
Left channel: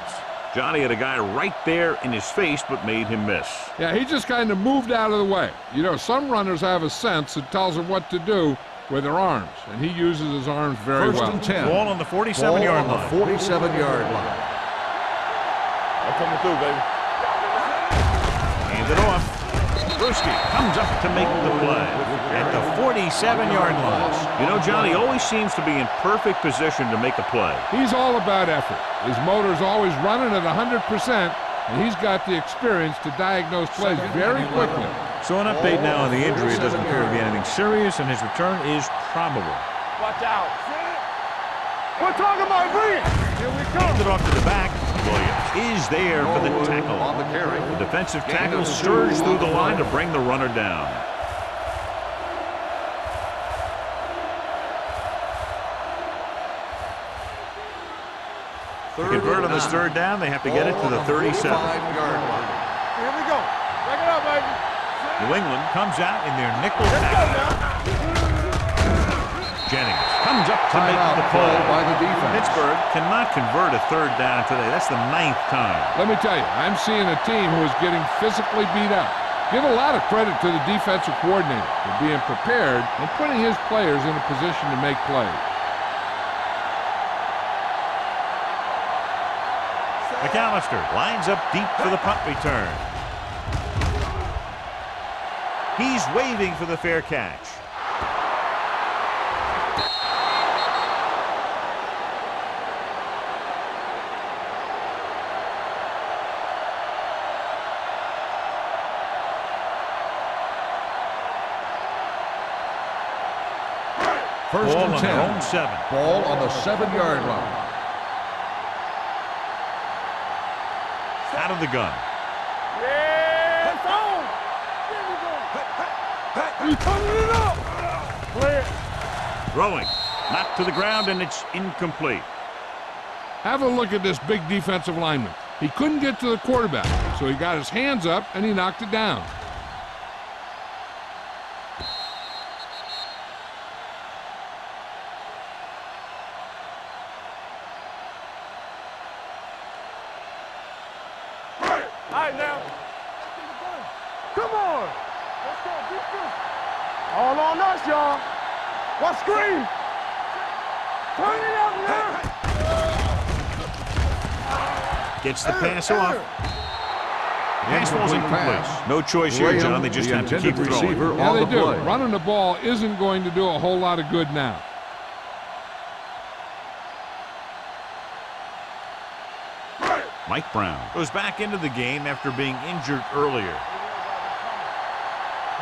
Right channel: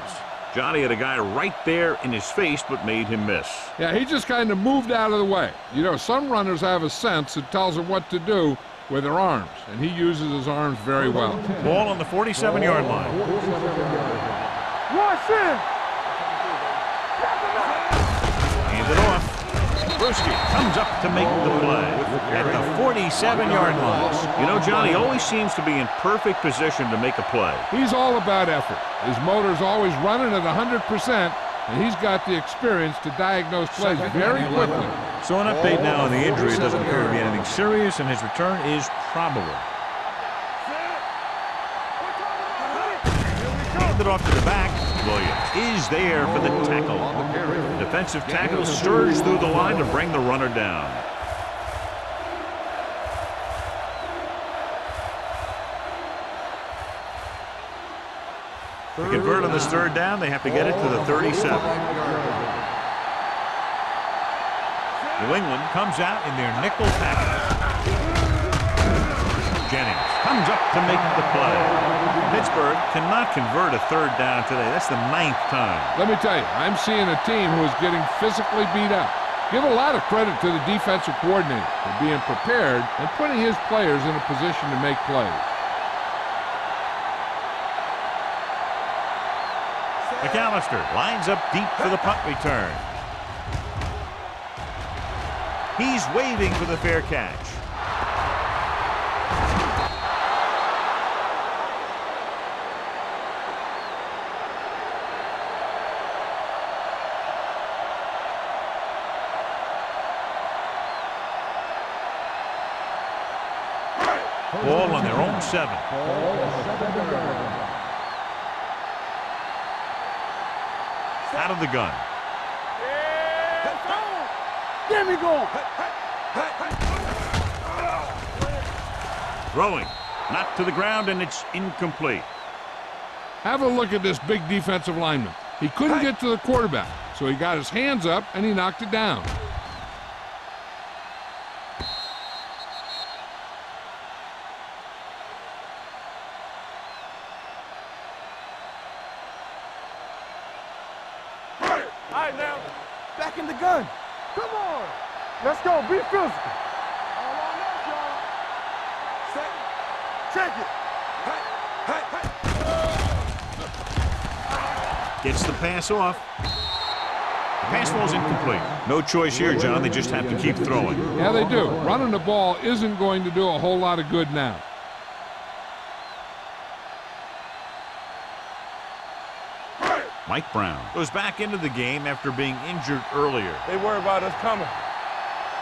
Johnny had a guy right there in his face but made him miss. Yeah, he just kind of moved out of the way. You know, some runners have a sense that tells them what to do with their arms, and he uses his arms very well. Ball on the 47-yard line. 47-yard line. Watch him. That's coming through, baby. Hands it off. Brewski comes up to make the play at the 47-yard line. You know, Johnny always seems to be in perfect position to make a play. He's all about effort. His motor's always running at 100%, and he's got the experience to diagnose plays very quickly. So an update now on the injury. It doesn't appear to be anything serious, and his return is probable. Watch out. We're talking about win. Here we go. Hand it off to the back. Williams is there for the tackle. On the carry. The defensive tackle surged through the line to bring the runner down. To convert on this third down, they have to get it to the 37. 45-yard line. Here we go. Bring it up, baby. New England comes out in their nickel package. Jennings comes up to make the play. Pittsburgh cannot convert a third down today. That's the 9th time. Let me tell you, I'm seeing a team who is getting physically beat up. Give a lot of credit to the defensive coordinator for being prepared and putting his players in a position to make plays. McAllister lines up deep for the punt return. He's waving for the fair catch. Ball on their own 7. Ball on the 7-yard line. Out of the gun. Yeah, it's on. There we go. You coming it up. Throwing. Knocked to the ground, and it's incomplete. Have a look at this big defensive lineman. He couldn't get to the quarterback, so he got his hands up and he knocked it down. All right, now. Back in the gun. Come on. Let's go. Be physical. All on us, y'all. Watch screen. Check it. Turn it up, man. Gets the pass off. The pass falls incomplete. No choice here, John. They just have to keep throwing. Yeah, they do. Running the ball isn't going to do a whole lot of good now. Mike Brown goes back into the game after being injured earlier. They worry about us coming.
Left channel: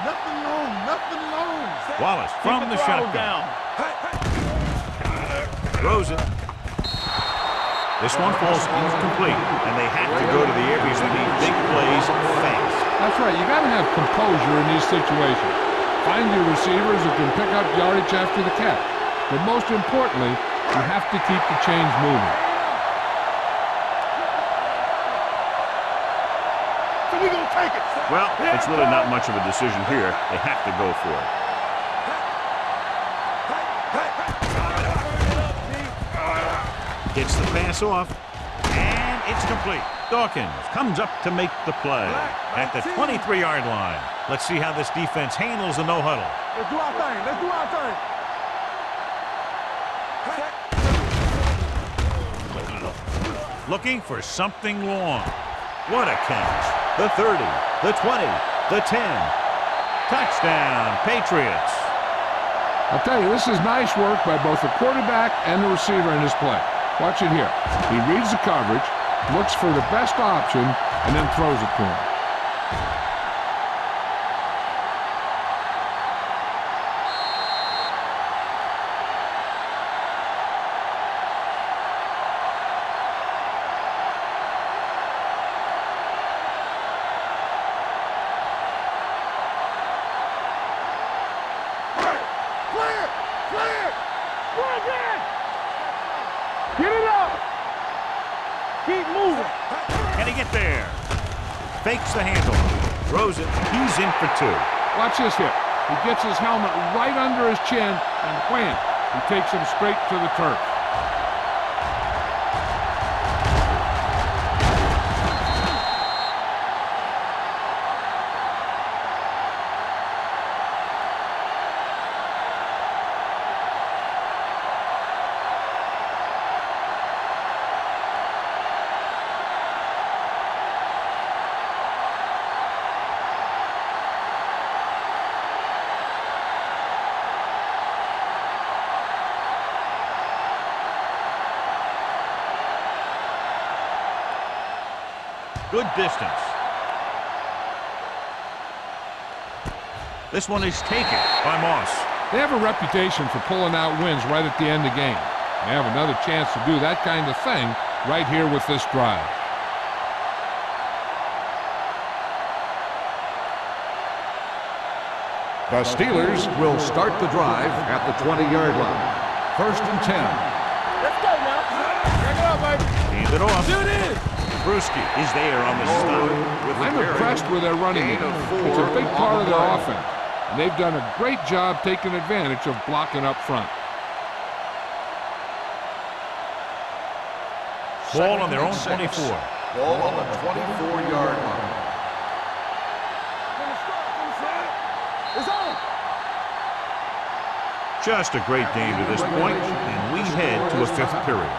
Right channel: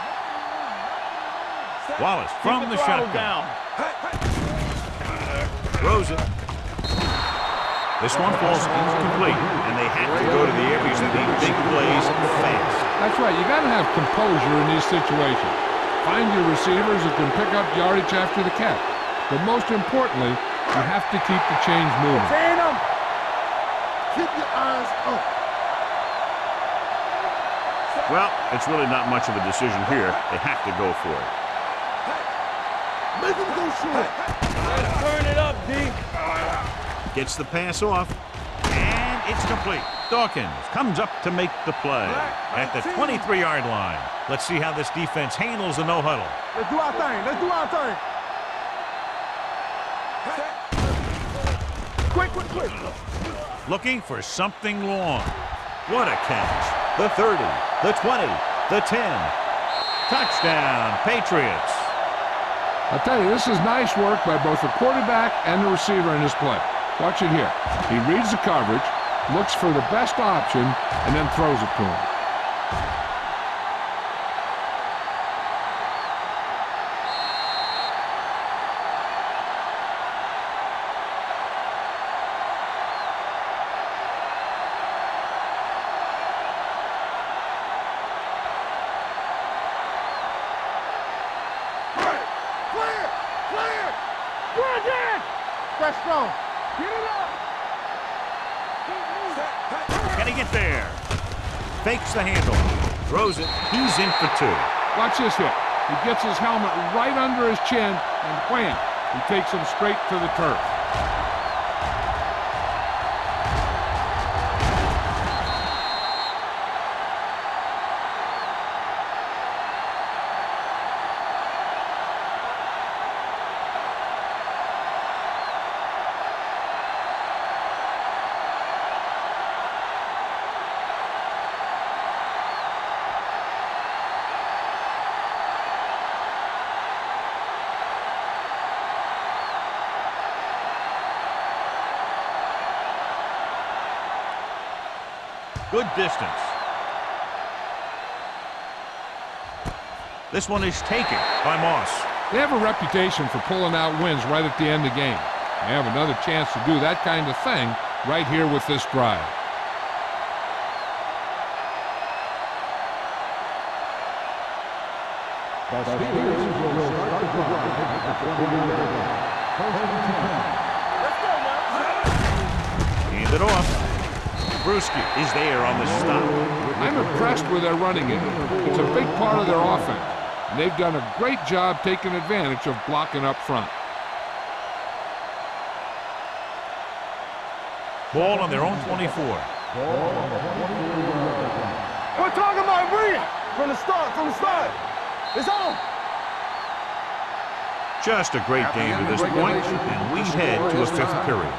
Nothing wrong. Nothing wrong. Wallace from the shotgun. Down. Throws it. This one falls incomplete, and they have to go to the air because they need big plays fast. That's right. You got to have composure in these situations. Find your receivers who can pick up yardage after the catch. But most importantly, you have to keep the chains moving. Keep your eyes up. So we gonna take it. Well, it's really not much of a decision here. They have to go for it. Make him go short. Turn it up, D. Gets the pass off, and it's complete. Dawkins comes up to make the play at the 23-yard line. Let's see how this defense handles the no-huddle. Let's do our thing. Let's do our thing. Looking for something long. What a catch. The 30, the 20, the 10. Touchdown, Patriots. I'll tell you, this is nice work by both the quarterback and the receiver in this play. Watch it here. He reads the coverage, looks for the best option, and then throws it to him. Get it up. Keep moving. Can he get there? Fakes the handle. Throws it. He's in for 2. Watch this hit. He gets his helmet right under his chin, and wham, he takes him straight to the turf. Good distance. This one is taken by Moss. They have a reputation for pulling out wins right at the end of the game. They have another chance to do that kind of thing right here with this drive. The Steelers will start the drive at the 20-yard line. 1st and 10. Let's go now. Bring it up, baby. Hand it off. Shoot it. Brewski is there on the stop. I'm impressed with their running game. It's a big part of their offense, and they've done a great job taking advantage of blocking up front. Ball on their own 24. Ball on the 24-yard line. We're talking about brilliant. From the start. It's on. Just a great game to this point, and we head to a 5th period.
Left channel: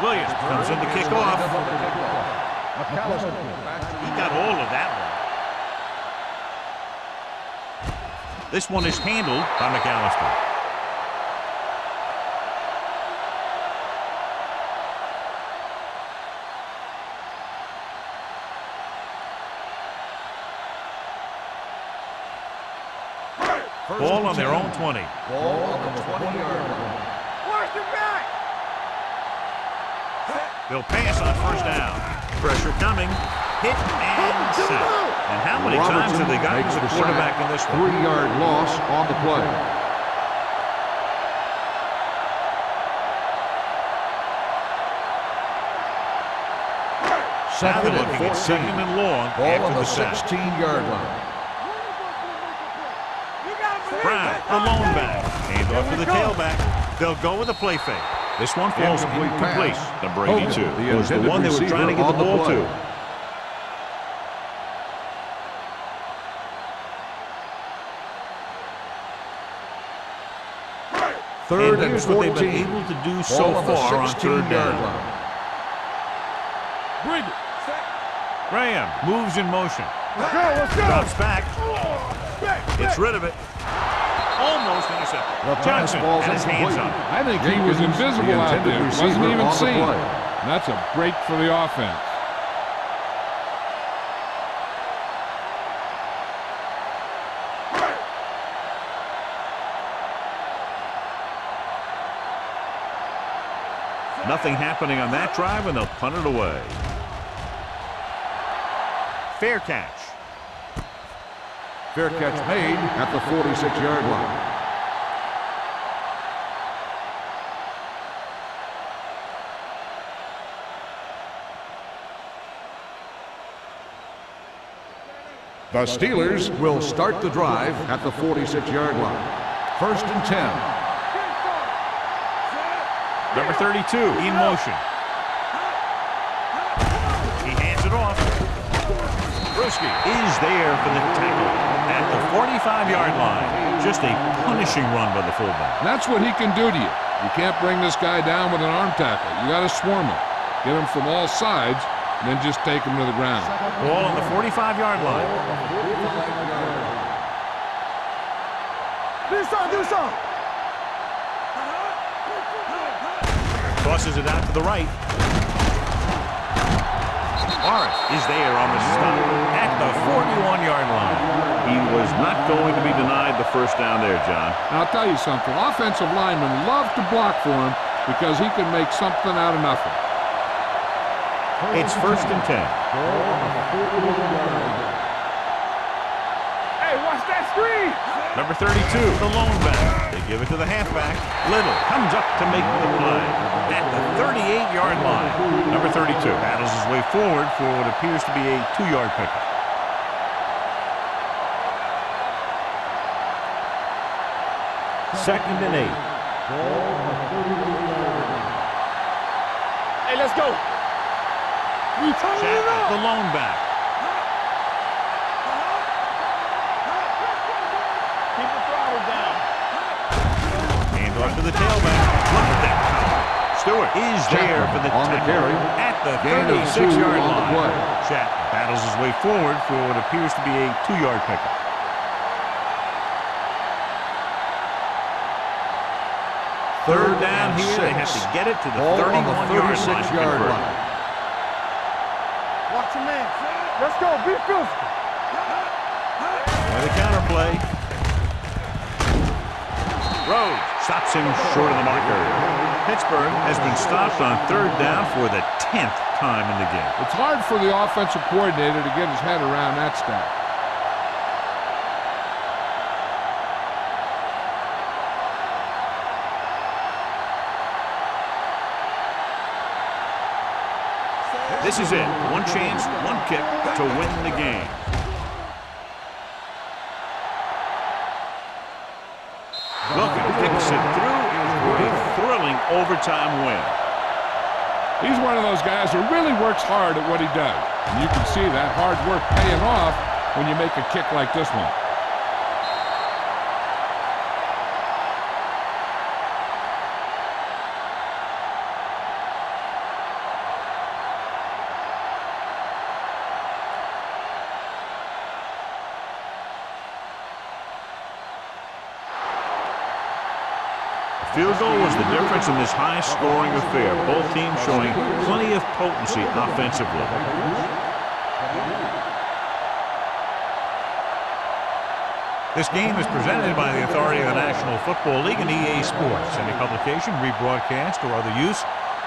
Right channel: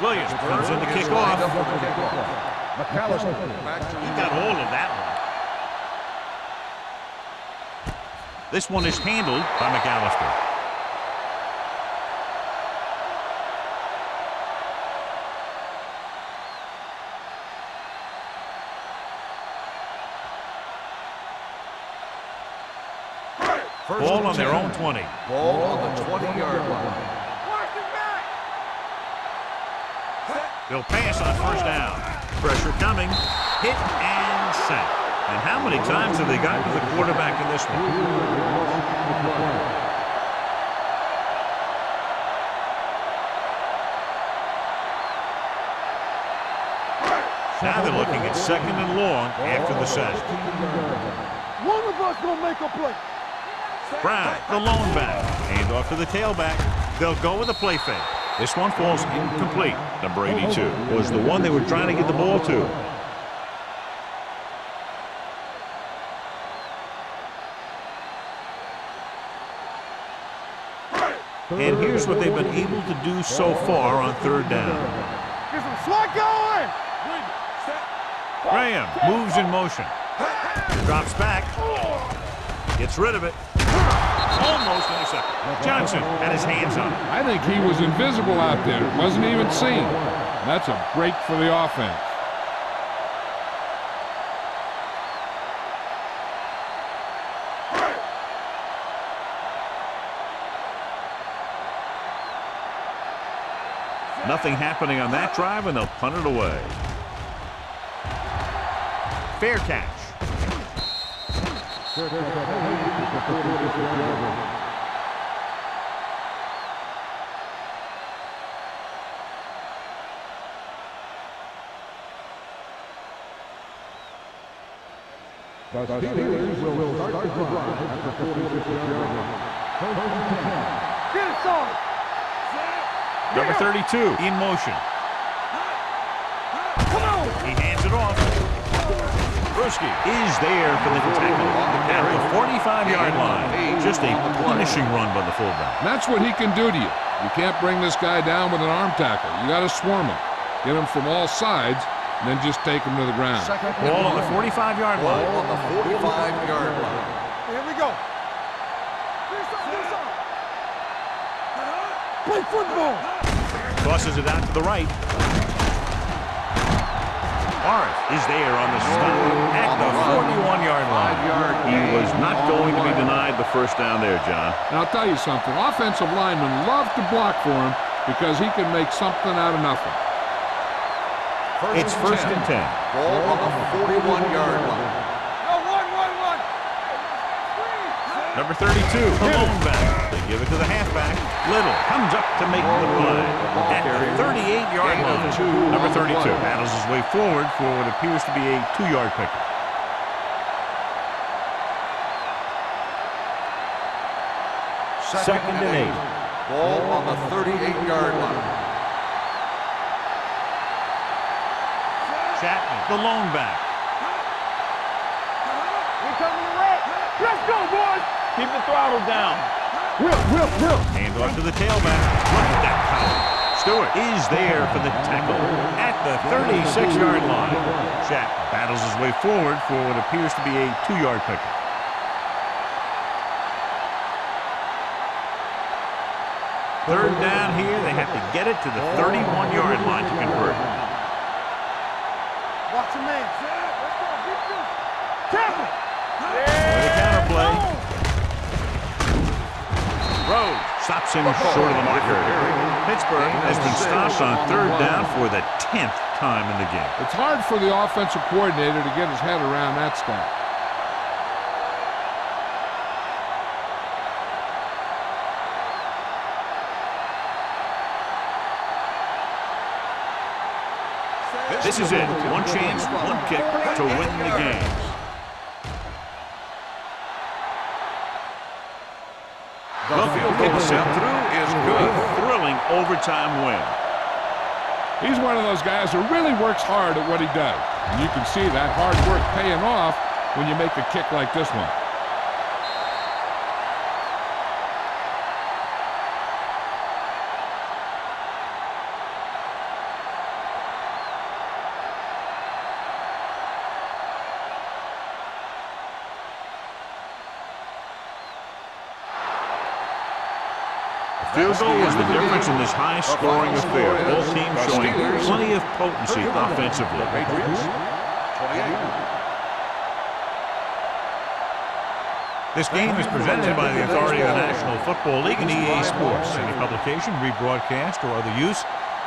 Williams comes in to kick off. McAllister back to He got all of that one. This one is handled by McAllister. Ball on their own 20. Ball on the 20-yard line. Watch the back. They'll pass on first down. Pressure coming. Hit and sack. And how many times have they gotten to the quarterback in this one? 3-yard loss on the play. Now they're looking at second and long after the sack. 16-yard line. One of us gonna make a play. Brown, the lone back. Hand off to the tailback. They'll go with a play fake. This one falls incomplete. Number 82 was the one they were trying to get the ball to. And here's what they've been able to do so far on third down. Get some slot going. Bring it. Set. Graham moves in motion. Drops back. Gets rid of it. Almost intercepted. Johnson had his hands on it. I think he was invisible out there. Wasn't even seen. And that's a break for the offense. Nothing happening on that drive, and they'll punt it away. Fair catch. Fair catch made at the 46-yard line. The Steelers will start the drive at the 46-yard line. First and 10. Get it started. Number 32 in motion. He hands it off. Bruschi is there for the tackle at the 45-yard line. Just a punishing run by the fullback. And that's what he can do to you. You can't bring this guy down with an arm tackle. You got to swarm him. Get him from all sides, and then just take him to the ground. Ball on the 45-yard line. Ball on the 45-yard line. Here we go. Do something. Play football. Tosses it out to the right. Morris is there on the stop at the 41-yard line. He was not going to be denied the first down there, John. And I'll tell you something. Offensive linemen love to block for him because he can make something out of nothing. It's first and 10. Ball on the 41-yard line. Hey, watch that screen. Number 32, the lone back. They give it to the halfback. Little comes up to make the play at the 38-yard line. Number 32 battles his way forward for what appears to be a 2-yard pickup. Second and 8. Ball on the 38-yard line. Hey, let's go. Chapman, the lone back. Let's go, boys. Keep the throttle down. Hand off to the tailback. Look at that power. Stewart is there for the tackle at the 36-yard line. Chapman battles his way forward for what appears to be a 2-yard pickup. Third down here. They have to get it to the 31-yard line to convert. Watch your man. Let's go. Be filthy. With a counter play. Rhodes stops him short of the marker. Pittsburgh has been stopped on third down for the 10th time in the game. It's hard for the offensive coordinator to get his head around that stat. This is it. One chance, one kick to win the game. Wilkins kicks it through for a thrilling overtime win. He's one of those guys who really works hard at what he does. And you can see that hard work paying off when you make a kick like this one. Field goal was the difference in this high-scoring affair. Both teams showing plenty of potency offensively. Patriots, 28. This game is presented by the authority of the National Football League and EA Sports. Any publication, rebroadcast, or other use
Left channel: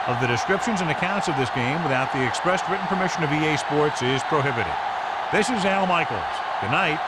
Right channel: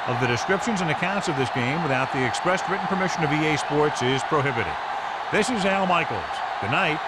of the descriptions and accounts of this game without the expressed written permission of EA Sports is prohibited. This is Al Michaels. Good night.